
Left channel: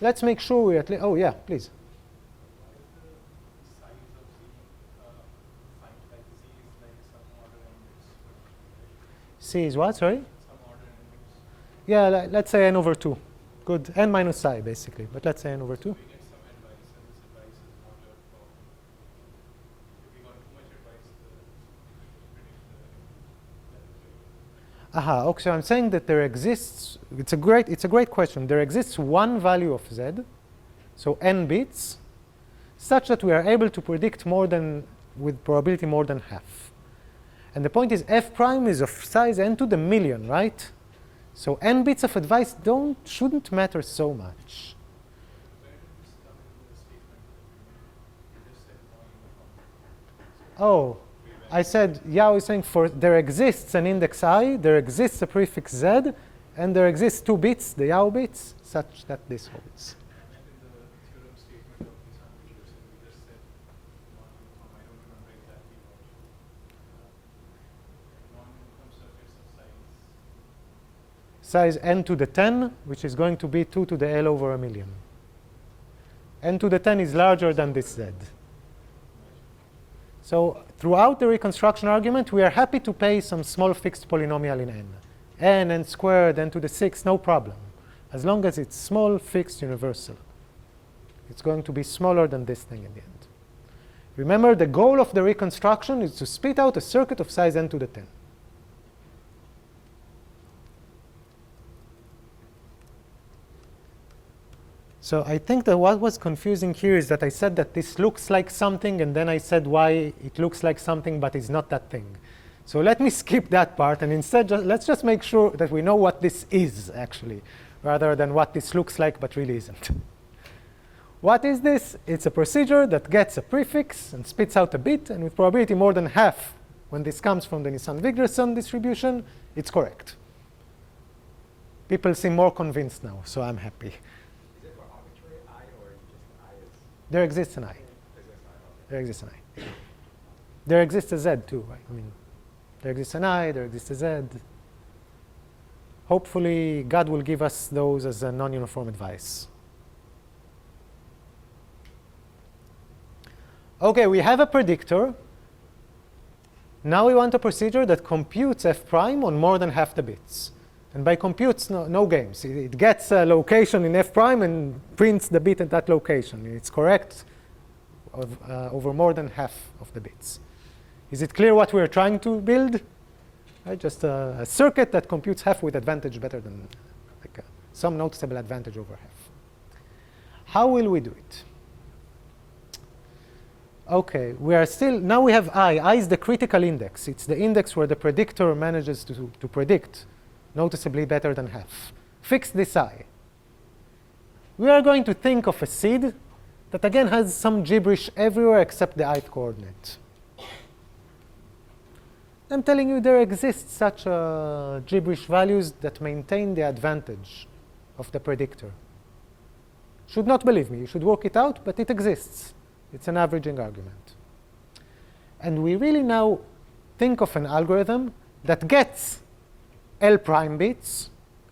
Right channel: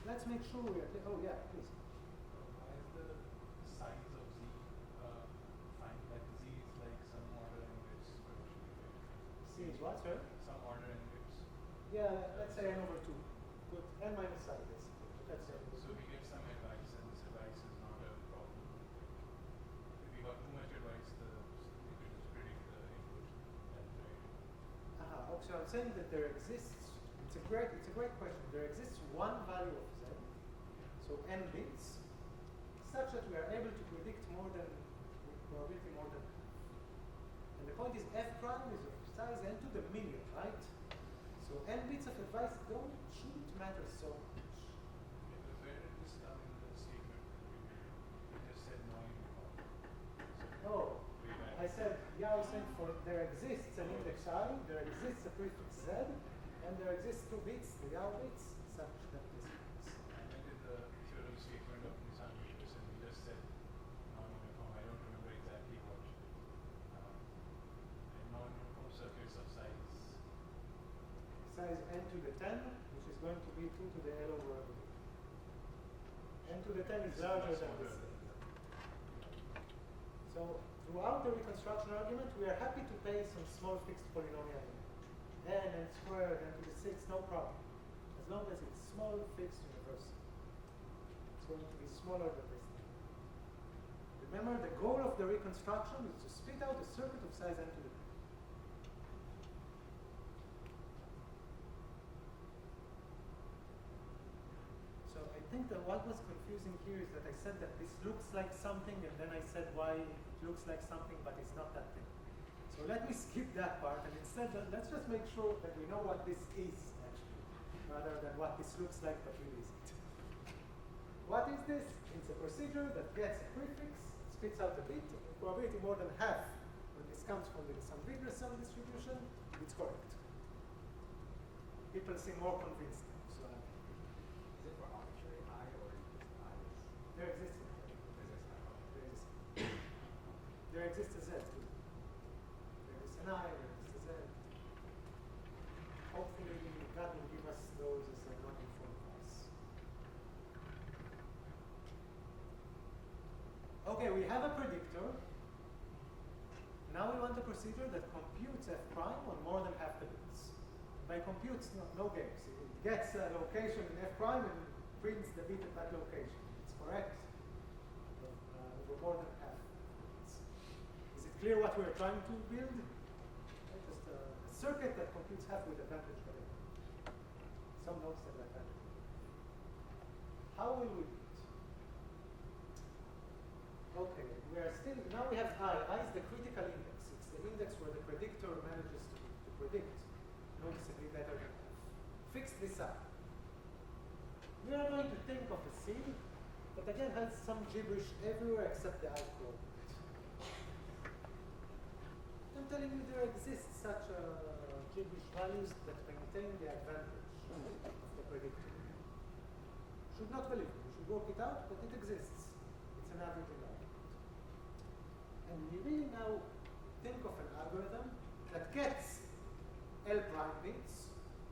Let's make sure we at least, oh yeah, please. C is what, sorry? Yeah, let's say n over 2. Good, n minus psi, basically. But let's say n over 2. We get some advice, and this advice is not a problem. If we got too much advice, predict the Aha, okay, so I'm saying that there exists, it's a great question. There exists one value of z, so n bits, such that we are able to predict more than, with probability more than half. And the point is f prime is of size n to the million, right? So n bits of advice shouldn't matter so much. Oh, I said, Yao is saying for there exists an index I, there exists a prefix z, and there exists 2 bits, the Yao bits, such that this holds. Size n to the 10, which is going to be 2 to the L over a million. N to the 10 is larger than this z. So throughout the reconstruction argument, we are happy to pay some small fixed polynomial in n. N squared, n to the 6, no problem. As long as it's small, fixed, universal. It's going to be smaller than this thing in the end. Remember, the goal of the reconstruction is to spit out a circuit of size n to the 10. So I think that what was confusing here is that I said that this looks like something, and then I said why it looks like something, but it's not that thing. So let me skip that part, and instead let's just make sure that we know what this is, actually, rather than what this looks like but really isn't. What is this? It's a procedure that gets a prefix and spits out a bit, and with probability more than half, when this comes from the Nisan-Wigderson distribution, it's correct. People seem more convinced now, so I'm happy. Is it for arbitrary I or just I is? There exists an I. There exists an I. There exists a Z too, right? I mean, there exists an I, there exists a Z. Hopefully, God will give us those as a non-uniform advice. Okay, we have a predictor. Now we want a procedure that computes f prime on more than half the bits. And by computes, no games. It gets a location in f prime and prints the bit at that location. It's correct over more than half of the bits. Is it clear what we're trying to build? Right, just a circuit that computes half with advantage better than like some noticeable advantage over half. How will we do it? Okay, we are still, now we have I. I is the critical index. It's the index where the predictor manages to predict noticeably better than half. Fix this I. We are going to think of a seed that again has some gibberish everywhere except the ith coordinate. I'm telling you there exists such gibberish values that maintain the advantage of the predictor. Should not believe me, you should work it out, but it exists. It's an averaging argument. And we really now think of an algorithm that gets L prime bits,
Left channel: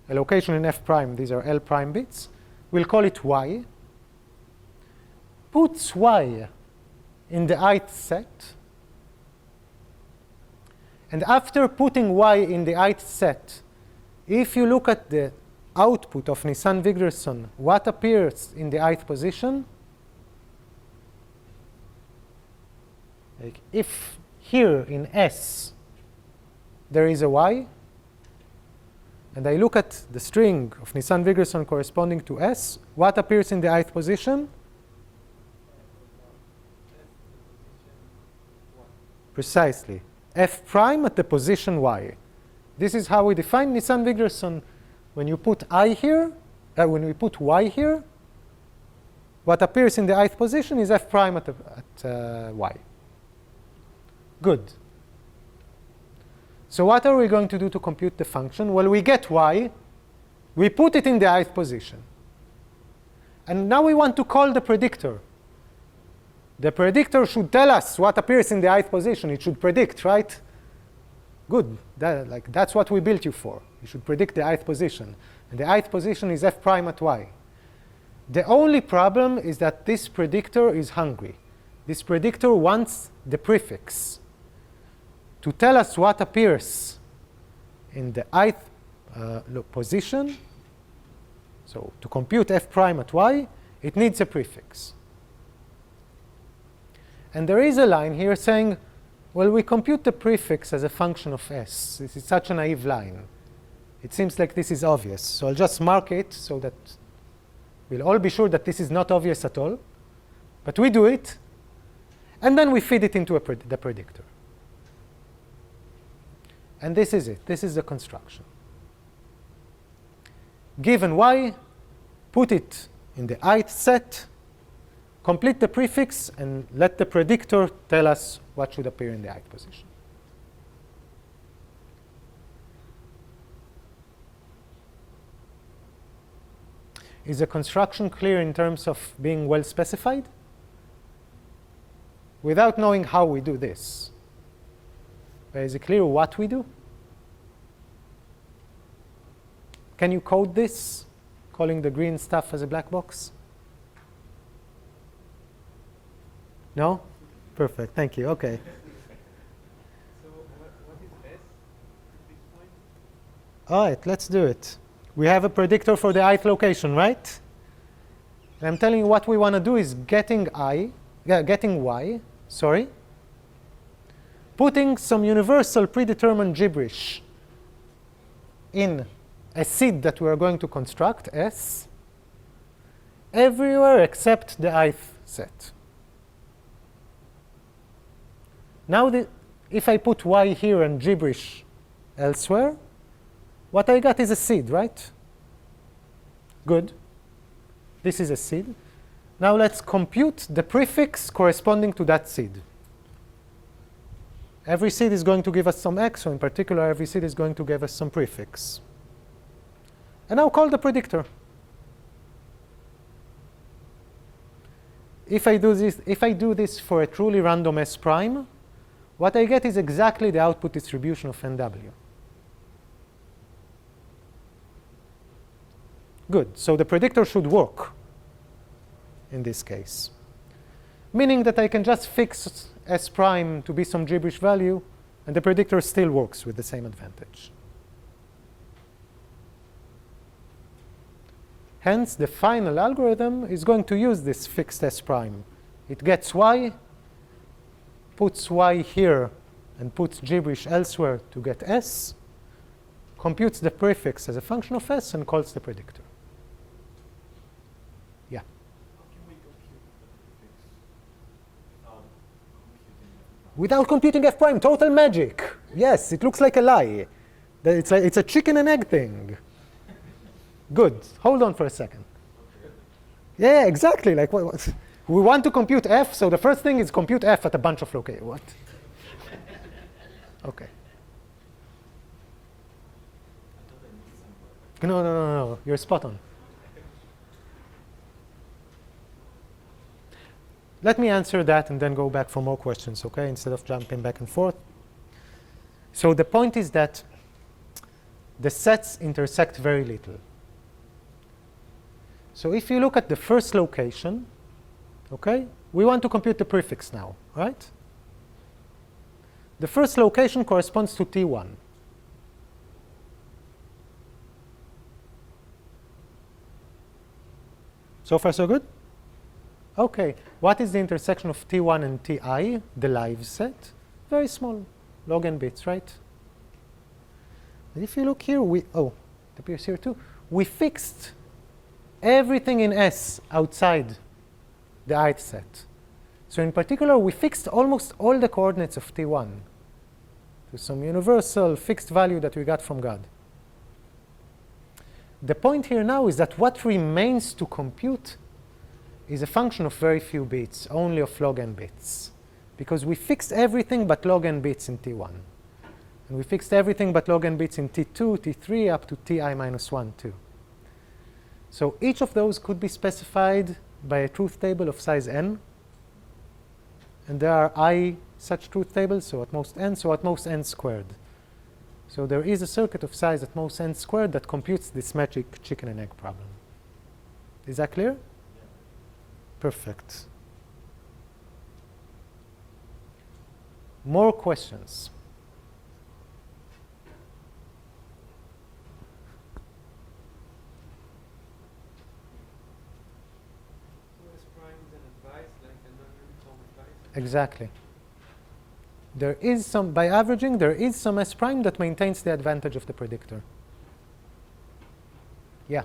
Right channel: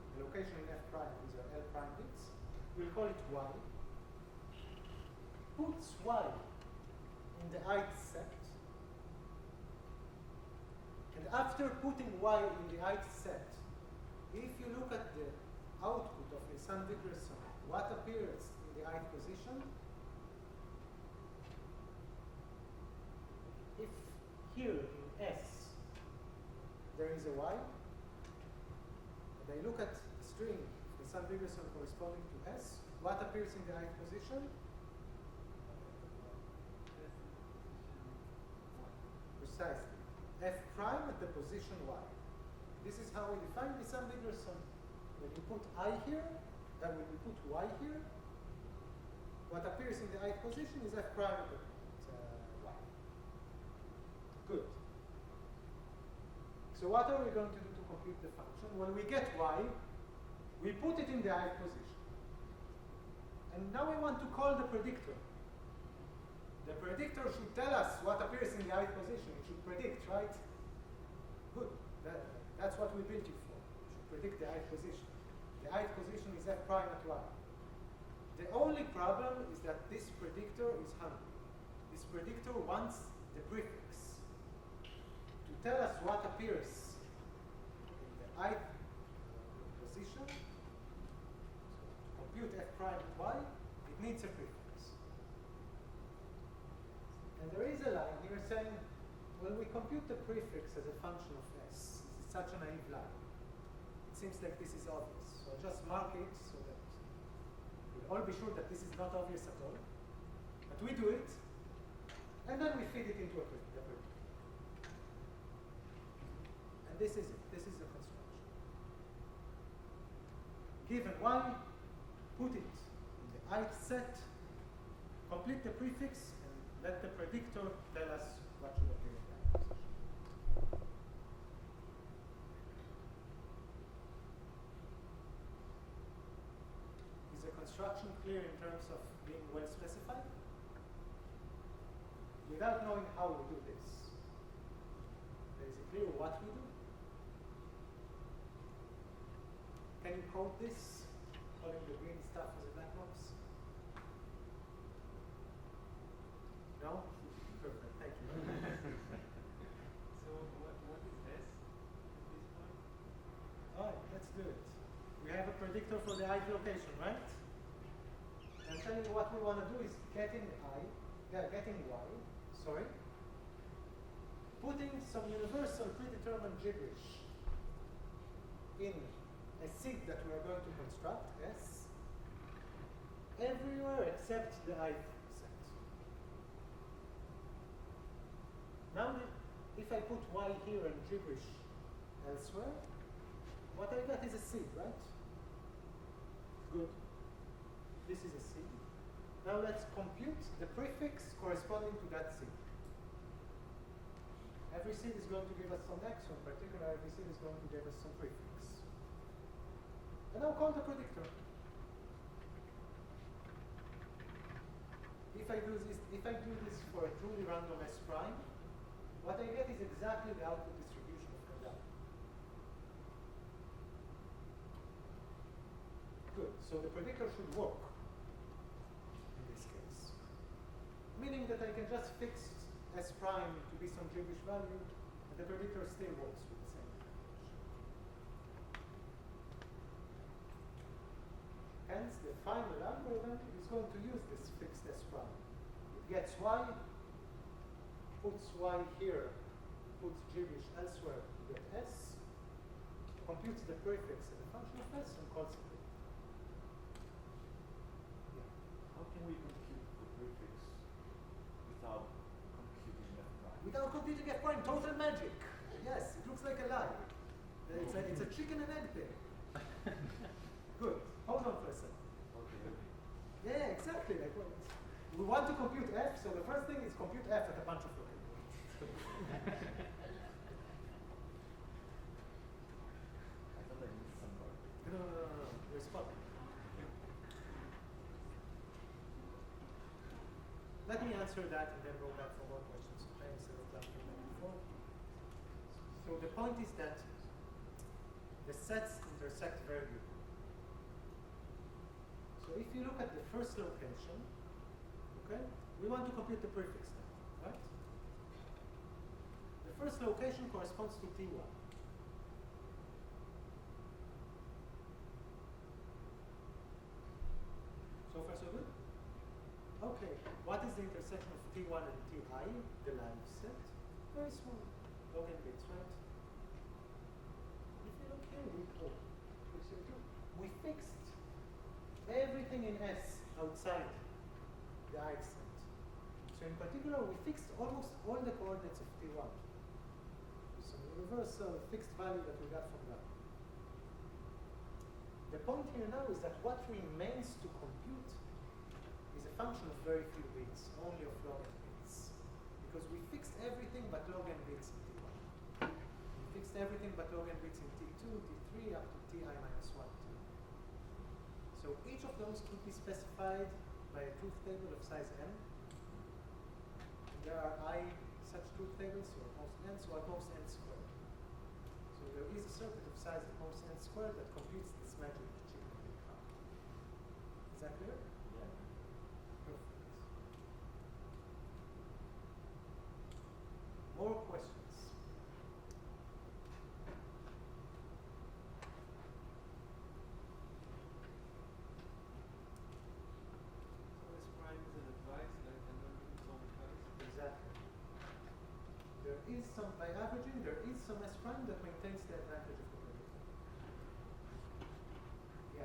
a location in f prime, these are L prime bits. We'll call it y. Puts y in the ith set. And after putting y in the ith set, if you look at the output of Nisan-Wigderson, what appears in the ith position? Like if here in S there is a y, and I look at the string of Nisan-Wigderson corresponding to S, what appears in the ith position? Precisely. F prime at the position y. This is how we define Nisan-Wigderson. When you put I here, when we put y here, what appears in the ith position is f prime at y. Good. So what are we going to do to compute the function? Well, we get y. We put it in the ith position. And now we want to call the predictor. The predictor should tell us what appears in the ith position. It should predict, right? Good. That's what we built you for. You should predict the ith position. And the ith position is f prime at y. The only problem is that this predictor is hungry. This predictor wants the prefix to tell us what appears in the ith position. So to compute f prime at y, it needs a prefix. And there is a line here saying, well, we compute the prefix as a function of s. This is such a naive line. It seems like this is obvious. So I'll just mark it so that we'll all be sure that this is not obvious at all. But we do it, and then we feed it into the predictor. And this is it. This is the construction. Given y, put it in the ith set, complete the prefix, and let the predictor tell us what should appear in the ith position. Is the construction clear in terms of being well specified? Without knowing how we do this, is it clear what we do? Can you code this, calling the green stuff as a black box? No? Perfect. Thank you. Okay. So what is S at this point? All right, let's do it. We have a predictor for the ith location, right? And I'm telling you what we want to do is getting y, putting some universal predetermined gibberish in a seed that we are going to construct, S, everywhere except the ith set. Now, if I put y here and gibberish elsewhere, what I got is a seed, right? Good. This is a seed. Now let's compute the prefix corresponding to that seed. Every seed is going to give us some x, so in particular, every seed is going to give us some prefix. And now call the predictor. If I do this for a truly random S prime, what I get is exactly the output distribution of NW. Good. So the predictor should work in this case, meaning that I can just fix S prime to be some gibberish value, and the predictor still works with the same advantage. Hence, the final algorithm is going to use this fixed S prime. It gets y, puts y here, and puts gibberish elsewhere to get S, computes the prefix as a function of S, and calls the predictor. Yeah? How can we compute the prefix without computing that? Without computing F prime, total magic. Yes, it looks like a lie. It's a chicken and egg thing. Good. Hold on for a second. Yeah, exactly. Like what? We want to compute F, so the first thing is compute F at a bunch of locations. What? Okay. No. You're spot on. Let me answer that and then go back for more questions, okay, instead of jumping back and forth. So the point is that the sets intersect very little. So if you look at the first location, okay, we want to compute the prefix now, right? The first location corresponds to T1. So far, so good? Okay, what is the intersection of T1 and Ti, the live set? Very small, log n bits, right? And if you look here, it appears here too. We fixed everything in S outside the ith set. So in particular, we fixed almost all the coordinates of T1 to some universal fixed value that we got from God. The point here now is that what remains to compute is a function of very few bits, only of log n bits, because we fixed everything but log n bits in T1. And we fixed everything but log n bits in T2, T3, up to Ti minus 1, 2. So each of those could be specified by a truth table of size n. And there are I such truth tables, so at most n squared. So there is a circuit of size at most n squared that computes this magic chicken and egg problem. Is that clear? Perfect. More questions? S prime is an advice, like another form of advice. Exactly. There is some, by averaging, there is some S prime that maintains the advantage of the predictor. Yeah.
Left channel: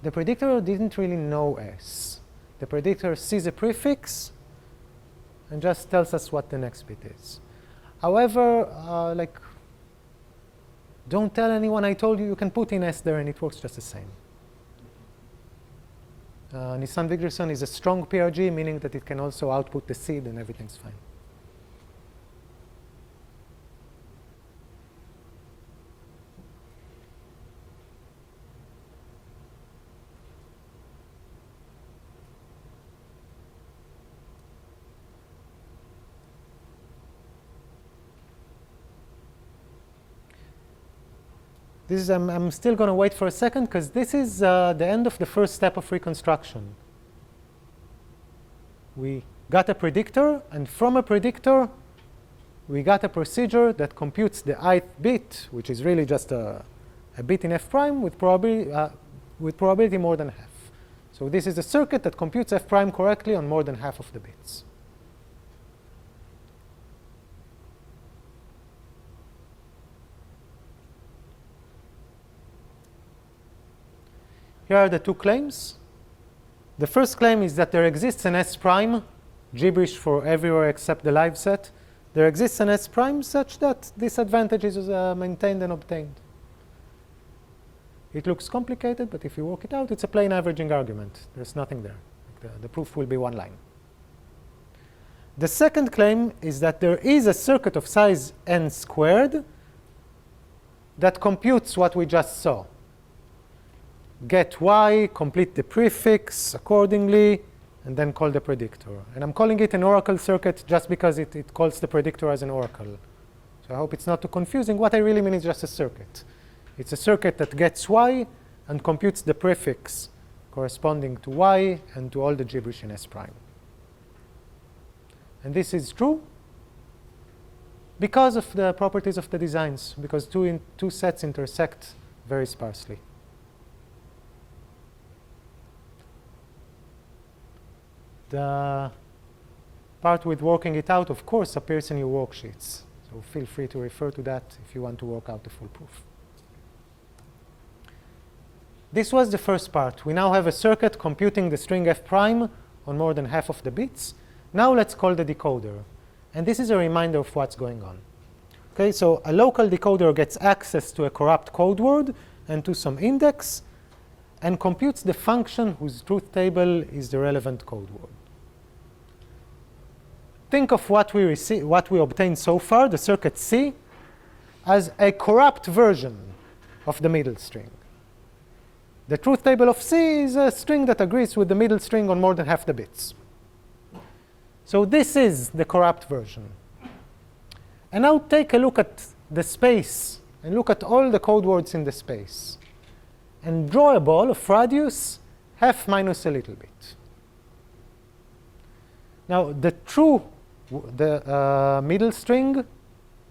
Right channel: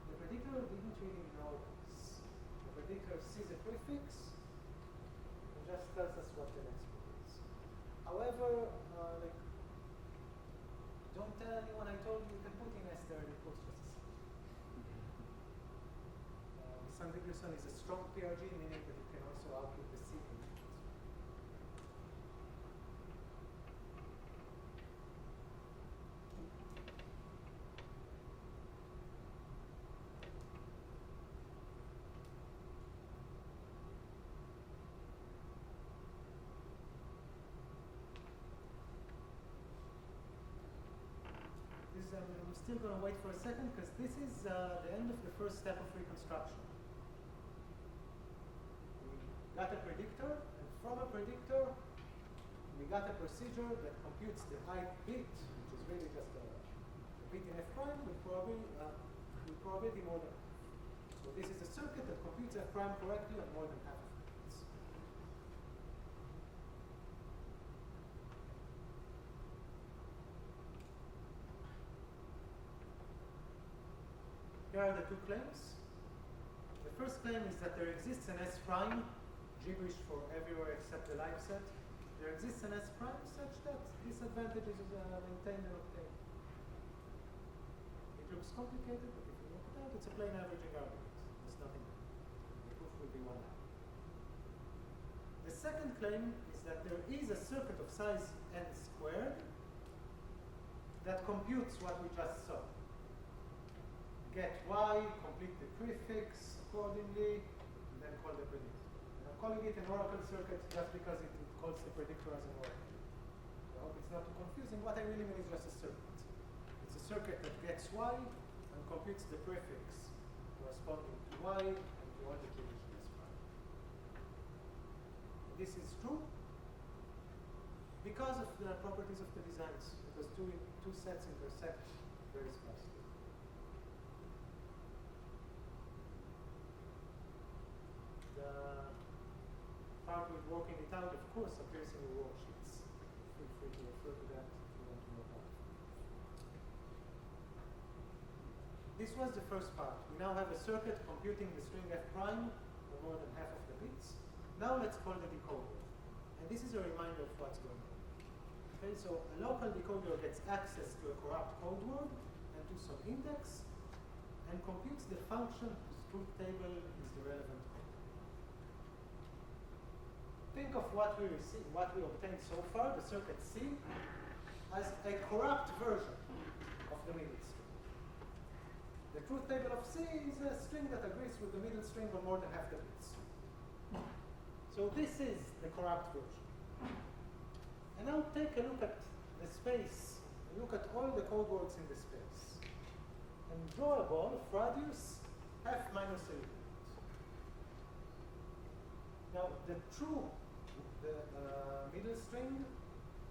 The predictor didn't really know S. The predictor sees a prefix and just tells us what the next bit is. However, don't tell anyone I told you you can put in S there and it works just the same. Nisan-Wigderson is a strong PRG, meaning that it can also output the seed and everything's fine. This is, I'm still going to wait for a second because this is the end of the first step of reconstruction. We got a predictor, and from a predictor, we got a procedure that computes the ith bit, which is really just a bit in f prime with probability more than half. So this is a circuit that computes f prime correctly on more than half of the bits. here are the two claims. The first claim is that there exists an S prime, gibberish for everywhere except the live set. There exists an S prime such that this advantage is maintained and obtained. It looks complicated, but if you work it out, it's a plain averaging argument. There's nothing there. The proof will be one line. The second claim is that there is a circuit of size n squared that computes what we just saw. Get y, complete the prefix accordingly, and then call the predictor. And I'm calling it an oracle circuit just because it calls the predictor as an oracle. So I hope it's not too confusing. What I really mean is just a circuit. It's a circuit that gets y and computes the prefix corresponding to y and to all the gibberish in S prime. And this is true because of the properties of the designs, because two sets intersect very sparsely. The part with working it out, of course, appears in your worksheets. So feel free to refer to that if you want to work out the full proof. This was the first part. We now have a circuit computing the string f prime on more than half of the bits. Now let's call the decoder. And this is a reminder of what's going on. Okay, so a local decoder gets access to a corrupt code word and to some index and computes the function whose truth table is the relevant code word. Think of what we obtained so far, the circuit C, as a corrupt version of the middle string. The truth table of C is a string that agrees with the middle string on more than half the bits. So this is the corrupt version. And now take a look at the space and look at all the code words in the space. And draw a ball of radius half minus a little bit. Now the middle string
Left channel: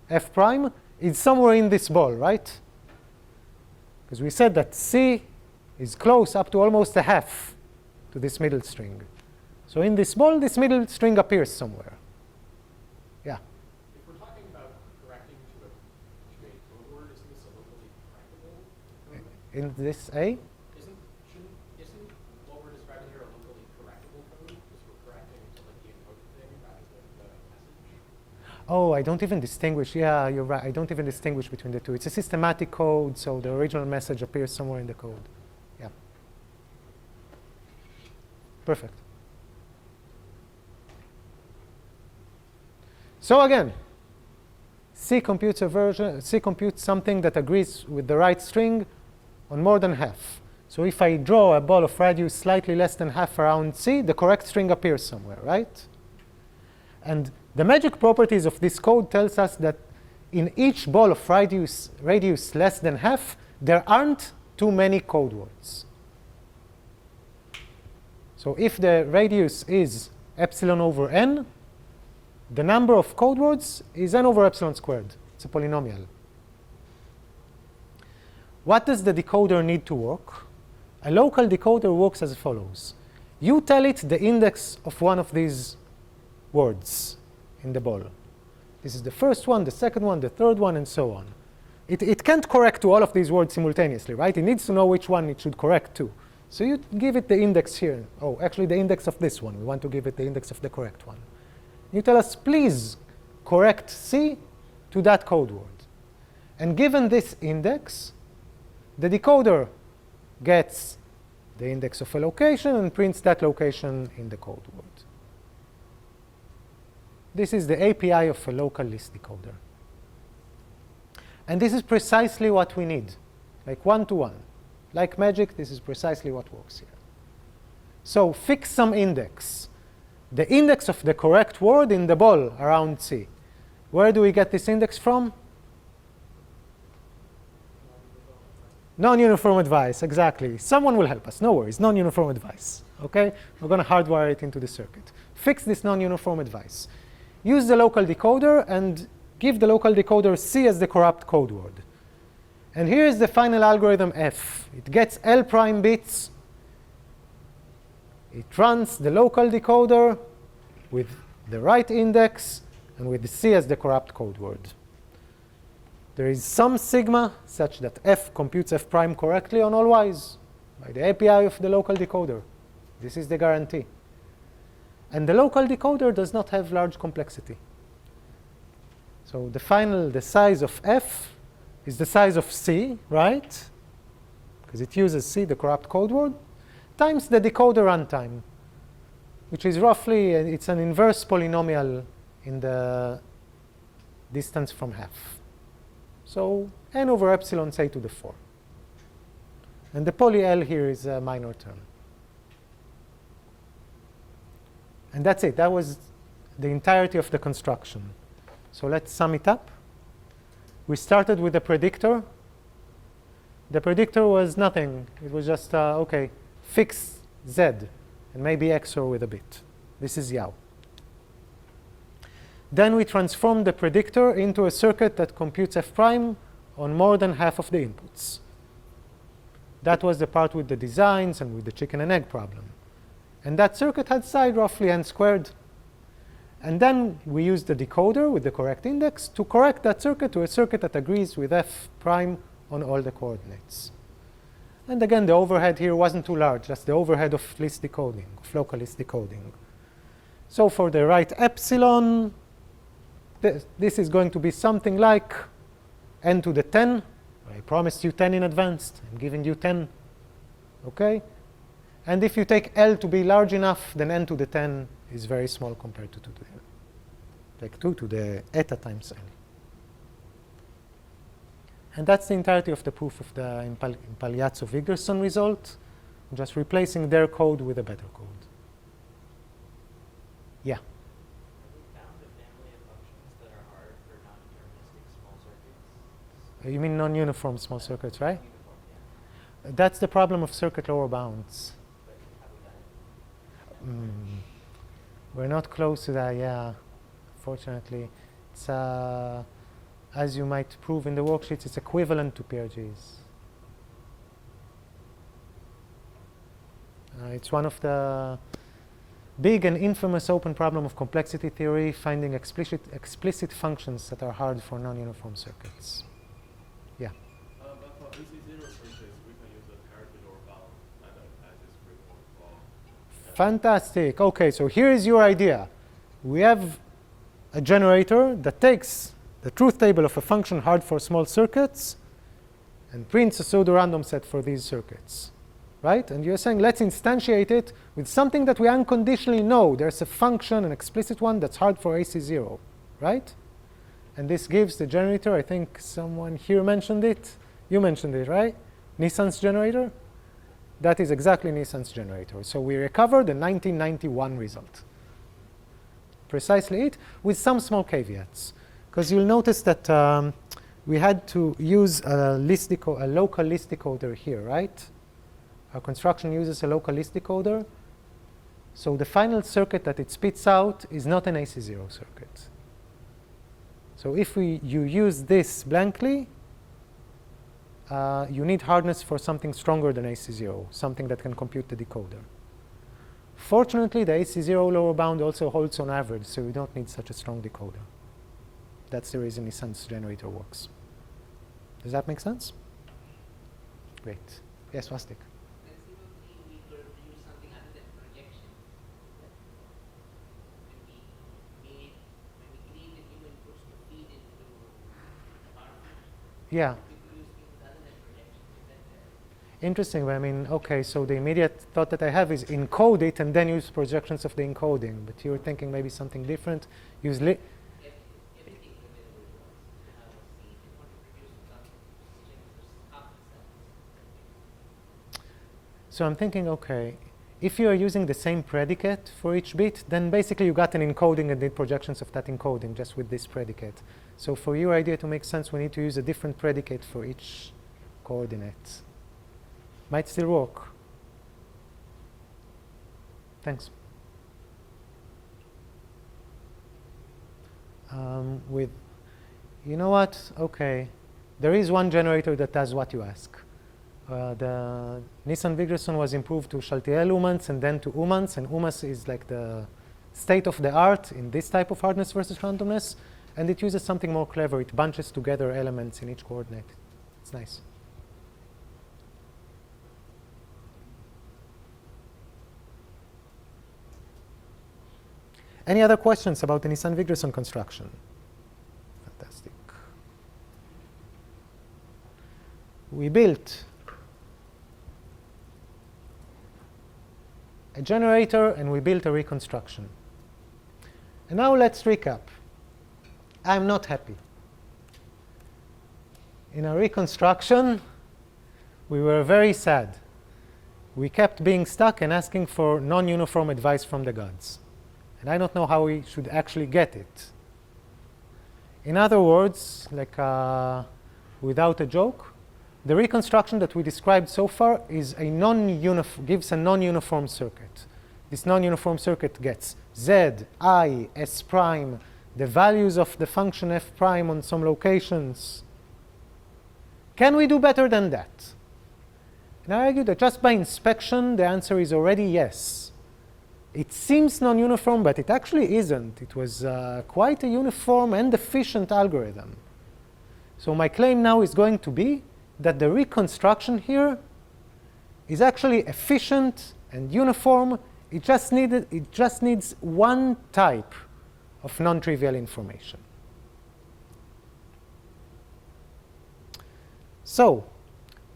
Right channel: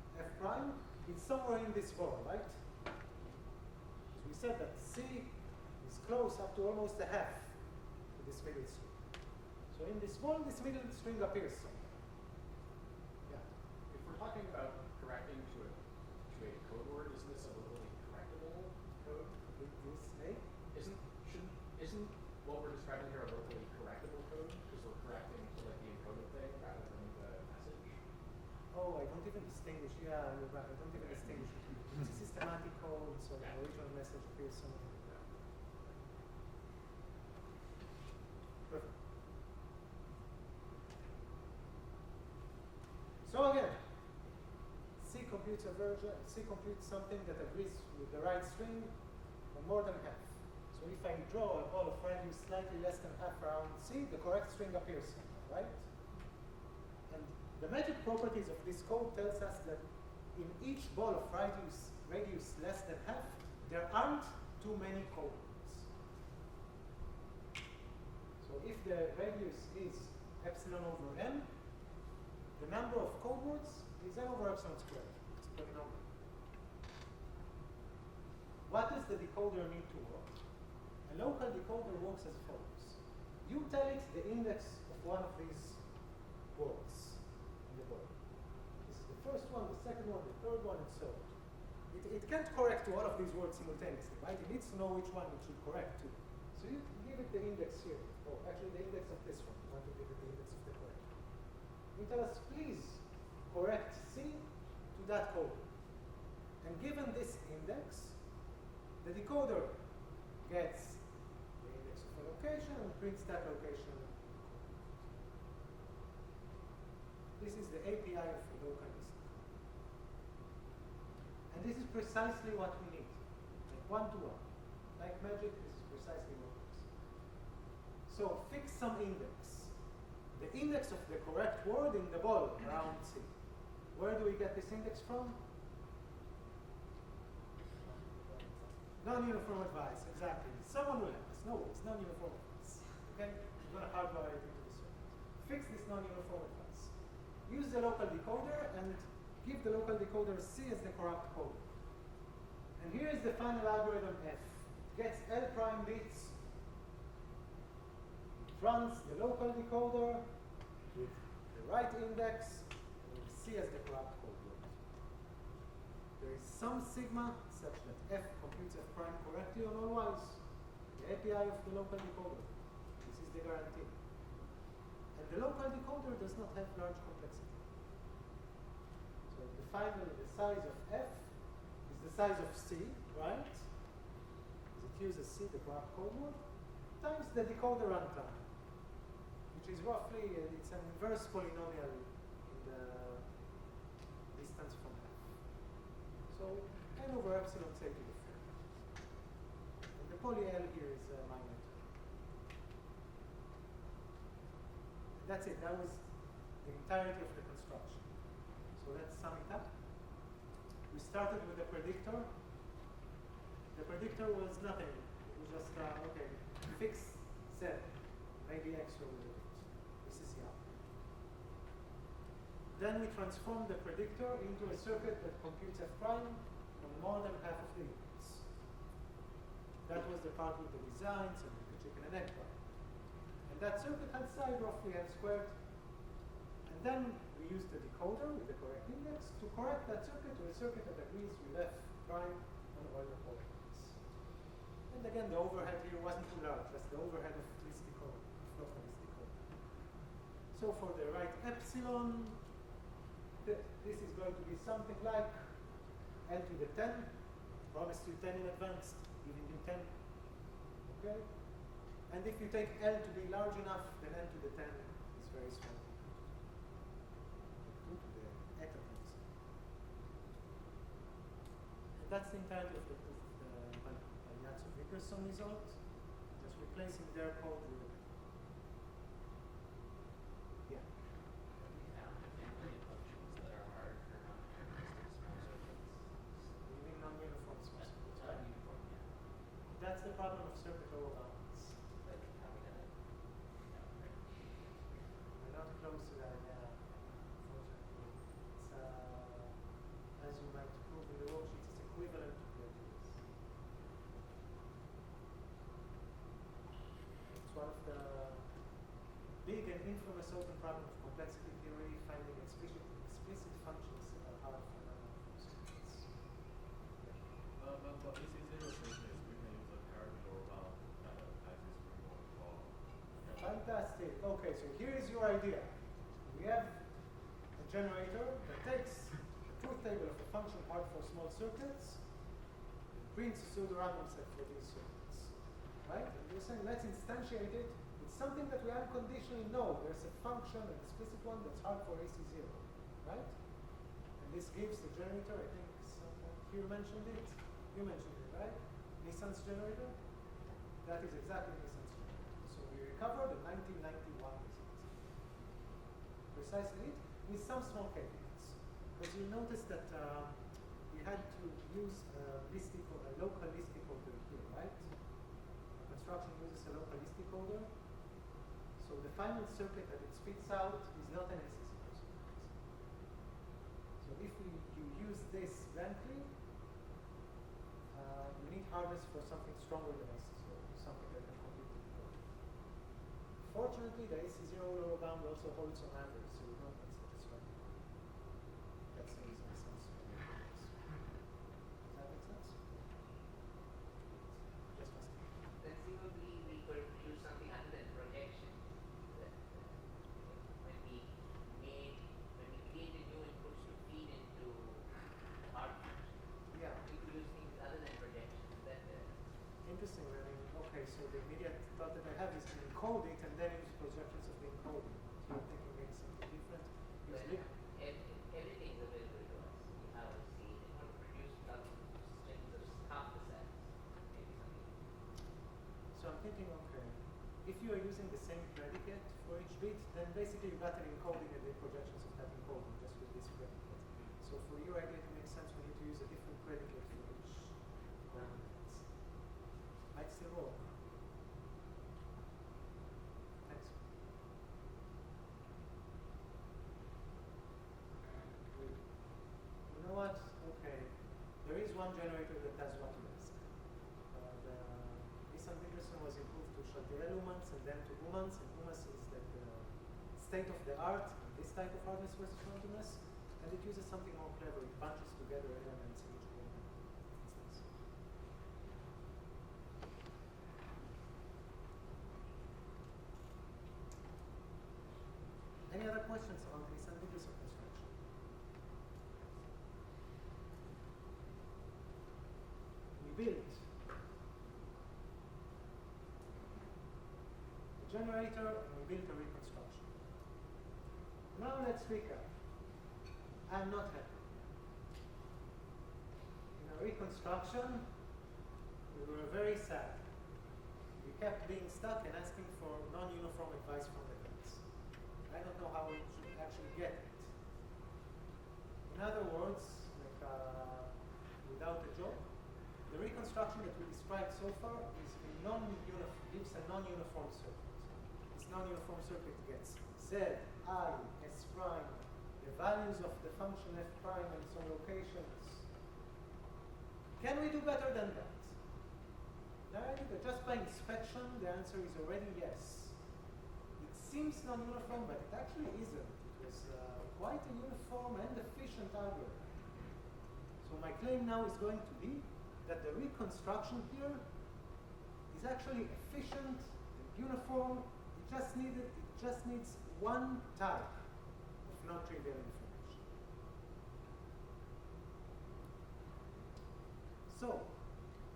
f prime is somewhere in this ball, right? Because we said that C is close up to almost a half to this middle string. So in this ball, this middle string appears somewhere. Yeah? If we're talking about correcting to a code word, isn't this a locally correctable code? In this A? Isn't what we're describing here a locally correctable code? Because we're correcting to like the encoded thing rather than the message? Oh, I don't even distinguish. Yeah, you're right. I don't even distinguish between the two. It's a systematic code, so the original message appears somewhere in the code. Yeah. Perfect. So again, C computes something that agrees with the right string on more than half. So if I draw a ball of radius slightly less than half around C, the correct string appears somewhere, right? And the magic properties of this code tells us that in each ball of radius less than half, there aren't too many code words. So if the radius is epsilon over n, the number of code words is n over epsilon squared. It's a polynomial. What does the decoder need to work? A local decoder works as follows. You tell it the index of one of these words in the ball. This is the first one, the second one, the third one, and so on. It can't correct to all of these words simultaneously, right? It needs to know which one it should correct to. So you give it the index here. Oh, actually the index of this one. We want to give it the index of the correct one. You tell us, please correct C to that code word. And given this index, the decoder gets the index of a location and prints that location in the code word. This is the API of a local list decoder. And this is precisely what we need, like one-to-one. Like magic, this is precisely what works here. So fix some index. The index of the correct word in the ball around C. Where do we get this index from? Non-uniform advice, exactly. Someone will help us, no worries, non-uniform advice. Okay? We're going to hardwire it into the circuit. Fix this non-uniform advice. Use the local decoder and give the local decoder C as the corrupt code word. And here's the final algorithm F. It gets L prime bits. It runs the local decoder with the right index and with the C as the corrupt code word. There is some sigma such that F computes F prime correctly on all y's by the API of the local decoder. This is the guarantee. And the local decoder does not have large complexity. So the size of f is the size of C, right? Because it uses C, the corrupt code word, times the decoder runtime, which is roughly, it's an inverse polynomial in the distance from half. So n over epsilon say to the 4. And the poly L here is a minor term. And that's it. That was the entirety of the construction. So let's sum it up. We started with the predictor. The predictor was nothing. It was just, OK, fix z, and maybe XOR with a bit. This is Yao. Then we transformed the predictor into a circuit that computes f prime on more than half of the inputs. That was the part with the designs and with the chicken and egg problem. And that circuit had side roughly n squared. And then we used the decoder with the correct index to correct that circuit to a circuit that agrees with f prime on all the coordinates. And again, the overhead here wasn't too large. That's the overhead of list decoding, of local list decoding. So for the right epsilon, this is going to be something like n to the 10. I promised you 10 in advance. I'm giving you 10. OK? And if you take L to be large enough, then n to the 10 is very small compared to 2 to the, like 2 to the eta times n. And that's the entirety of the proof of the Impagliazzo-Wigderson result, just replacing their code with a better code. Yeah? Have we found a family of functions that are hard for non-deterministic small circuits? You mean non-uniform small circuits, right? Uniform, yeah. That's the problem of circuit lower bounds. But have we done it? We're not close to that, yeah, fortunately. It's, as you might prove in the worksheets, it's equivalent to PRGs. It's one of the big and infamous open problem of complexity theory, finding explicit functions that are hard for non-uniform circuits. Yeah? But for AC0 circuits, we can use a parity lower bound as this framework for. Fantastic. OK, so here is your idea. We have a generator that takes the truth table of a function hard for small circuits and prints a pseudorandom set for these circuits, right? And you're saying, let's instantiate it with something that we unconditionally know. There's a function, an explicit one, that's hard for AC0, right? And this gives the generator, I think someone here mentioned it. You mentioned it, right? Nisan's generator? That is exactly Nisan's generator. So we recovered the 1991 result. Precisely it, with some small caveats. Because you'll notice that we had to use a local list decoder here, right? Our construction uses a local list decoder. So the final circuit that it spits out is not an AC0 circuit. So if you use this blankly, you need hardness for something stronger than AC0, something that can compute the decoder. Fortunately, the AC0 lower bound also holds on average, so you don't need such a strong decoder. That's the reason Nisan's generator works. Does that make sense? Great. Yes, Wastik. Conceivably, we could use something other than projection. That when we created new inputs to feed into hardware, Yeah. we could use things other than projection. Is that Interesting. But I mean, OK, so the immediate thought that I have is encode it and then use projections of the encoding. But you're thinking maybe something different. Use everything available to us? How to see it, want to produce half the cells. So I'm thinking, OK, if you are using the same predicate for each bit, then basically you got an encoding and did projections of that encoding just with this predicate. So for your idea to make sense, we need to use a different predicate for each coordinate. Might still work. Thanks. You know what? OK. There is one generator that does what you ask. The Nisan-Wigderson was improved to Chaltiel-Umans and then to Umans. And Umans is like the state of the art in this type of hardness versus randomness. And it uses something more clever. It bunches together elements in each coordinate. It's nice. Any other questions about the Nisan-Wigderson construction? Fantastic. We built a generator and we built a reconstruction. And now let's recap. I'm not happy. In our reconstruction, we were very sad. We kept being stuck and asking for non-uniform advice from the gods. And I don't know how we should actually get it. In other words, like without a joke, the reconstruction that we described so far is a gives a non-uniform circuit. This non-uniform circuit gets z, I, s prime, the values of the function f prime on some locations. Can we do better than that? And I argue that just by inspection, the answer is already yes. It seems non-uniform, but it actually isn't. It was quite a uniform and efficient algorithm. So my claim now is going to be that the reconstruction here is actually efficient and uniform. It just needs one type of non-trivial information. So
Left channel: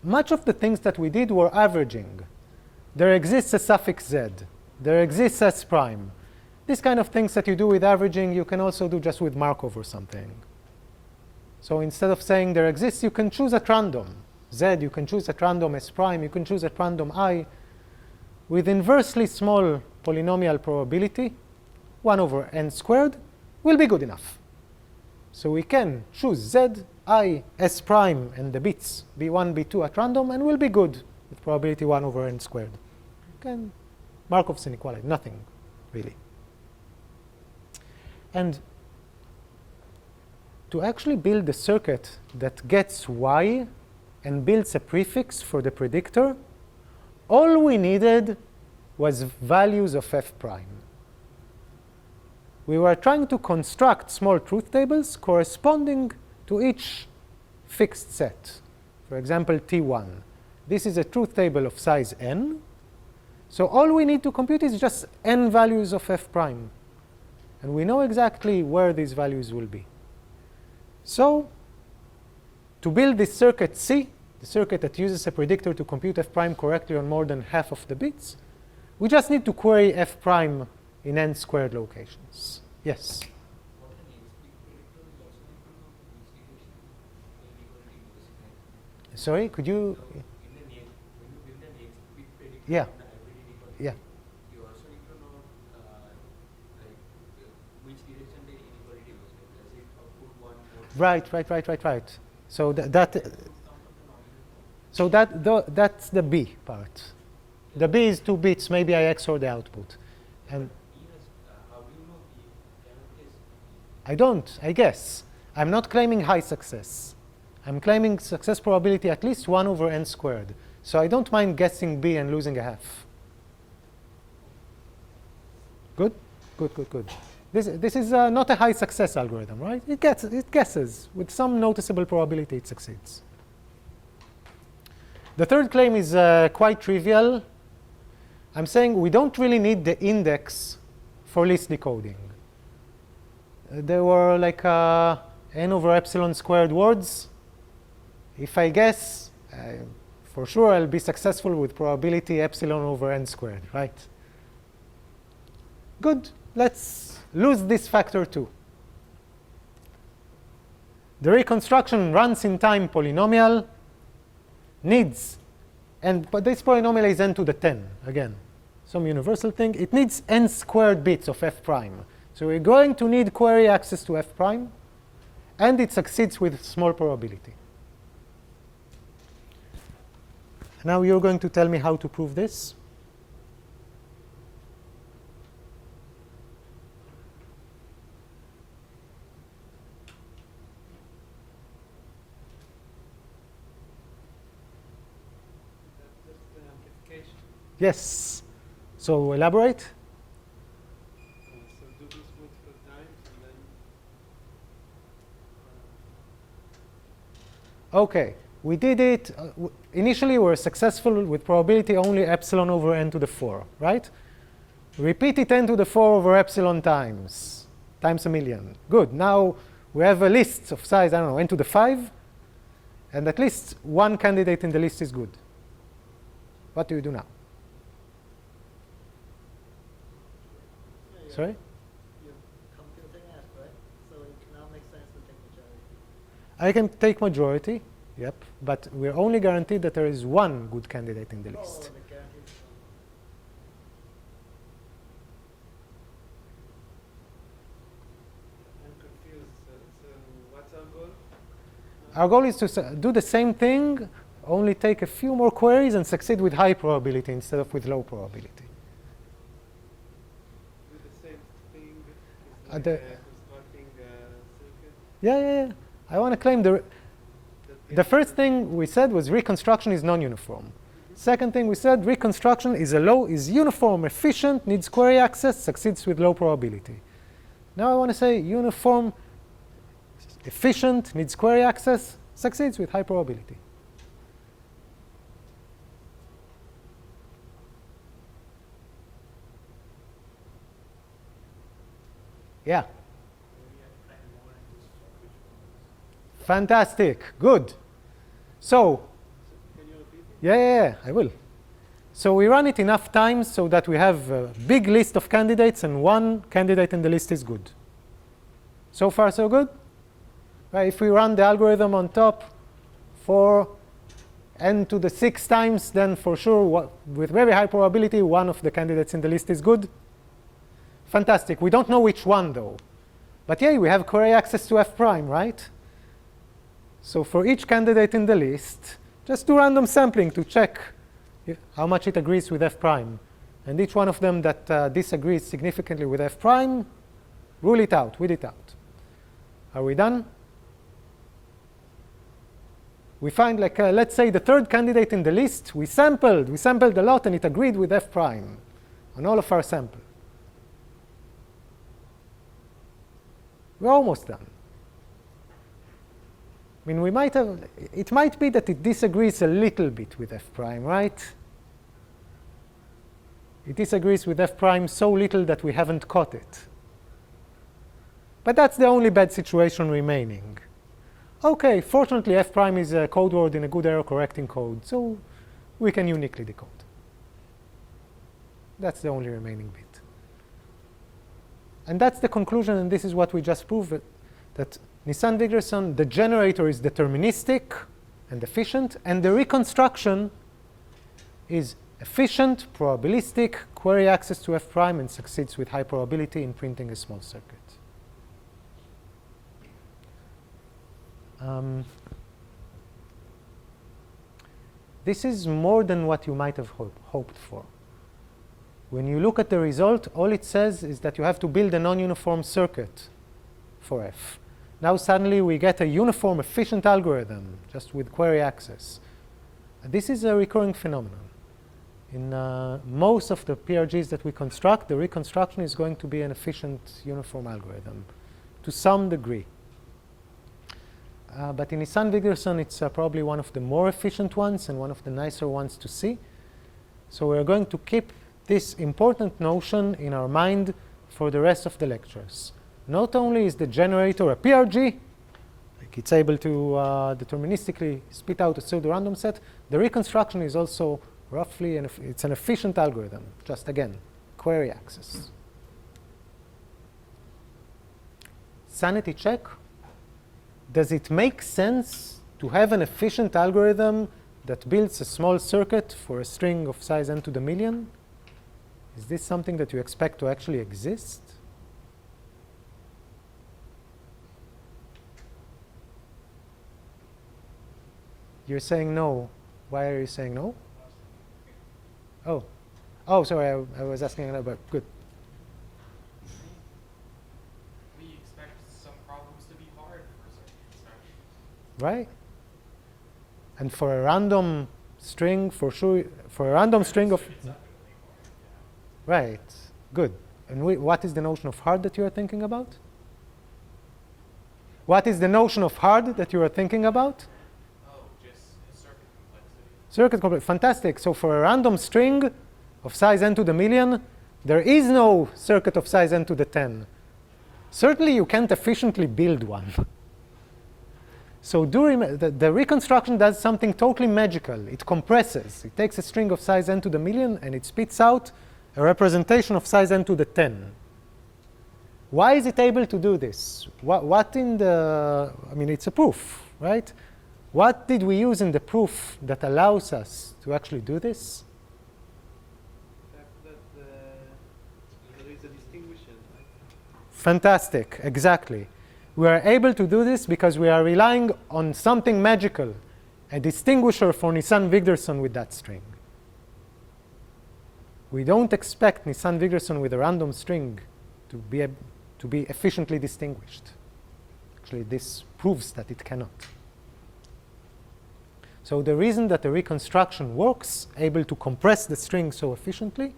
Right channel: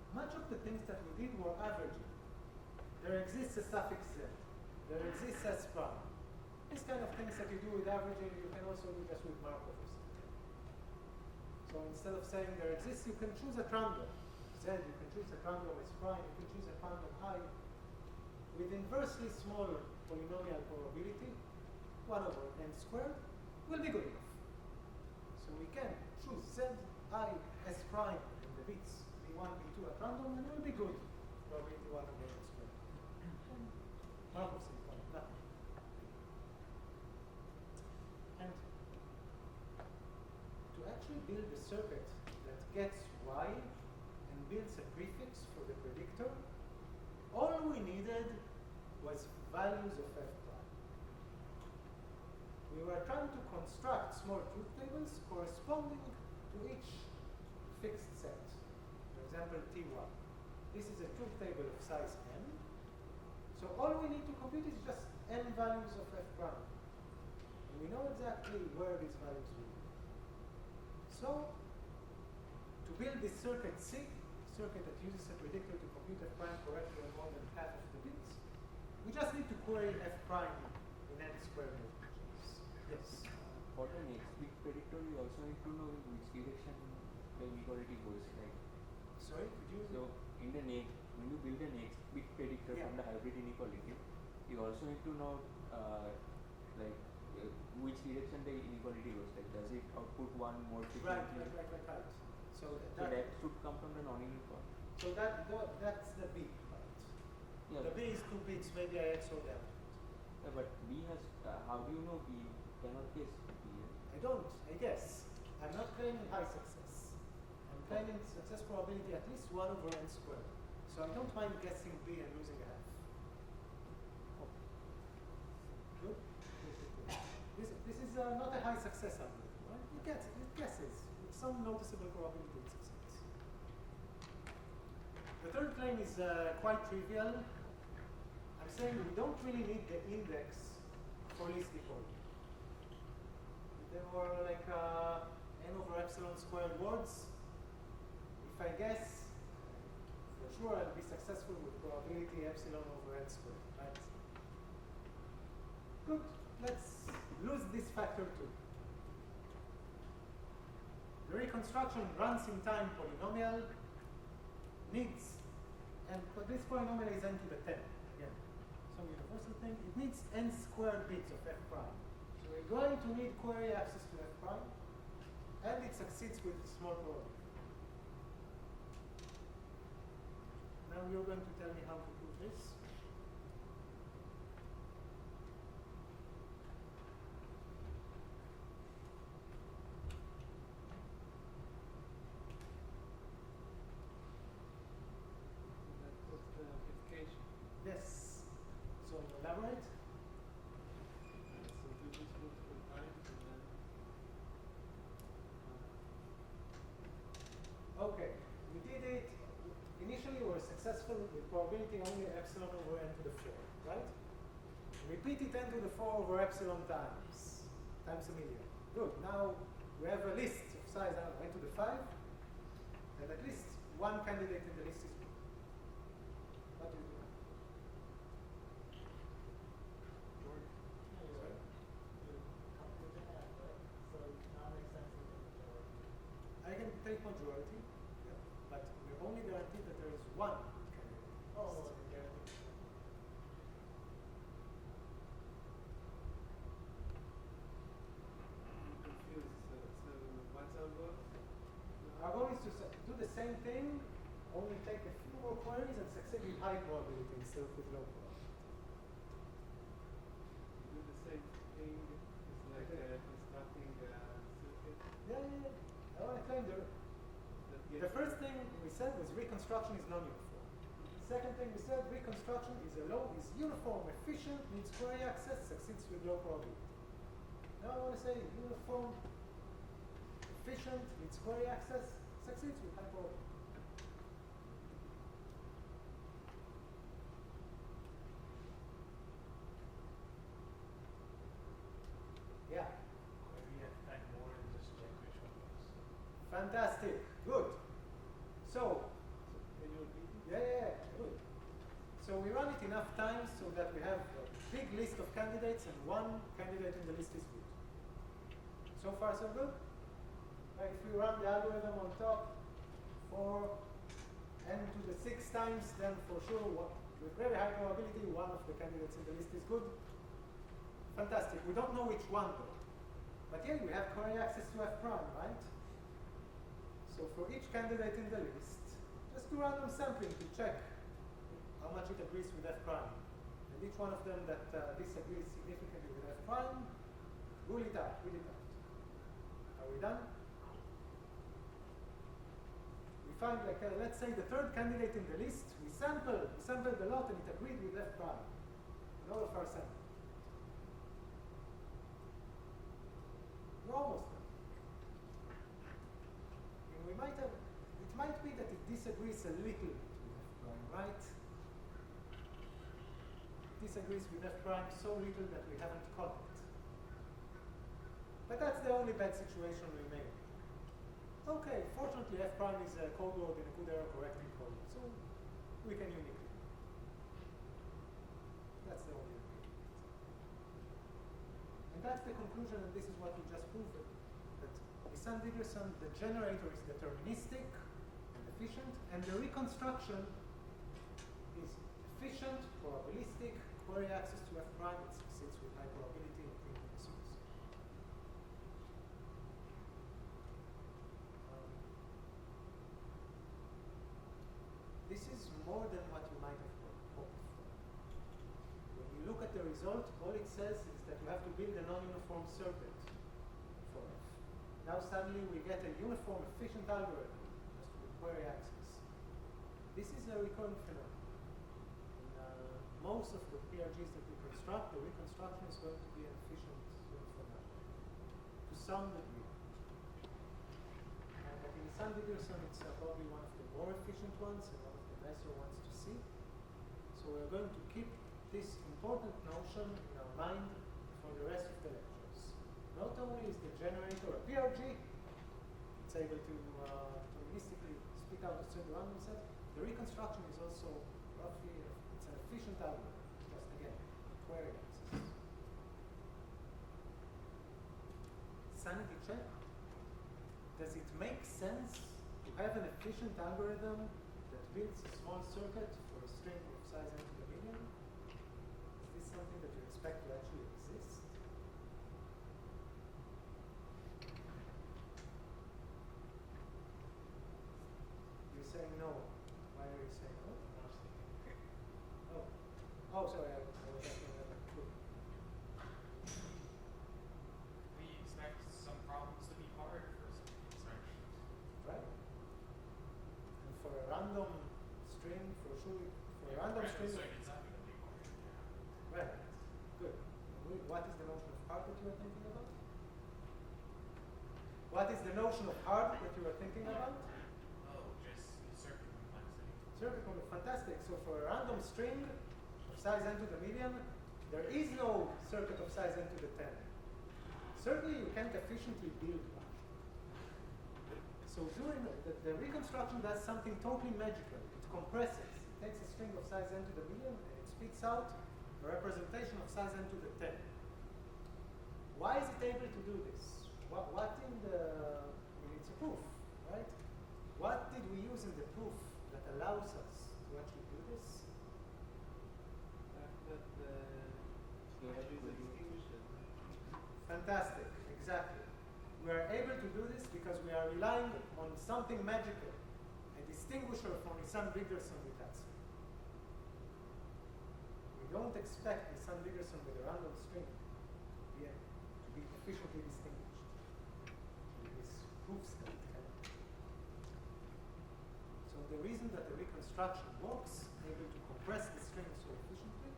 much of the things that we did were averaging. There exists a suffix z. There exists s prime. These kind of things that you do with averaging, you can also do just with Markov or something. So instead of saying there exists, you can choose at random z, you can choose at random s prime, you can choose at random I. With inversely small polynomial probability, 1 over n squared will be good enough. So we can choose z, I, s prime, and the bits b1, b2 at random, and will be good with probability 1 over n squared. Again, Markov's inequality, nothing really. And to actually build a circuit that gets y and builds a prefix for the predictor, all we needed was values of f prime. We were trying to construct small truth tables corresponding to each fixed set. For example, T1. This is a truth table of size n. So all we need to compute is just n values of f prime. And we know exactly where these values will be. So to build this circuit C, the circuit that uses a predictor to compute f prime correctly on more than half of the bits, we just need to query f prime in n squared locations. Yes? For the next week predictor, we also need to know in which direction the inequality goes, right? Sorry, could you? So in the next, when you build the next week predictor Yeah. on the hybrid inequality, Yeah. you also need to know like which direction the inequality goes. Like, does it output one more? Right. So that It would come from the non-uniform. so that's the B part. The B is 2 bits. Maybe I XOR the output. And B has, how do you know B cannot guess B? I don't, I guess. I'm not claiming high success. I'm claiming success probability at least 1 over n squared. So I don't mind guessing B and losing a half. Good? Good. This is not a high success algorithm, right? It guesses. With some noticeable probability, it succeeds. The third claim is quite trivial. I'm saying we don't really need the index for list decoding. There were like n over epsilon squared words. If I guess, for sure I'll be successful with probability epsilon over n squared, right? Good. Let's lose this factor too. The reconstruction runs in time polynomial needs, but this polynomial is n to the 10, again, some universal thing. It needs n squared bits of f prime. So we're going to need query access to f prime, and it succeeds with small probability. Now you're going to tell me how to prove this. That's the amplification. Yes. So elaborate. So do this multiple times and then OK. We did it. Initially, we were successful with probability only epsilon over n to the 4, right? Repeat it n to the 4 over epsilon times a million. Good. Now we have a list of size, I don't know, n to the 5. And at least one candidate in the list is good. What do you do now? Sorry? You compute an f, right? So it now makes sense to take majority. I can take majority, yep, but we're only guaranteed that there is one good candidate in the Oh, list. the guaranteed one. I'm confused. So what's our goal? Our goal is to do the same thing, only take a few more queries and succeed with high probability instead of with low probability. Do the same thing. It's At like the- constructing a circuit. Yeah. I want to claim the first thing we said was reconstruction is non-uniform. Second thing we said, reconstruction is uniform, efficient, needs query access, succeeds with low probability. Now I want to say uniform, efficient, needs query access, succeeds with high probability. Yeah. Fantastic. Good. So, Can you repeat it? yeah, I will. So we run it enough times so that we have a big list of candidates and one candidate in the list is good. So far, so good? Right, if we run the algorithm on top for n to the 6 times, then for sure, with very high probability, one of the candidates in the list is good. Fantastic. We don't know which one, though. But yeah, we have query access to f prime, right? So for each candidate in the list, just do random sampling to check how much it agrees with f prime. And each one of them that disagrees significantly with f prime, rule it out, weed it out. Are we done? We find, like, let's say the third candidate in the list, we sampled a lot, and it agreed with f prime on all of our sample. We're almost done. I mean, it might be that it disagrees a little bit with f prime, right? It disagrees with f prime so little that we haven't caught it. But that's the only bad situation remaining. OK, fortunately, f prime is a code word in a good error correcting code, so we can uniquely decode. That's the only remaining bit. And that's the conclusion, and this is what we just proved, that Nisan-Wigderson, the generator is deterministic and efficient, and the reconstruction is efficient, probabilistic, query access to f prime, and succeeds with high probability in printing a small circuit. This is more than what you might have hoped for. When you look at the result, all it says is that you have to build a non-uniform circuit for f. Now suddenly we get a uniform, efficient algorithm just with query access. This is a recurring phenomenon. In most of the PRGs that we construct, the reconstruction is going to be an efficient, uniform algorithm to some degree. But in Nisan-Wigderson, it's probably one of the more efficient ones and one of the nicer ones to see. So we're going to keep this important notion in our mind for the rest of the lectures. Not only is the generator a PRG, like it's able to deterministically spit out a pseudo-random set, the reconstruction is also roughly, it's an efficient algorithm, just again, query access. Sanity check. Does it make sense to have an efficient algorithm that builds a small circuit for a string of size n to the million? Is this something that you expect to actually exist? You're saying no. Why are you saying no? Oh, sorry, I was asking about, good. We expect some problems to be hard for certain instructions. Right? And for a random string, for sure, for a random string of... Right, good. And what is the notion of hard that you are thinking about? What is the notion of hard that you are thinking about? Oh, just circuit complexity. Circuit complexity, fantastic. So for a random string of size n to the million, There is no circuit of size n to the 10. Certainly, you can't efficiently build one. So the reconstruction does something totally magical. It compresses. It takes a string of size n to the million, and it spits out a representation of size n to the 10. Why is it able to do this? What in the, I mean, it's a proof, right? What did we use in the proof that allows us to actually do this? There is a distinguisher. Fantastic, exactly. We are able to do this because we are relying on something magical, a distinguisher for Nisan-Wigderson with that string. We don't expect Nisan-Wigderson with a random string to be efficiently distinguished. Actually, this proves that it cannot. So the reason that the reconstruction works, able to compress the string so efficiently,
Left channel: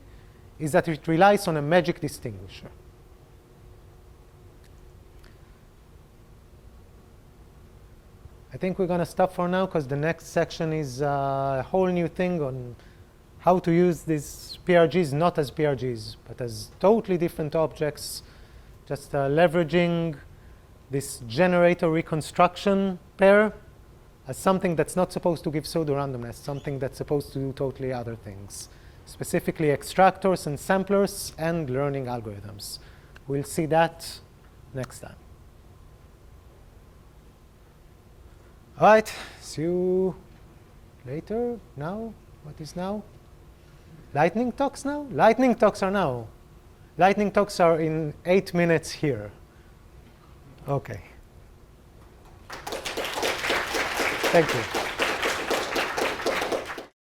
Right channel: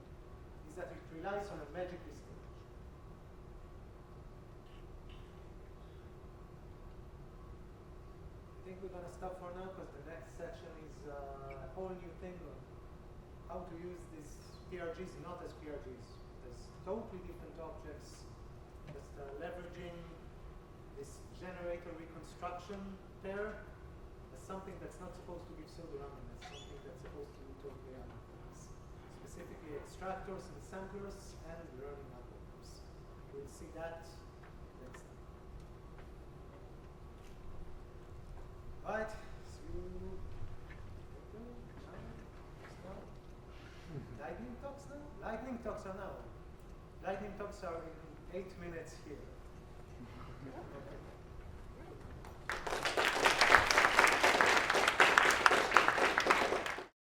is that it relies on a magic distinguisher. I think we're going to stop for now because the next section is a whole new thing on how to use these PRGs not as PRGs, but as totally different objects, just leveraging this generator reconstruction pair as something that's not supposed to give pseudorandomness, something that's supposed to do totally other things, specifically extractors and samplers and learning algorithms. We'll see that next time. All right, see you later. Now, what is now? Lightning talks now? Lightning talks are now. Lightning talks are in 8 minutes here. Okay. Thank you.